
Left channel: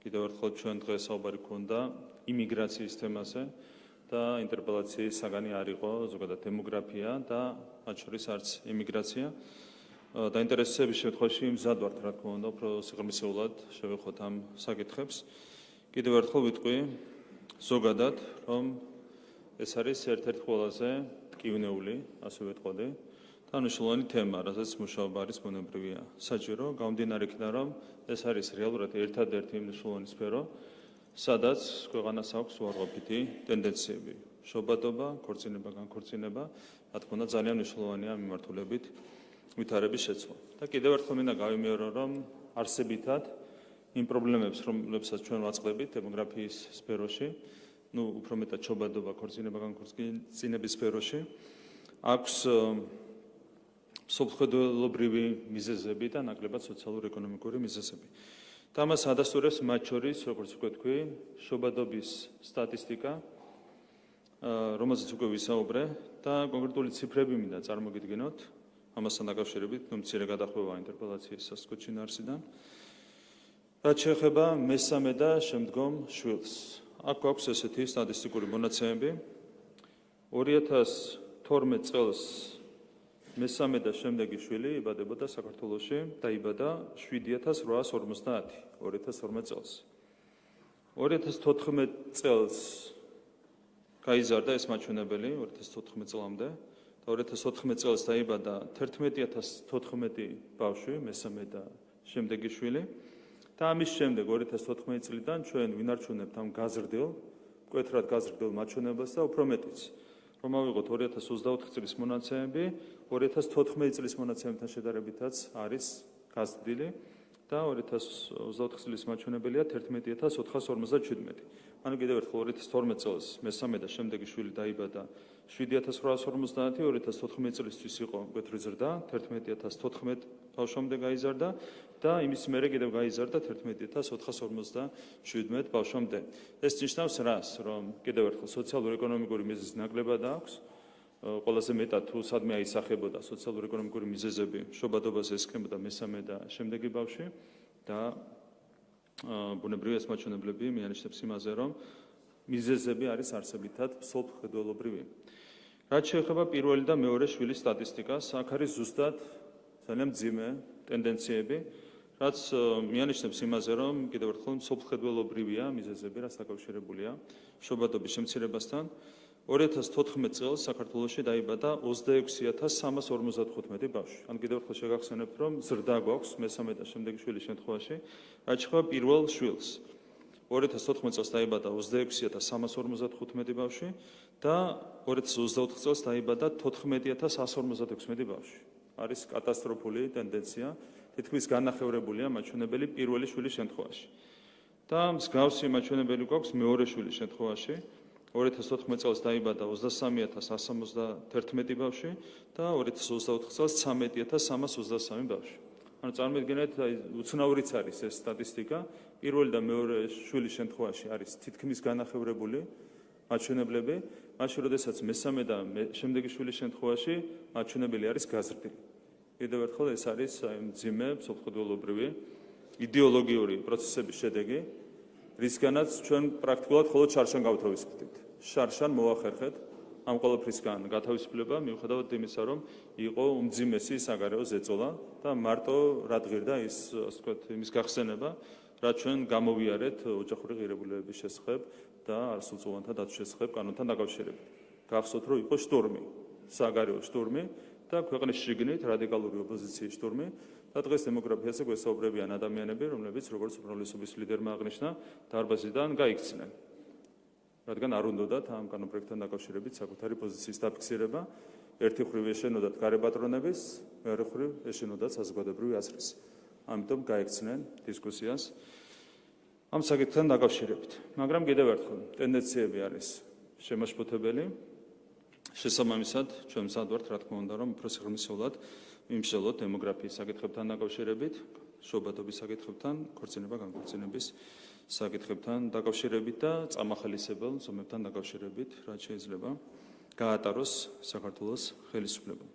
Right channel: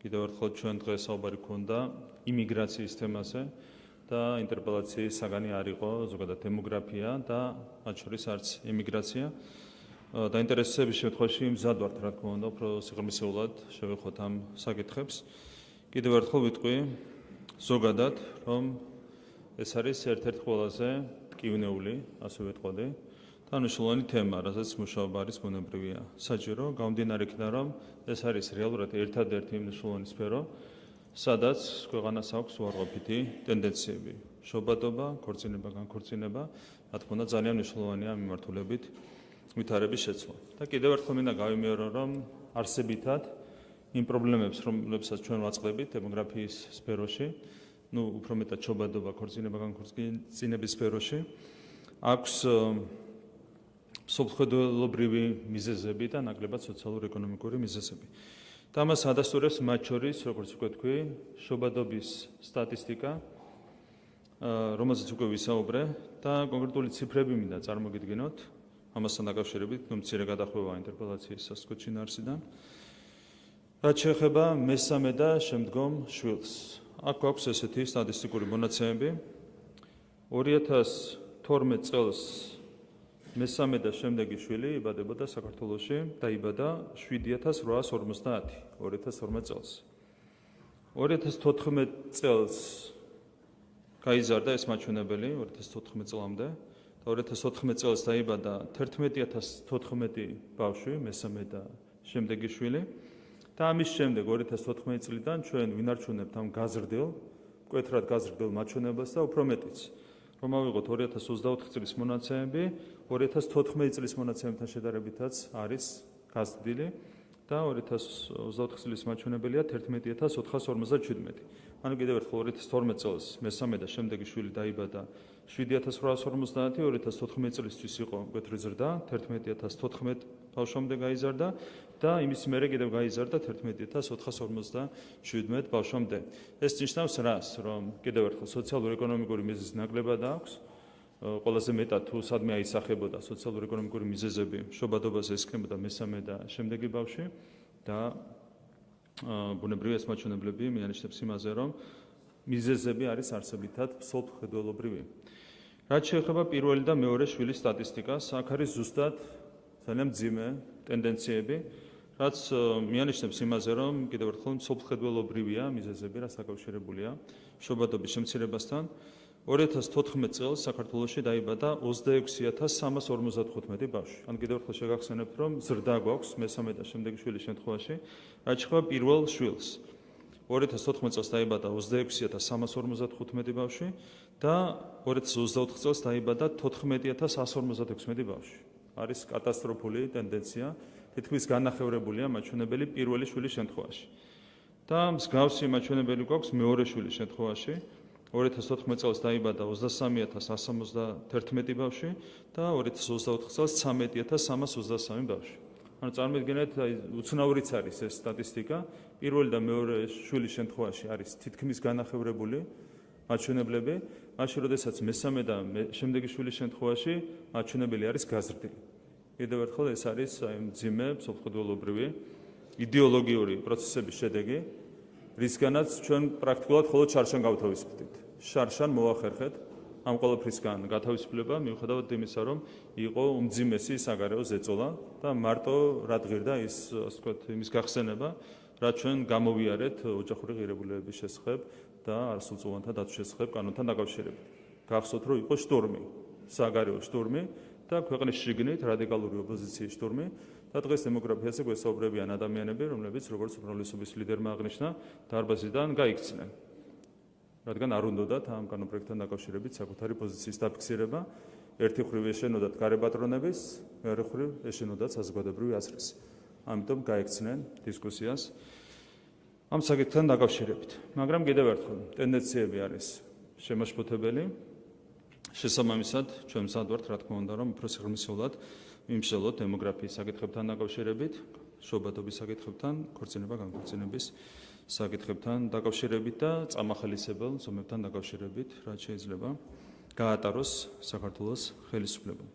კიდევ ერთხელ ჩვენ დღეს საუბარი გქონდა იმიგრაციის თემაზე და ინტერპელაციის საგანი არ იყო ზოგადად დემოგრაფია და მათ შორის არც იმიგრაცია. დაინტერესების შემთხვევაში მზად ვართ, რა თქმა უნდა, უფრო სიღრმისეულად შევეხოთ ამ საკითხებს. კიდევ ერთხელ ვიტყვი ზოგადად, რომ ეს არის ერთ-ერთი ყველაზე მტკივნეული, ასე ვიტყოდი, და მნიშვნელოვანი თემა, რასაც მუშაობა არის ბუნებრივია საჭირო, გამომდინარე იქიდან, რომ ეს არის რეალურად ერთადერთი მნიშვნელოვანი სფერო, სადაც ქვეყანას აქვს უარყოფითი ტენდენციები, შობადობა, ქორწინება, განქორწინება, რა თქმა უნდა, ძალიან მნიშვნელოვანია მიმართულებით ვითარების შეცვლა. და კიდევ ერთხელ მინდა გავიმეორო, რომ არსებითად იმ პრობლემებს, რომლებსაც ჩვენ ვაწყდებით დემოგრაფიის სფეროში, უფრო მეტად შობადობა, ქორწინება, განქორწინების სფეროში, აქვს სოფლმხედველობრივი მიზეზები და ნაკლებად სოციალურ-ეკონომიკური მიზეზები. და ამას ადასტურებს მათ შორის, როგორც უკვე თქვი, შობადობის სტატისტიკა, რომელზეც უკვე ვისაუბრე და კონკრეტული ციფრები მინდა წარმოგიდგინოთ, ამასთან დაკავშირებით, მცირე გადახვევა ინტერპელაციის სასკუთში ნარსიდან. რაც შეეხება მესამე და შემდგომ შვილს. აქ გვაქვს ესეთი სტატისტიკური მონაცემები. 2012 წელს მესამე და შემდეგი შვილი იბადებოდა საქართველოში, დაიბადა 7850 2012 წელს. 2014 წელს გაიზარდა ეს მაჩვენებელი 2014 წლამდე და 2014 წელს დაიბადა 11014 ბავშვი, მესამე და შემდეგი შვილი. და ამის შემდეგ 2014 წლიდან ჩვენ ვინარჩუნებთ ამ გაზრდილ, მკვეთრად გაზრდილ მაჩვენებელს და უფრო მეტიც. რომ ავიღოთ 2024 წლის მონაცემები, 2014 წლის მონაცემებთან შედარებითაც არის გაზრდილი და 2024 წლის მაჩვენებელია 11457. ანუ კიდევ ერთხელ 2012 წელს მესამე და შემდეგი შვილი დაიბადა 7850, 2014 წლისთვის იყო მკვეთრი ზრდა, 11014 ბავშვამდე გაიზარდა და იმის მერე კიდევ გაიზარდა 11457 ბავშვამდე. ეს ნიშნავს რას, რომ კიდევ ერთხელ სოციალურ-ეკონომიკური მიზეზი ნაკლებად აქვს, ყველაზე მეტად თუ სადმე აისახებოდა სოციალურ-ეკონომიკური მიზეზები, შობადობაზე ესქნებოდა მესამე და შემდეგი ბავშვი და ბუნებრივია ეს მაჩვენებლები მიანიშნებს იმაზე, რომ მიზეზები არის არსებითად სოფლმხედველობრივი. რაც შეეხება პირველი და მეორე შვილის სტატისტიკას, აქ არის ზუსტად ძალიან მძიმე ტენდენციები, რაც მიანიშნებს იმაზე, რომ კიდევ ერთხელ სოფლმხედველობრივია მიზეზები, რაც დაკავშირებულია შობადობის შემცირებასთან. 2014 წელს საქართველოში დაიბადა 26355 ბავშვი. ან კიდევ ერთხელ შეგახსენებთ, რომ ზრდა გვაქვს მესამე და შემდეგი შვილის შემთხვევაში, რაც შეეხება პირველ შვილს. 2014 წელს დაიბადა 26355 ბავშვი და 2024 წელს დაიბადა 14156 ბავშვი. არის კატასტროფული ტენდენცია, თითქმის განახევრებულია მაჩვენებელი პირველი შვილის შემთხვევაში. და მსგავსი მაჩვენებელი გვაქვს მეორე შვილის შემთხვევაში. 2014 წელს დაიბადა 23171 ბავშვი და 2024 წელს 13323 ბავშვი. ანუ წარმოიდგინეთ, უცნაურიც არის ეს სტატისტიკა. პირველი და მეორე შვილის შემთხვევაში არის თითქმის განახევრებული მაჩვენებლები, მაშინ როდესაც მესამე და შემდეგი შვილის შემთხვევაში მაჩვენებელი არის გაზრდილი. კიდევ ერთხელ ეს არის აი მძიმე მსოფლმხედველობრივი იდეოლოგიური პროცესების შედეგი, რისგანაც ჩვენ პრაქტიკულად მხოლოდ შარშან გავთავისუფლდით. შარშან მოახერხეთ ამ ყოველფრისგან გათავისუფლება, მიუხედავად იმისა, რომ იყო უმძიმესი საგარეო ზეწოლა და მარტო რად ღირდა ის, ასე ვთქვათ, იმის გახსენება, რაც ჩვენ გამოვიარეთ ოჯახური ღირებულებების შესახებ და არასრულწლოვანთა დაცვის შესახებ კანონთან დაკავშირებით. გახსოვთ, რომ იყო შტურმი, საგარეო შტურმი და ქვეყნის შიგნით რადიკალური ოპოზიციის შტურმი და დღეს დემოგრაფიაზე გვესაუბრებიან ადამიანები, რომლებიც როგორც უმრავლესობის ლიდერმა აღნიშნა, დარბაზიდან გაიქცნენ. რადგან არ უნდათ ამ კანონპროექტთან დაკავშირებით საკუთარი პოზიციის დაფიქსირება, ერთი მხრივ ეშენოდათ გარებატრონების, მეორე მხრივ ეშენოდათ საზოგადოებრივი აზრის. ამიტომ გაიქცნენ დისკუსიას ამ საკითხთან დაკავშირებით. მაგრამ კიდევ ერთხელ, ტენდენციები არის შემაშფოთებელი. შესაბამისად, ჩვენ მზად ვართ, რა თქმა უნდა, რომ უფრო სიღრმისეულად ვიმსჯელოთ დემოგრაფიის საკითხებთან დაკავშირებით, შობადობის საკითხებთან, ქორწინება-განქორწინების საკითხებთან დაკავშირებით და წამახალისებელ ზომებთან დაკავშირებით, რაც შეიძლება გაატაროს საქართველოს ხელისუფლებამ.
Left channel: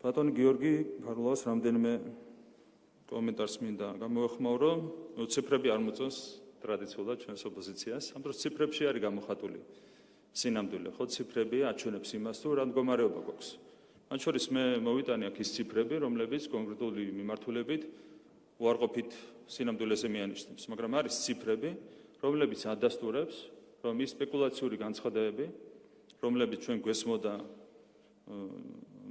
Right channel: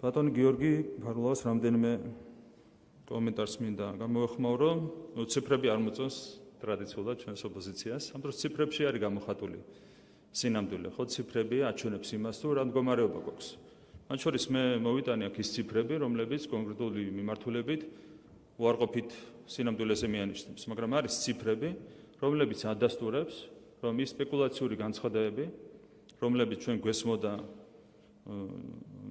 ბატონი გიორგი ფარულაოს რამდენიმე კომენტარს მინდა გამოეხმაურო, ციფრები არ მოწონს ტრადიციულად ჩვენს ოპოზიციას, ამიტომ ციფრებში არის გამოხატული სინამდვილე, ხო, ციფრები აჩვენებს იმას, თუ რა მდგომარეობა გვაქვს. მათ შორის მე მოვიტანე აქ ის ციფრები, რომლებიც კონკრეტული მიმართულებით უარყოფით სინამდვილეზე მიანიშნებს, მაგრამ არის ციფრები, რომლებიც ადასტურებს, რომ ის სპეკულაციური განცხადებები, რომლებიც ჩვენ გვესმოდა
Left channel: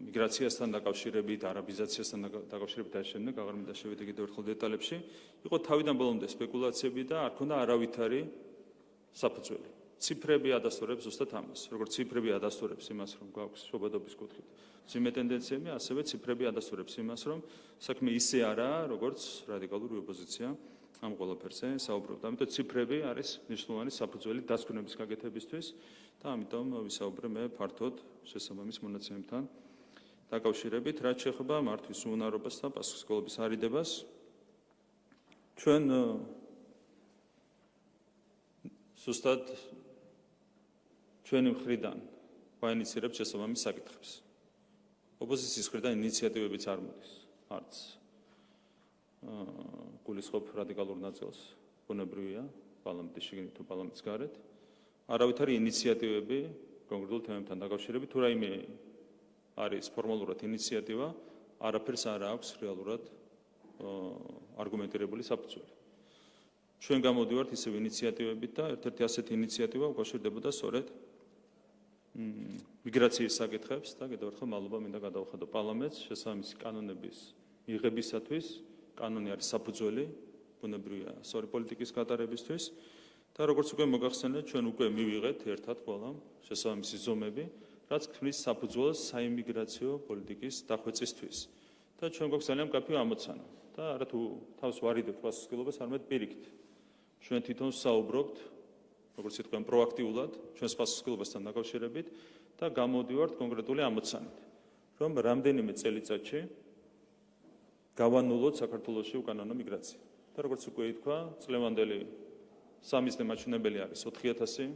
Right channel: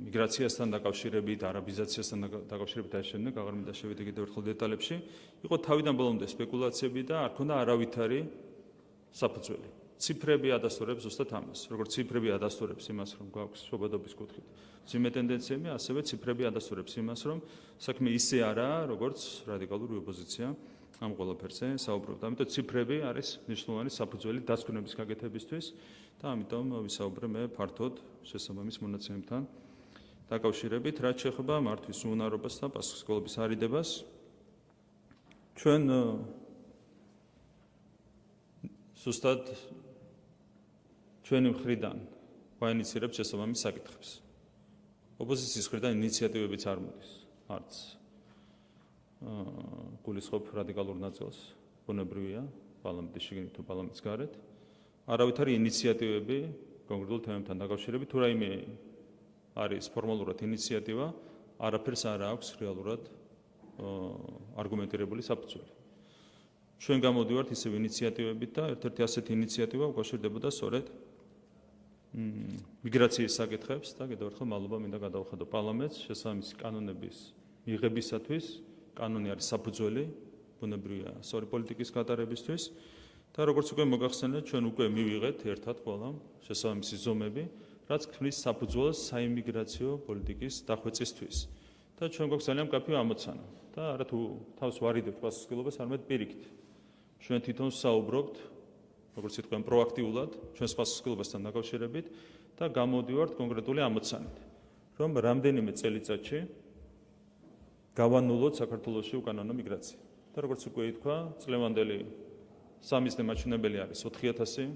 მიგრაციასთან დაკავშირებით, არაბიზაციასთან დაკავშირებით დაიშენდა, აღარ მინდა შევიდე კიდევ ერთხელ დეტალებში, იყო თავიდან ბოლომდე სპეკულაციები და არ ქონდა არავითარი საფუძველი. ციფრები ადასტურებს ზუსტად ამას. როგორც ციფრები ადასტურებს იმას, რომ გვაქვს შობადობის კუთხით მძიმე ტენდენციები, ასევე ციფრები ადასტურებს იმას, რომ საქმე ისე არაა, როგორც რადიკალური ოპოზიცია ამ ყველაფერზე საუბრობთ. ამიტომ ციფრები არის მნიშვნელოვანი საფუძველი დასკვნების გაკეთებისთვის და ამიტომ ვისაუბრე მე ფართოდ შესაბამის მონაცემებთან დაკავშირებით, რაც შეეხება მართვის უუნარობას და პასუხისმგებლობის არიდებას. ჩვენ ზუსტად ჩვენი მხრიდან ვაინიცირებთ შესაბამის საკითხებს. ოპოზიციის მხრიდან ინიციატივებიც არ მოდის, არც გულისხმობ რადიკალურ ნაწილს, ბუნებრივია, პარლამენტის შიგნით თუ პარლამენტის გარეთ. არავითარი ინიციატივები კონკრეტულ თემებთან დაკავშირებით, თუ რაიმე არის ფორმალურად ინიციატივა, არაფერს არ აქვს რეალურად არგუმენტირებული საფუძველი. ჩვენ გამოდივართ ისევ ინიციატივებით და ერთ-ერთი ასეთი ინიციატივა უკავშირდებოდა სწორედ მიგრაციის საკითხებს და კიდევ ერთხელ მადლობა მინდა გადავხადო პარლამენტს შესაბამისი კანონების მიღებისათვის. კანონი არის საფუძველი ბუნებრივია სწორი პოლიტიკის გატარებისთვის და როგორც უკვე მოგახსენეთ, ჩვენ უკვე მივიღეთ ერთად ყველა შესაბამისი ზომები, რაც ქმნის საფუძველს საიმიგრაციო პოლიტიკის დახვეწისთვის. და ჩვენ გვაქვს ძალიან მკაფიო ამოცანა და არა თუ თავს ვარიდებთ პასუხისმგებლობას, არამედ პირიქით. ჩვენ თვითონ საუბრობთ, როგორც იტყვიან, პროაქტიულად ჩვენს პასუხისმგებლობასთან დაკავშირებით და გამოდივართ კონკრეტული ამოცანით, რომ რამდენიმე წელიწადში გავანულოთ საქართველოში უკანონო მიგრაცია. და როგორც უკვე ითქვა, წლევანდელი სამიზნე მაჩვენებელი არის 4000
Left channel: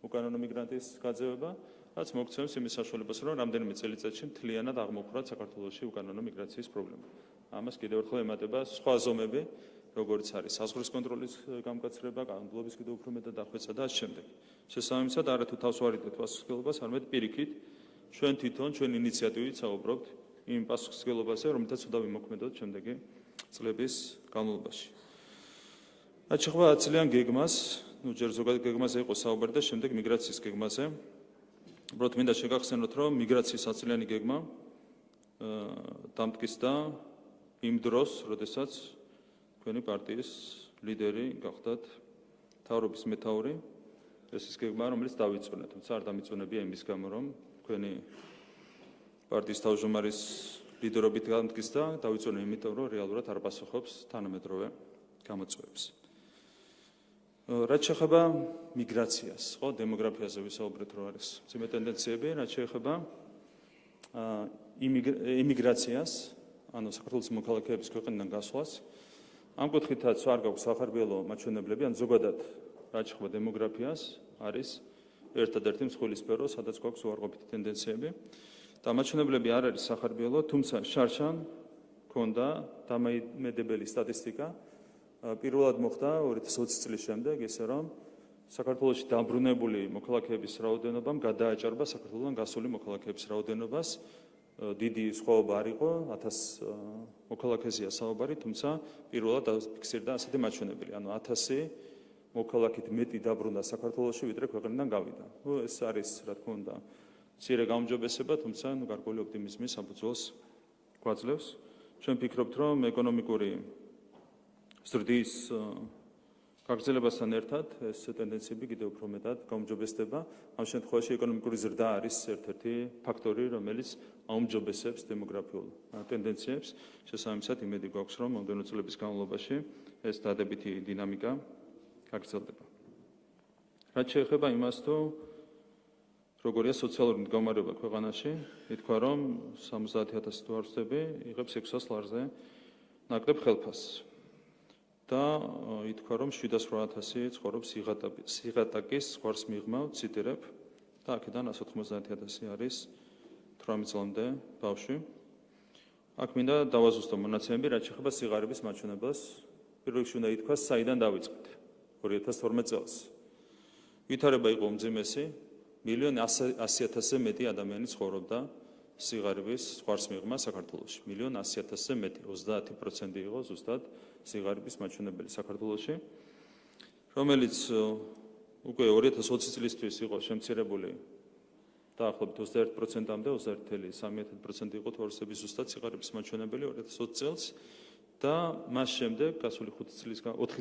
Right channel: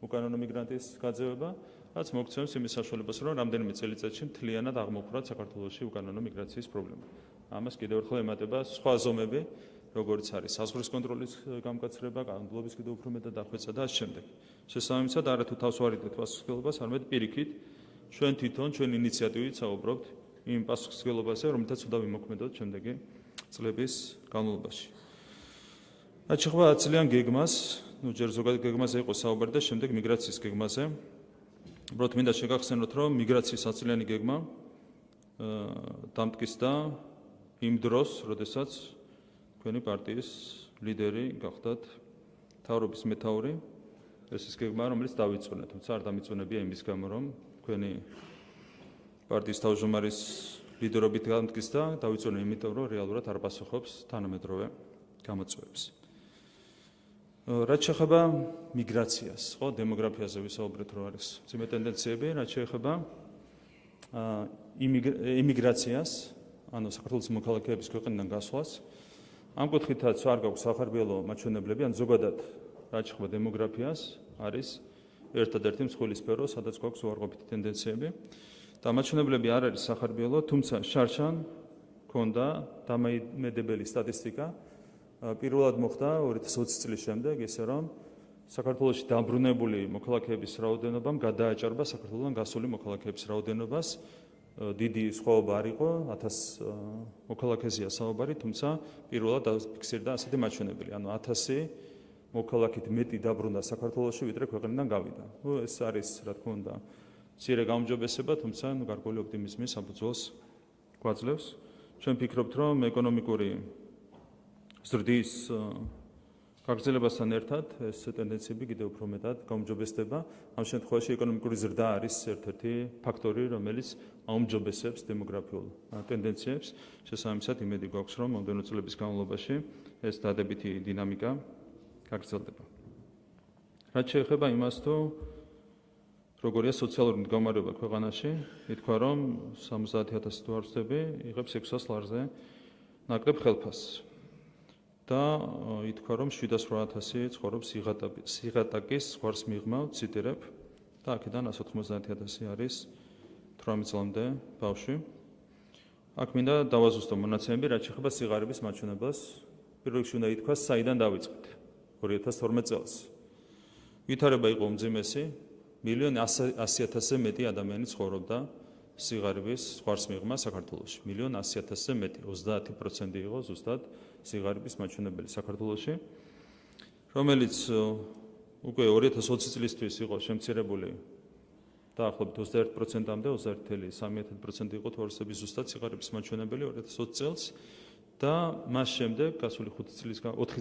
უკანონო მიგრანტის გაძევება, რაც მოგცემს იმის საშუალებას, რომ რამდენიმე წელიწადში მთლიანად აღმოფხვრათ საქართველოში უკანონო მიგრაციის პრობლემა. ამას კიდევ ერთხელ ემატება სხვა ზომები, როგორც არის საზღვრის კონტროლის გამკაცრება, კანონმდებლობის კიდევ უფრო მეტად დახვეწა და ამ შემდეგ. შესაბამისად, არა თუ თავს ვარიდეთ პასუხისმგებლობას, არამედ პირიქით ჩვენ თვითონ ჩვენ ინიციატივით საუბრობთ იმ პასუხისმგებლობაზე, რომელთაც უნდა ვიმოქმედოთ შემდეგი წლების განმავლობაში. რაც შეეხება 10 წლიან გეგმას, ჯერ ზოგადად გეგმაზე იყო საუბარი და შემდეგ მიგრაციის გეგმაზე. უბრალოდ მინდა შეგახსენოთ, რომ მიგრაციის 10 წლიანი გეგმა დამტკიცდა იმ დროს, როდესაც თქვენი პარტიის ლიდერი გახდათ მთავრობის მეთაური. ეს ის გეგმა, რომელიც დავიწყოთ, თუმცა არ დამიწუნებია იმის გამო, რომ თქვენი პარტიის თავმჯდომარის ლიდერობით დამტკიცდა, დავიწყოთ იმიტომ, რომ რეალურად არ პასუხობს თანამედროვე გამოწვევებს. რაც შეეხება მიგრაციას, ხო, დემოგრაფიაზე ვისაუბრეთ, რომ არის მძიმე ტენდენციები, რაც შეეხება იმიგრაციას, ანუ საქართველოს მოქალაქეების ქვეყნიდან გასვლას. ამ კუთხითაც არ გაქვს სახარბიელო მაჩვენებლები, ან ზოგადად რაც შეეხება დემოგრაფიას, არის ერთადერთი მსხვილი სფერო, სადაც გვაქვს უარყოფითი ტენდენციები. და მაჩვენებლები არ არის სახარბიელო, თუმცა შარშან ქონდა დამოუკიდებელი სტატისტიკა. პირველად მოხდა 2020 წლის შემდეგ, ისე რომ საქართველოში დაბრუნებული მოქალაქეების რაოდენობამ გადააჭარბა საქართველოსთან გასული მოქალაქეების რაოდენობას. დიდი სხვაობა არ იყო, 1000 მოქალაქეზეა საუბარი, თუმცა პირველად ფიქსირდა ასეთი მაჩვენებელი, ანუ 1000 მოქალაქით მეტი დაბრუნდა საქართველოში, ვიდრე ქვეყნიდან გავიდა. ეს არის, რა თქმა უნდა, მცირე გაუმჯობესება, თუმცა გარკვეული ოპტიმიზმის საფუძველს გვაძლევს. ჩვენ ვფიქრობთ, რომ ეკონომიკური ზრდის გაგრძელებასთან ერთად ეს ტენდენციები კიდევ უფრო მეტად გაუმჯობესდება. ამ შემთხვევაში ეკონომიკური ზრდა არის ერთ-ერთი ფაქტორი, რომელიც აუმჯობესებს დემოგრაფიულ ტენდენციებს. შესაბამისად, იმედი გვაქვს, რომ მომდევნო წლების განმავლობაში ეს დადებითი დინამიკა გაგრძელდება. რაც შეეხება იმას, თუ როგორია სოციალური მდგომარეობა ქვეყანაში, ითქვა, რომ 70,000 თუ არ ვცდები, იღებს 600 ლარზე ნაკლებ ხელფასს. და ითქვა, რომ 7-800 ცხოვრობს სიღატაკის ზღვარს მიღმა, ციტირებ, და აქედან 190,000 არის 18 წლამდე ბავშვი. აქ მინდა დავაზუსტო მონაცემები, რაც შეეხება სიღარიბის მაჩვენებლას. პირველ რიგში უნდა ითქვას, საიდან დავიწყეთ 2012 წელს. ვითარება იყო უმძიმესი, 1,100,000-ზე მეტი ადამიანი ცხოვრობდა სიღარიბის ზღვარს მიღმა საქართველოში. 1,100,000-ზე მეტი, 30% იყო ზუსტად სიღარიბის მაჩვენებელი საქართველოში, რომელიც უკვე 2020 წლისთვის იყო შემცირებული დაახლოებით 21%-მდე, 21,3% იყო თორსების ზუსტად სიღარიბის მაჩვენებელი 2020 წელს და მას შემდეგ გასული 4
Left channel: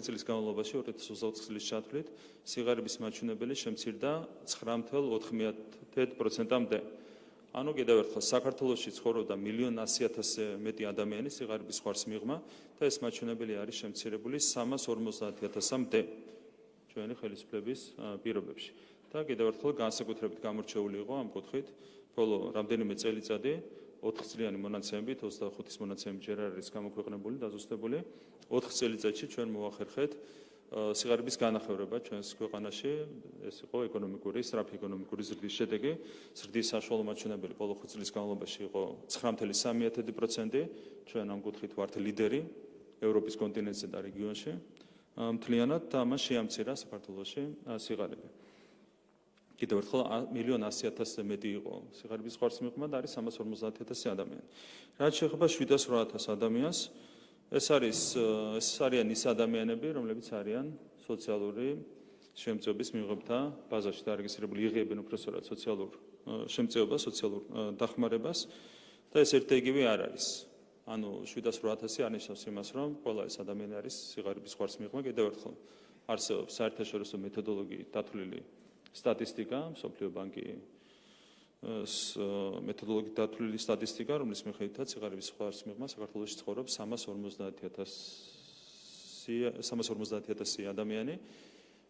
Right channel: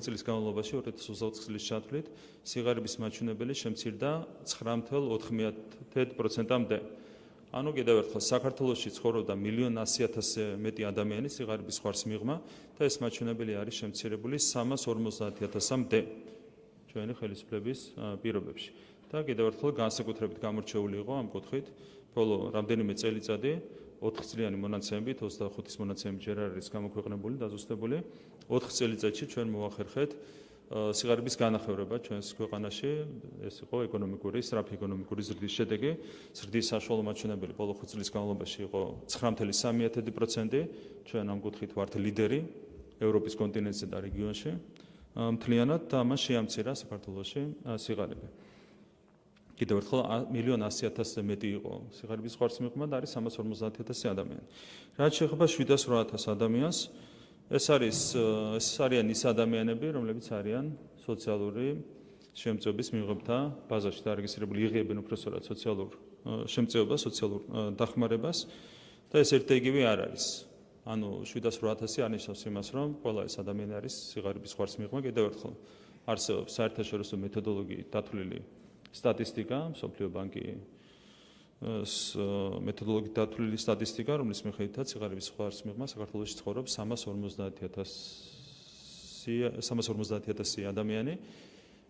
წლის განმავლობაში 2020 წლის ჩათვლით სიღარიბის მაჩვენებელი შემცირდა 9,4%-მდე. ანუ კიდევ ერთხელ საქართველოში ცხოვრობდა 1,100,000-ზე მეტი ადამიანი სიღარიბის ზღვარს მიღმა და ეს მაჩვენებელი არის შემცირებული 350,000-მდე ჩვენი ხელისუფლების პირობებში. და კიდევ ერთხელ განსაკუთრებით გამორჩეული იყო ამ კუთხით ბოლო რამდენიმე წელიწადი 4 წლიანი მონაცემებით, 25-ის მონაცემი ჯერ არ არის გამოქვეყნებული, დაზუსტებული. 4 წელიწადში ჩვენ მოახერხეთ სიღარიბის განახევრება ჩვენს ქვეყანაში, ეს იყო ეკონომიკური, სწრაფი ეკონომიკური ზრდის შედეგი. ზრდის საშუალო მაჩვენებელი ბოლო 5 წლის განმავლობაში იყო 9,3%. ჩვენ ამ კუთხით ვართ ლიდერი ევროპის კონტინენტზე და რეგიონში. მთლიანად და ამას შეამცირა საქართველოში სიღარიბე. კიდევ ერთხელ 1,100,000-ზე მეტი იყო სიღარიბის ზღვარს მიღმა და არის 350,000 ადამიანი. რაც შეეხება 7-800 ადამიანს, ეს არიან ის ადამიანები, რომლებიც არიან სოციალური შემწეობის მიღებთა ბაზაში დარეგისტრირებული, იღებენ უпроსორად სოციალურ შემწეობას, სოციალურ დახმარებას და ეს ერთ-იგივე არ არის. ანუ 7-800 არნიშნავს იმას, რომ ყველა ეს ადამიანი არის სიღარიბის ზღვარს მიღმა. კიდევ ერთხელ არსებობს საერთაშორისო მეთოდოლოგიით დათვლილი სტატისტიკა, მსოფლიო ბანკის მეთოდოლოგიით დათვლილი სტატისტიკა, რომლის მიხედვითაც სიღარიბის ზღვარს მიღმა საქართველოში ცხოვრობს 350,000 ადამიანი.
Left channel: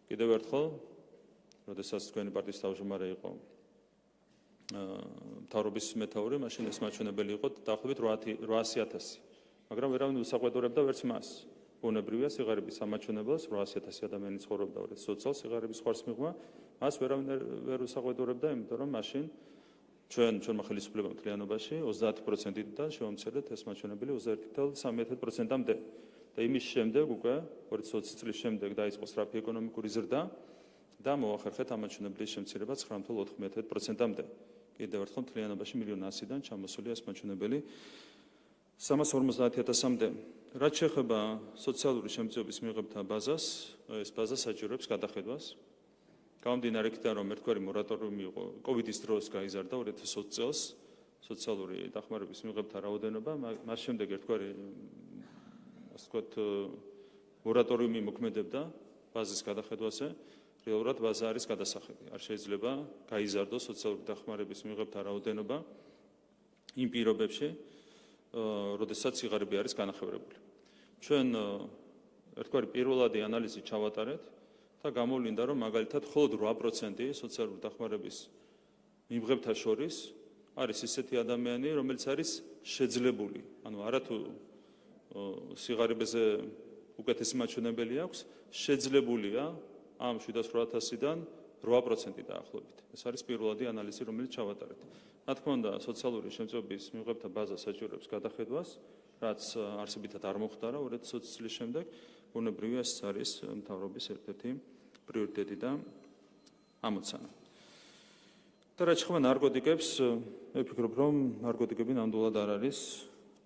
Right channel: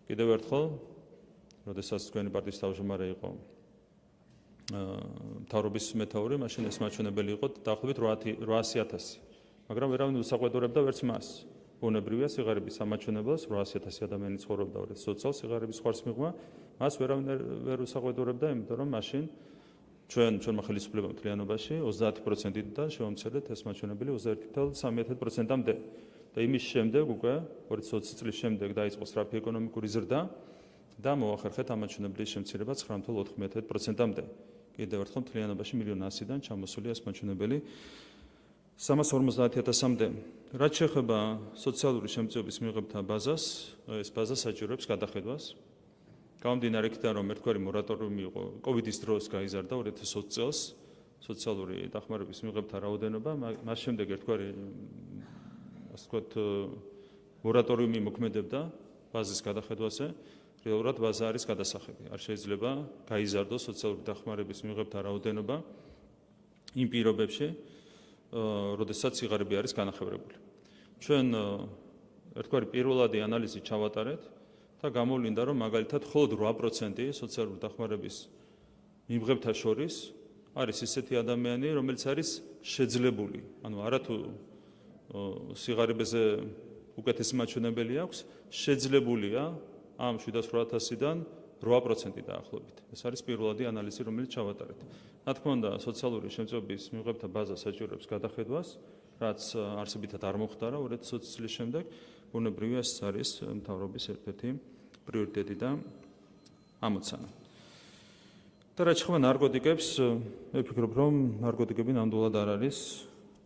კიდევ ერთხელ, როდესაც თქვენი პარტიის თავმჯდომარე იყო მთავრობის მეთაური, მაშინ ეს მაჩვენებელი იყო დაახლოებით 800,000, მაგრამ ვერავინ უსაყვედურებდა ვერც მას. ბუნებრივია სიღარიბის ამაჩვენებლას 800,000 ადამიანი ცხოვრობდა 2020 წელს სიღარიბის ზღვარს მიღმა, მას ვერავინ ვერ უსაყვედურებდა, იმიტომ რომ მაშინ ჩვენმა ხელისუფლებამ მთლიანობაში 30%-დან შევამცირეთ ეს მაჩვენებელი 21,3%-მდე. და იმის შემდეგ უკვე 2020 წლის შემდეგ დაიწყო სწრაფი ეკონომიკური ზრდა და მოახერხეთ ამ მაჩვენებლის შემცირება 9,4%-მდე. კიდევ ერთხელ მთლიანობაში 1,100,000-დან ჩამოსულია ეს მაჩვენებელი 350,000-მდე. რაც შეეხება სოციალური შემწეობის მიღებთა ბაზას, ეს ბაზა საჭიროებს გადახედვას. გამომდინარე იქიდან, რომ ერთგვარი მორატორიუმი იყო კოვიდის დროს გაიზარდა 2020 წელს სოციალური დახმარების მიღებთა რაოდენობა, მას შემდეგ ერთგვარი ასე ვთქვათ მორატორიუმი მოქმედებდა ბაზის გადახედვაზე. რეალურად ბაზა არის გადასახები. არ შეიძლება გაიზარდოს სოციალური დახმარების მიღებთა რაოდენობა იმ პირობებში, როდესაც სიღარიბე არის განახევრებული. ჩვენ ერთგვარი პირველადი ანალიზი ჩავატარეთ და გამოვლინდა, რომ მაგალითად მხოლოდ 8% სოციალური დახმარების მიღებთა შორის არის ისეთი ადამიანი, რომელიც არის შეძლებული. ანუ არათუ სიღარიბეზე უკეთესი მაჩვენებელი აქვს, შეძლებულია ამ 7-800-დან 8% დაახლოებით. ეს არის პირველადი ანალიზი, რომელიც ჩავატარეთ. რა თქმა უნდა, სოციალური შემწეობის მიღებთა ბაზა საჭიროებს გადახედვას, რაც არსებითად არ მოხდარა 2020 წლის შემდეგ. ბუნებრივია, ეს არის მთავრობის ერთ-ერთი პრიორიტეტი და ამოცანა. და რაც შეეხება ნარკოტიკებს, მე ვფიქრობ, რომ ნარკოტიკები ნამდვილად არ არის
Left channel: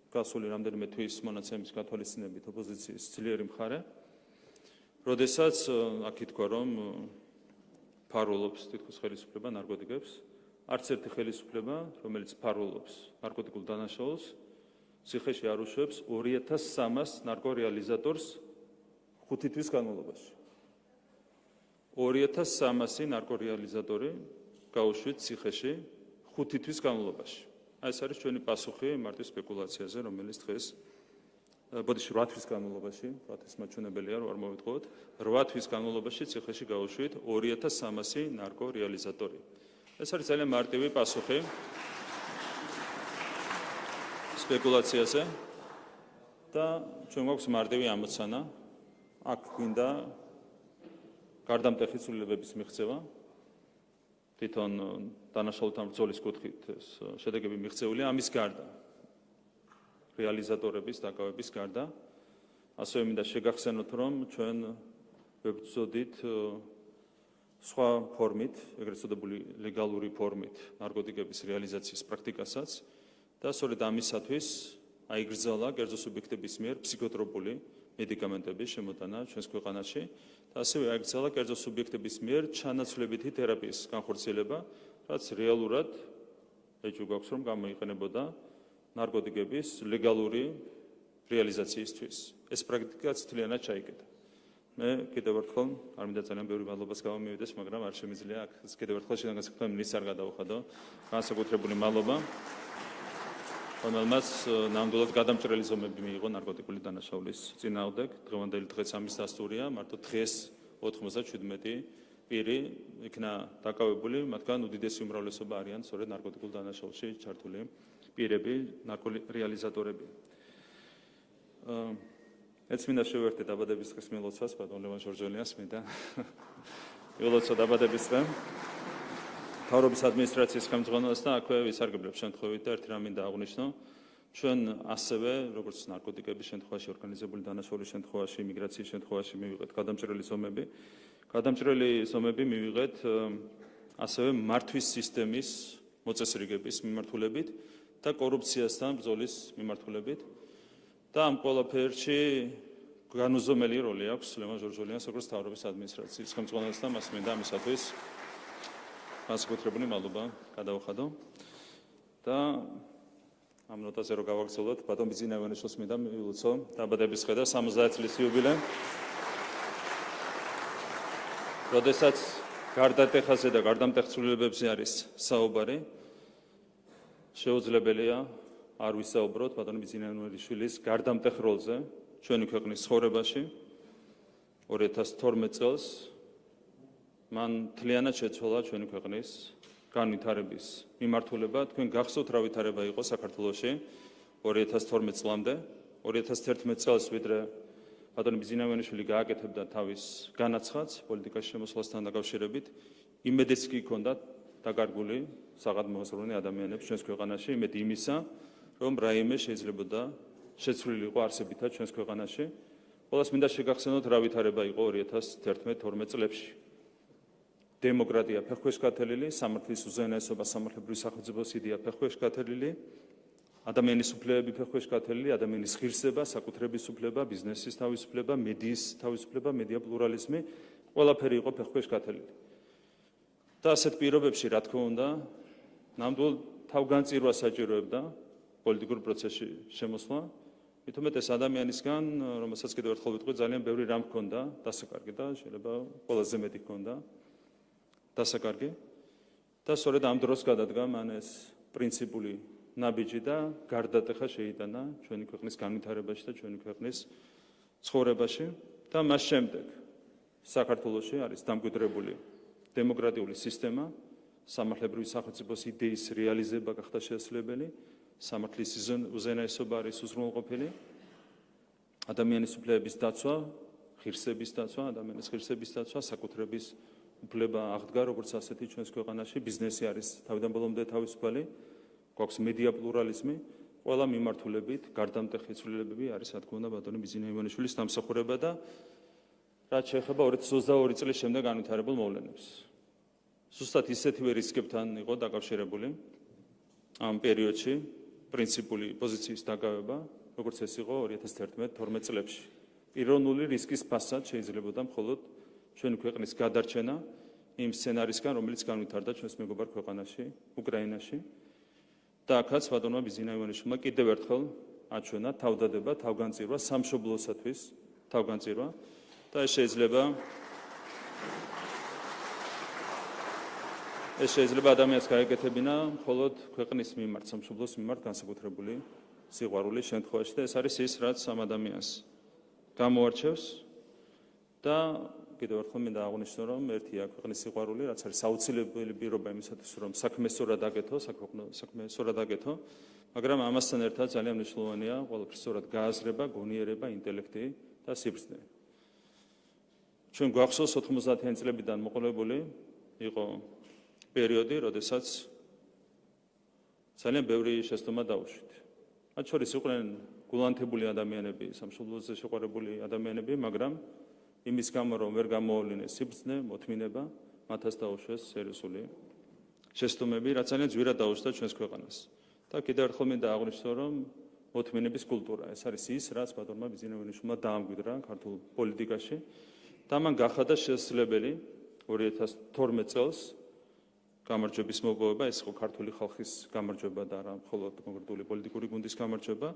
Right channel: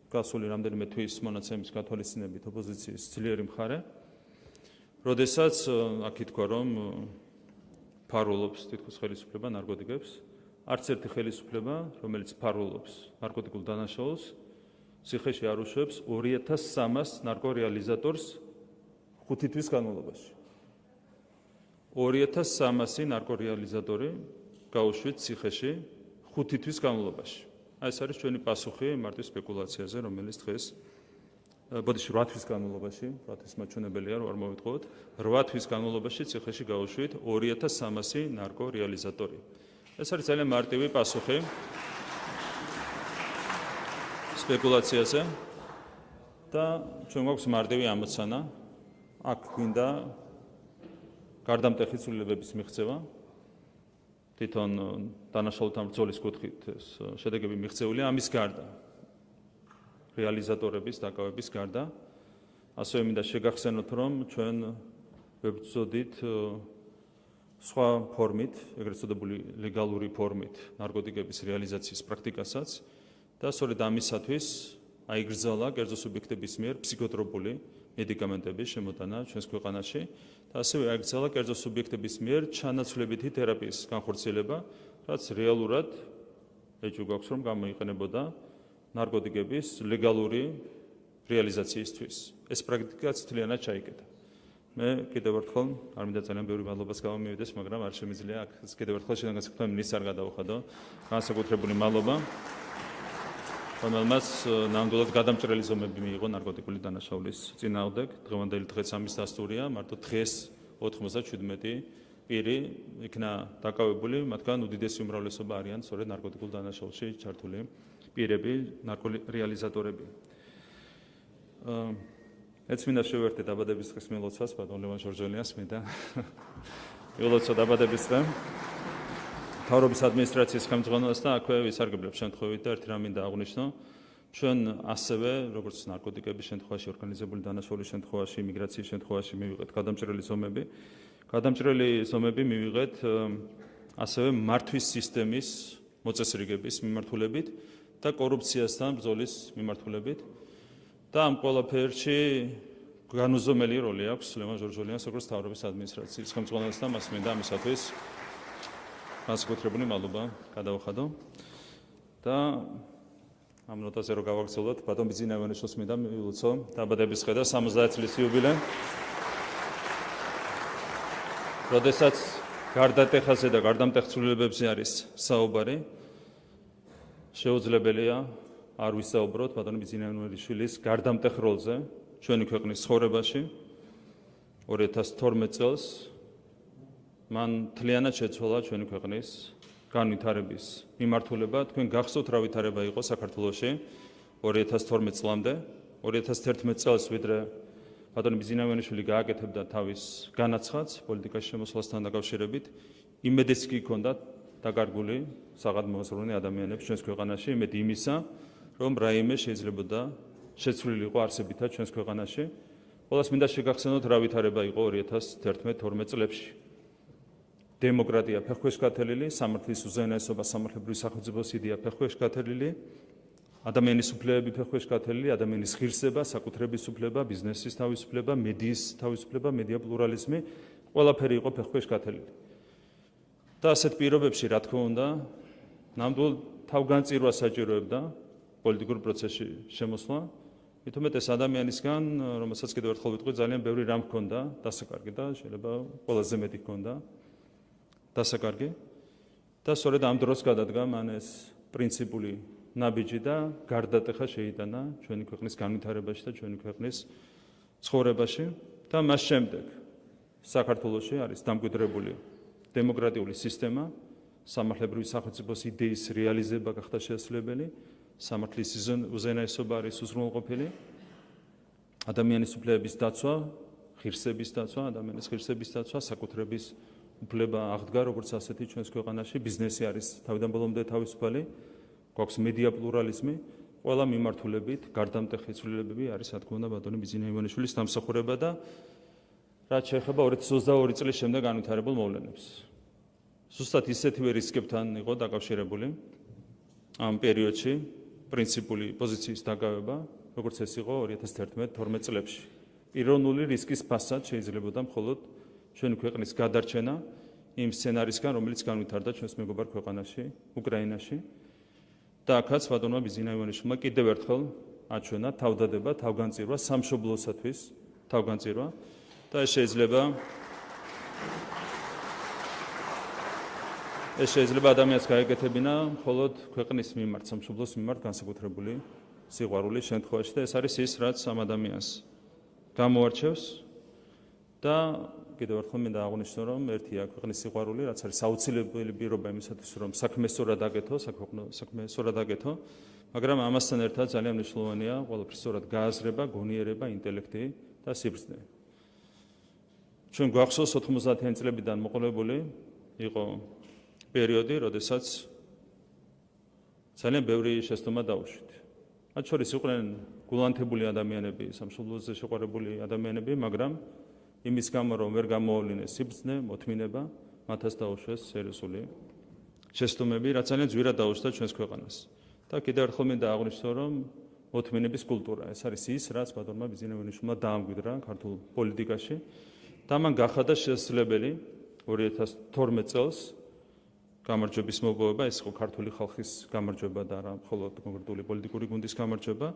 გასული რამდენიმე თვის მონაცემის გათვალისწინებით ოპოზიციის ძლიერი მხარე. როდესაც აქ ითქვა, რომ ფარულობს თითქოს ხელისუფლება ნარკოტიკებს, არც ერთი ხელისუფლება, რომელიც ფარულობს ნარკოტიკულ დანაშაულს, ციხეში არ უშვებს 2300 ნარკორეალიზატორს 5 თვის განმავლობაში. 2300 ნარკორეალიზატორი გაუშვით ციხეში 5 თვის განმავლობაში. აი ეს არის ჩვენი პასუხი მარტო სპეკულაციაზე, რომელიც დღეს ბოდიში 8 თვის განმავლობაში, 8 თვის მაჩვენებელია, რომ არ მოვიტყუოთ, 8 თვის განმავლობაში ციხეში გაუშვით 2300 ნარკორეალიზატორი. ეს არის ძალიან მარტივი პასუხი სპეკულაციაზე და ჩვენ გვაქვს მარტივი ამოცანა, აქ გვინდა გარდამტეხი ცვლილებების მიღწევა. თვითონ დანაშაულთა ბრძოლის კუთხით ეს შედეგები მიღწეულია ამის გარდა. რეალიზატორების დაკავების გარდა. ასევე მინდა შეგახსენოთ, რომ ჩვენ ვებრძოდით სხვა ფორმით, ეგრეთ წოდებული ლეგალური ფორმით ნარკოტიკების რეალიზაციის პრაქტიკასაც და სწორედ ამისათვის აიგრძალა კერძო სუბიექტების მიერ ფსიქოტროპული მედიკამენტების შემოტანა ჩვენს ქვეყანაში და ასევე აიგრძალა კერძო სუბიექტების მიერ ჩანაცვლებითი თერაპიის განხორციელება, რაც რეალურად ეჭვი გვაქვს, რომ გამოიყენებოდა ნარკოტიკების ლეგალური რეალიზაციისთვის. ეს პრაქტიკაც მთლიანად ჩაიკეტა. მე კიდევ ერთხელ არ მინდა ძალიან ბევრი მადლობას გავამივიდეს, მაგრამ არ შემიძლია აქ კიდევ ერთხელ შეგასაგებია მინისტრს არ გადავუხადო. განსაკუთრებული მადლობა. რომელმაც ნამდვილად გადამჭრელი ზომები მიიღო ნარკოტიკული დანაშაულის წინააღმდეგ. დღევანდელი დღეც ამის დასტურია, მარტო დღეს 97 პირი იქნა დაკავებული, მათგან უდიდესი უმრავლესობა არიან სწორედ ნარკოტიკულ დანაშაულში ჩართული პირები, ნარკორეალიზატორები. ეც მინდა შევეხდე დაბადების დღის მილოცვას, ბატონ ლევან ჟორჟოლიას მინდა მილოცვა დაბადების დღე. მთავრობის ადმინისტრაციის ხელმძღვანელოსთან აქვე ვისარგებლებ შემთხვევით და ერთი რამ მინდა აღვნიშნო. ჩვენ ასევე, როგორც ნარკოტიკების შემთხვევაში, ორგანიზებული დანაშაულის შემთხვევაში, იმიგრაციის შემთხვევაში მივიღეთ გადამჭრელი ზომები. გადამჭრელი ზომები მივიღეთ ასევე მართვის სისტემის მოწესრიგების მიმართულებით და კორუფციასთან ბრძოლის მიმართულებით. და ამ ყველაფერში განუზომელი როლი აქვს ლევან ჟორჟოლიას, როგორც მთავრობის ადმინისტრაციის ხელმძღვანელოსთან, მას მინდა ამისათვის განსაკუთრებული მადლობა გადავუხადო. და ამ ნოტაზე რო გავაგრძელოთ, ბატონ ბიზინავიანიშვილს მინდა მივულოცო დაბადების დღე და 70 წლის იუბილე. როდესაც გარდატეხაზე და გარდამტეხ ცვლილებებზე არის საუბარი, შეუძლებელია არ ვისაუბროთ ბატონ ბიზინავიანიშვილის გარდამტეხ როლზე ჩვენი ქვეყნის ცხოვრებაში. 2012 წელს მან მთლიანად შეცვალა ჩვენი ქვეყნის განვითარების მიმართულება. თქვენ გახსოვთ რა ვითარება იყო საქართველოში 2012 წლამდე. 2011 წელს ვიდრე ბატონ ბიზინავიანიშვილი გააკეთებდა თავის განაცხადს პოლიტიკაში შემოსვლასთან დაკავშირებით, იმედიც კი ჰქონდა დაკარგული საღადმოაზროვნე ადამიანებს ჩვენს ქვეყანაში, იმედი იმისა, რომ რაიმე შეიძლებოდა შეცვლილიყო არსებითად ჩვენს ქვეყანაში. ყველას მინდა შეგახსენოთ რა ვითარება იყო 2011-12 წლებში. დემოკრატია ფეხქვეშ გათელილი, სამართლის უზენაესობა, სამართლებრივი სახელმწიფოს იდეა ფეხქვეშ გათელილი, ადამიანის უფლებები ფეხქვეშ გათელილი, ადამიანის ღირსება, საკუთრების უფლება, ბიზნესის თავისუფლება, მედიის თავისუფლება, მედია პლურალიზმი, ყველაფერი იყო ფეხქვეშ გათელილი. და ასეთ პირობებში, რა თქმა უნდა, ნამდვილ თავგანწირვას საჭიროებდა პოლიტიკურ პროცესში შემოსვლა. მით უმეტეს ადამიანისგან, რომელსაც კიდევ ერთხელ ვიტყვი, ძალიან ბევრი რამ ჰქონდა დასაკარგი და შეიძლება ყველაზე მეტი ჰქონდა დასაკარგი. და სწორედ ამ დროს გადადგა მან ეს პრინციპული ნაბიჯი და გარდატეხა შეიტანა ჩვენი ქვეყნის განვითარებაში და ჩვენი ქვეყნის ცხოვრებაში. და მას შემდეგ საქართველოში არის დამკვიდრებული დემოკრატიული სისტემა, სამართლებრივი სახელმწიფოს იდეის რეალიზება გახდა შესაძლებელი, სამართლის უზენაესობა არის უზრუნველყოფილი, ადამიანის უფლებების დაცვა, ღირსების დაცვა, ადამიანის ღირსების დაცვა, საკუთრების უფლება აღდგა როგორც ასეთი ჩვენს ქვეყანაში, ბიზნესი არის თავიდან ბოლომდე თავისუფალი, გვაქვს მედია პლურალიზმი, ყველა მიმართულებით გარდამტეხი ცვლილებები არის, რა თქმა უნდა, ბატონი ბიზინა ივანიშვილის დამსახურება და რაც შეეხება 2022 წლის შემდეგ განვითარებულ მოვლენებს. ზუსტად ისეთივე რისკებთან იყო დაკავშირებული ამ პერიოდში პრინციპული პოზიციის დაგავება, როგორც ეს იყო 2011-12 წლებში. პიროვნული რისკის ფასად შეიძლებოდა მხოლოდ ჩვენი ქვეყნის გადარჩენა იმ სცენარისგან, რომელიც განვითარდა ჩვენს მეგობარ ქვეყანაში, უკრაინაში. და აქაც ბატონმა ბიზინა ივანიშვილმა კიდევ ერთხელ აჩვენა თავდადება, თავგანწირვა სამშობლოსათვის, თავგანწირვა და ეს შეიძლება ადამიანს გაეკეთებინა მხოლოდ ქვეყნის მიმართ, სამშობლოს მიმართ განსაკუთრებული სიყვარულის შემთხვევაში და ეს არის ის, რაც ამ ადამიანს გამოარჩევს და კიდევ ერთხელ მინდა აღვნიშნო, რომ ერთია ქვეყნის სიყვარული, რაც არის აუცილებელი პირობა იმისათვის, რომ საქმე სწორად აკეთო, საქმე სწორად აკეთო, მაგრამ ამასთან ერთად ძალიან მნიშვნელოვანია ყველაფრის სწორად გააზრება, გონიერება, ინტელექტი და სიბრძნე. ჩვენ გვახსოვს 90-იან წლებიდან მოყოლებული იყო პერიოდი, როდესაც ძალიან ბევრი შეცდომა დაუშვით. მათ შორის იყვნენ გულანთებული ადამიანები, სამშობლოზე შეყვარებული ადამიანები, მაგრამ იმის გამო, რომ ვერ გამოავლინეს სიბრძნე, მოთმინება, მათაც დაუშვეს სერიოზული შეცდომები, რაც ძალიან ძვირად დაუშვდა ჩვენს ქვეყანას. და კიდევ ერთხელ მინდა აღვნიშნო, რომ მოთმინების კულტურა, ეს არის ის, რაც ბატონმა ბიზინა ივანიშვილმა დაამკვიდრა ქართულ პოლიტიკაში და მან გახადა შესაძლებელი 2012 წელს გამარჯვების მოპოვება, ეს იყო ქართული ხალხის გამარჯვება და არა მხოლოდ კონკრეტული პოლიტიკური გუნდის გამარჯვება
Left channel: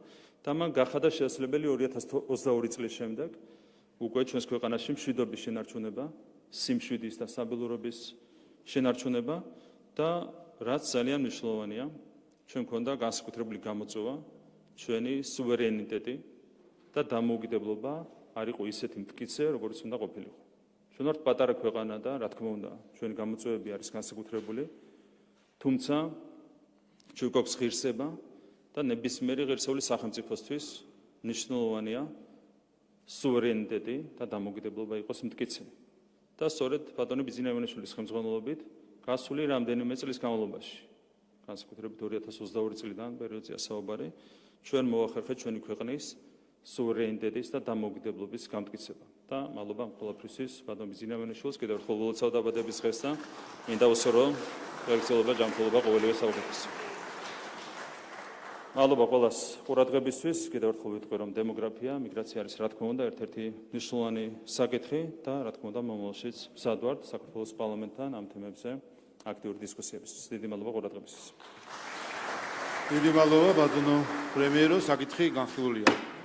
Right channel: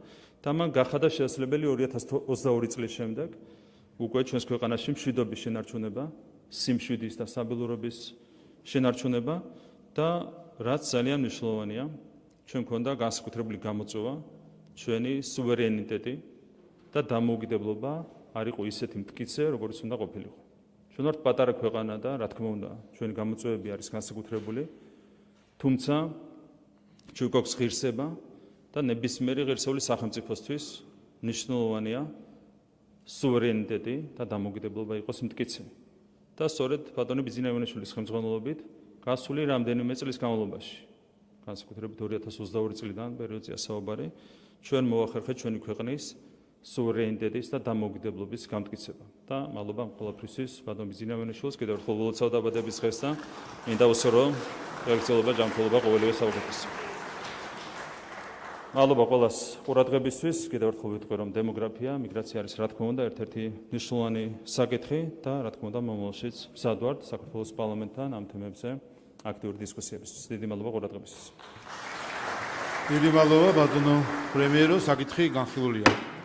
და მან გახადა შესაძლებელი 2022 წლის შემდეგ უკვე ჩვენს ქვეყანაში მშვიდობის შენარჩუნება, სიმშვიდის და სტაბილურობის შენარჩუნება და რაც ძალიან მნიშვნელოვანია, ჩვენ გვქონდა განსაკუთრებული გამოწვევა, ჩვენი სუვერენიტეტი და დამოუკიდებლობა არ იყო ისეთი მტკიცე, როგორც უნდა ყოფილიყო. ჩვენ ვართ პატარა ქვეყანა და რა თქმა უნდა, ჩვენი გამოწვევები არის განსაკუთრებული, თუმცა ჩვენ გვაქვს ღირსება და ნებისმიერი ღირსეული სახელმწიფოსთვის მნიშვნელოვანია სუვერენიტეტი და დამოუკიდებლობა იყოს მტკიცე. და სწორედ ბატონი ბიზინა ივანიშვილის ხელმძღვანელობით გასული რამდენიმე წლის განმავლობაში, განსაკუთრებით 2022 წლიდან პერიოდზეა საუბარი, ჩვენ მოახერხეთ ჩვენი ქვეყნის სუვერენიტეტის და დამოუკიდებლობის გამტკიცება. და მადლობა ყველაფრისთვის ბატონ ბიზინა ივანიშვილს კიდევ ერთხელ ულოცავ დაბადების დღეს და მინდა ვუსურვო გაგრძელება ჯანმრთელობა ყოველივე საუკეთესო. მადლობა ყველას ყურადღებისთვის. კიდევ ერთხელ ვიტყვი, რომ დემოგრაფია, მიგრაცია არის რა თქმა უნდა ერთ-ერთი მნიშვნელოვანი საკითხი და რა თქმა უნდა მომავალშიც მზად ვართ საქართველოს პარლამენტთან ამ თემებზე აქტიური დისკუსიებისთვის. დიდი მადლობა ყურადღებისთვის. დიდი მადლობა ბატონო პრემიერო, საკითხი განხილულია.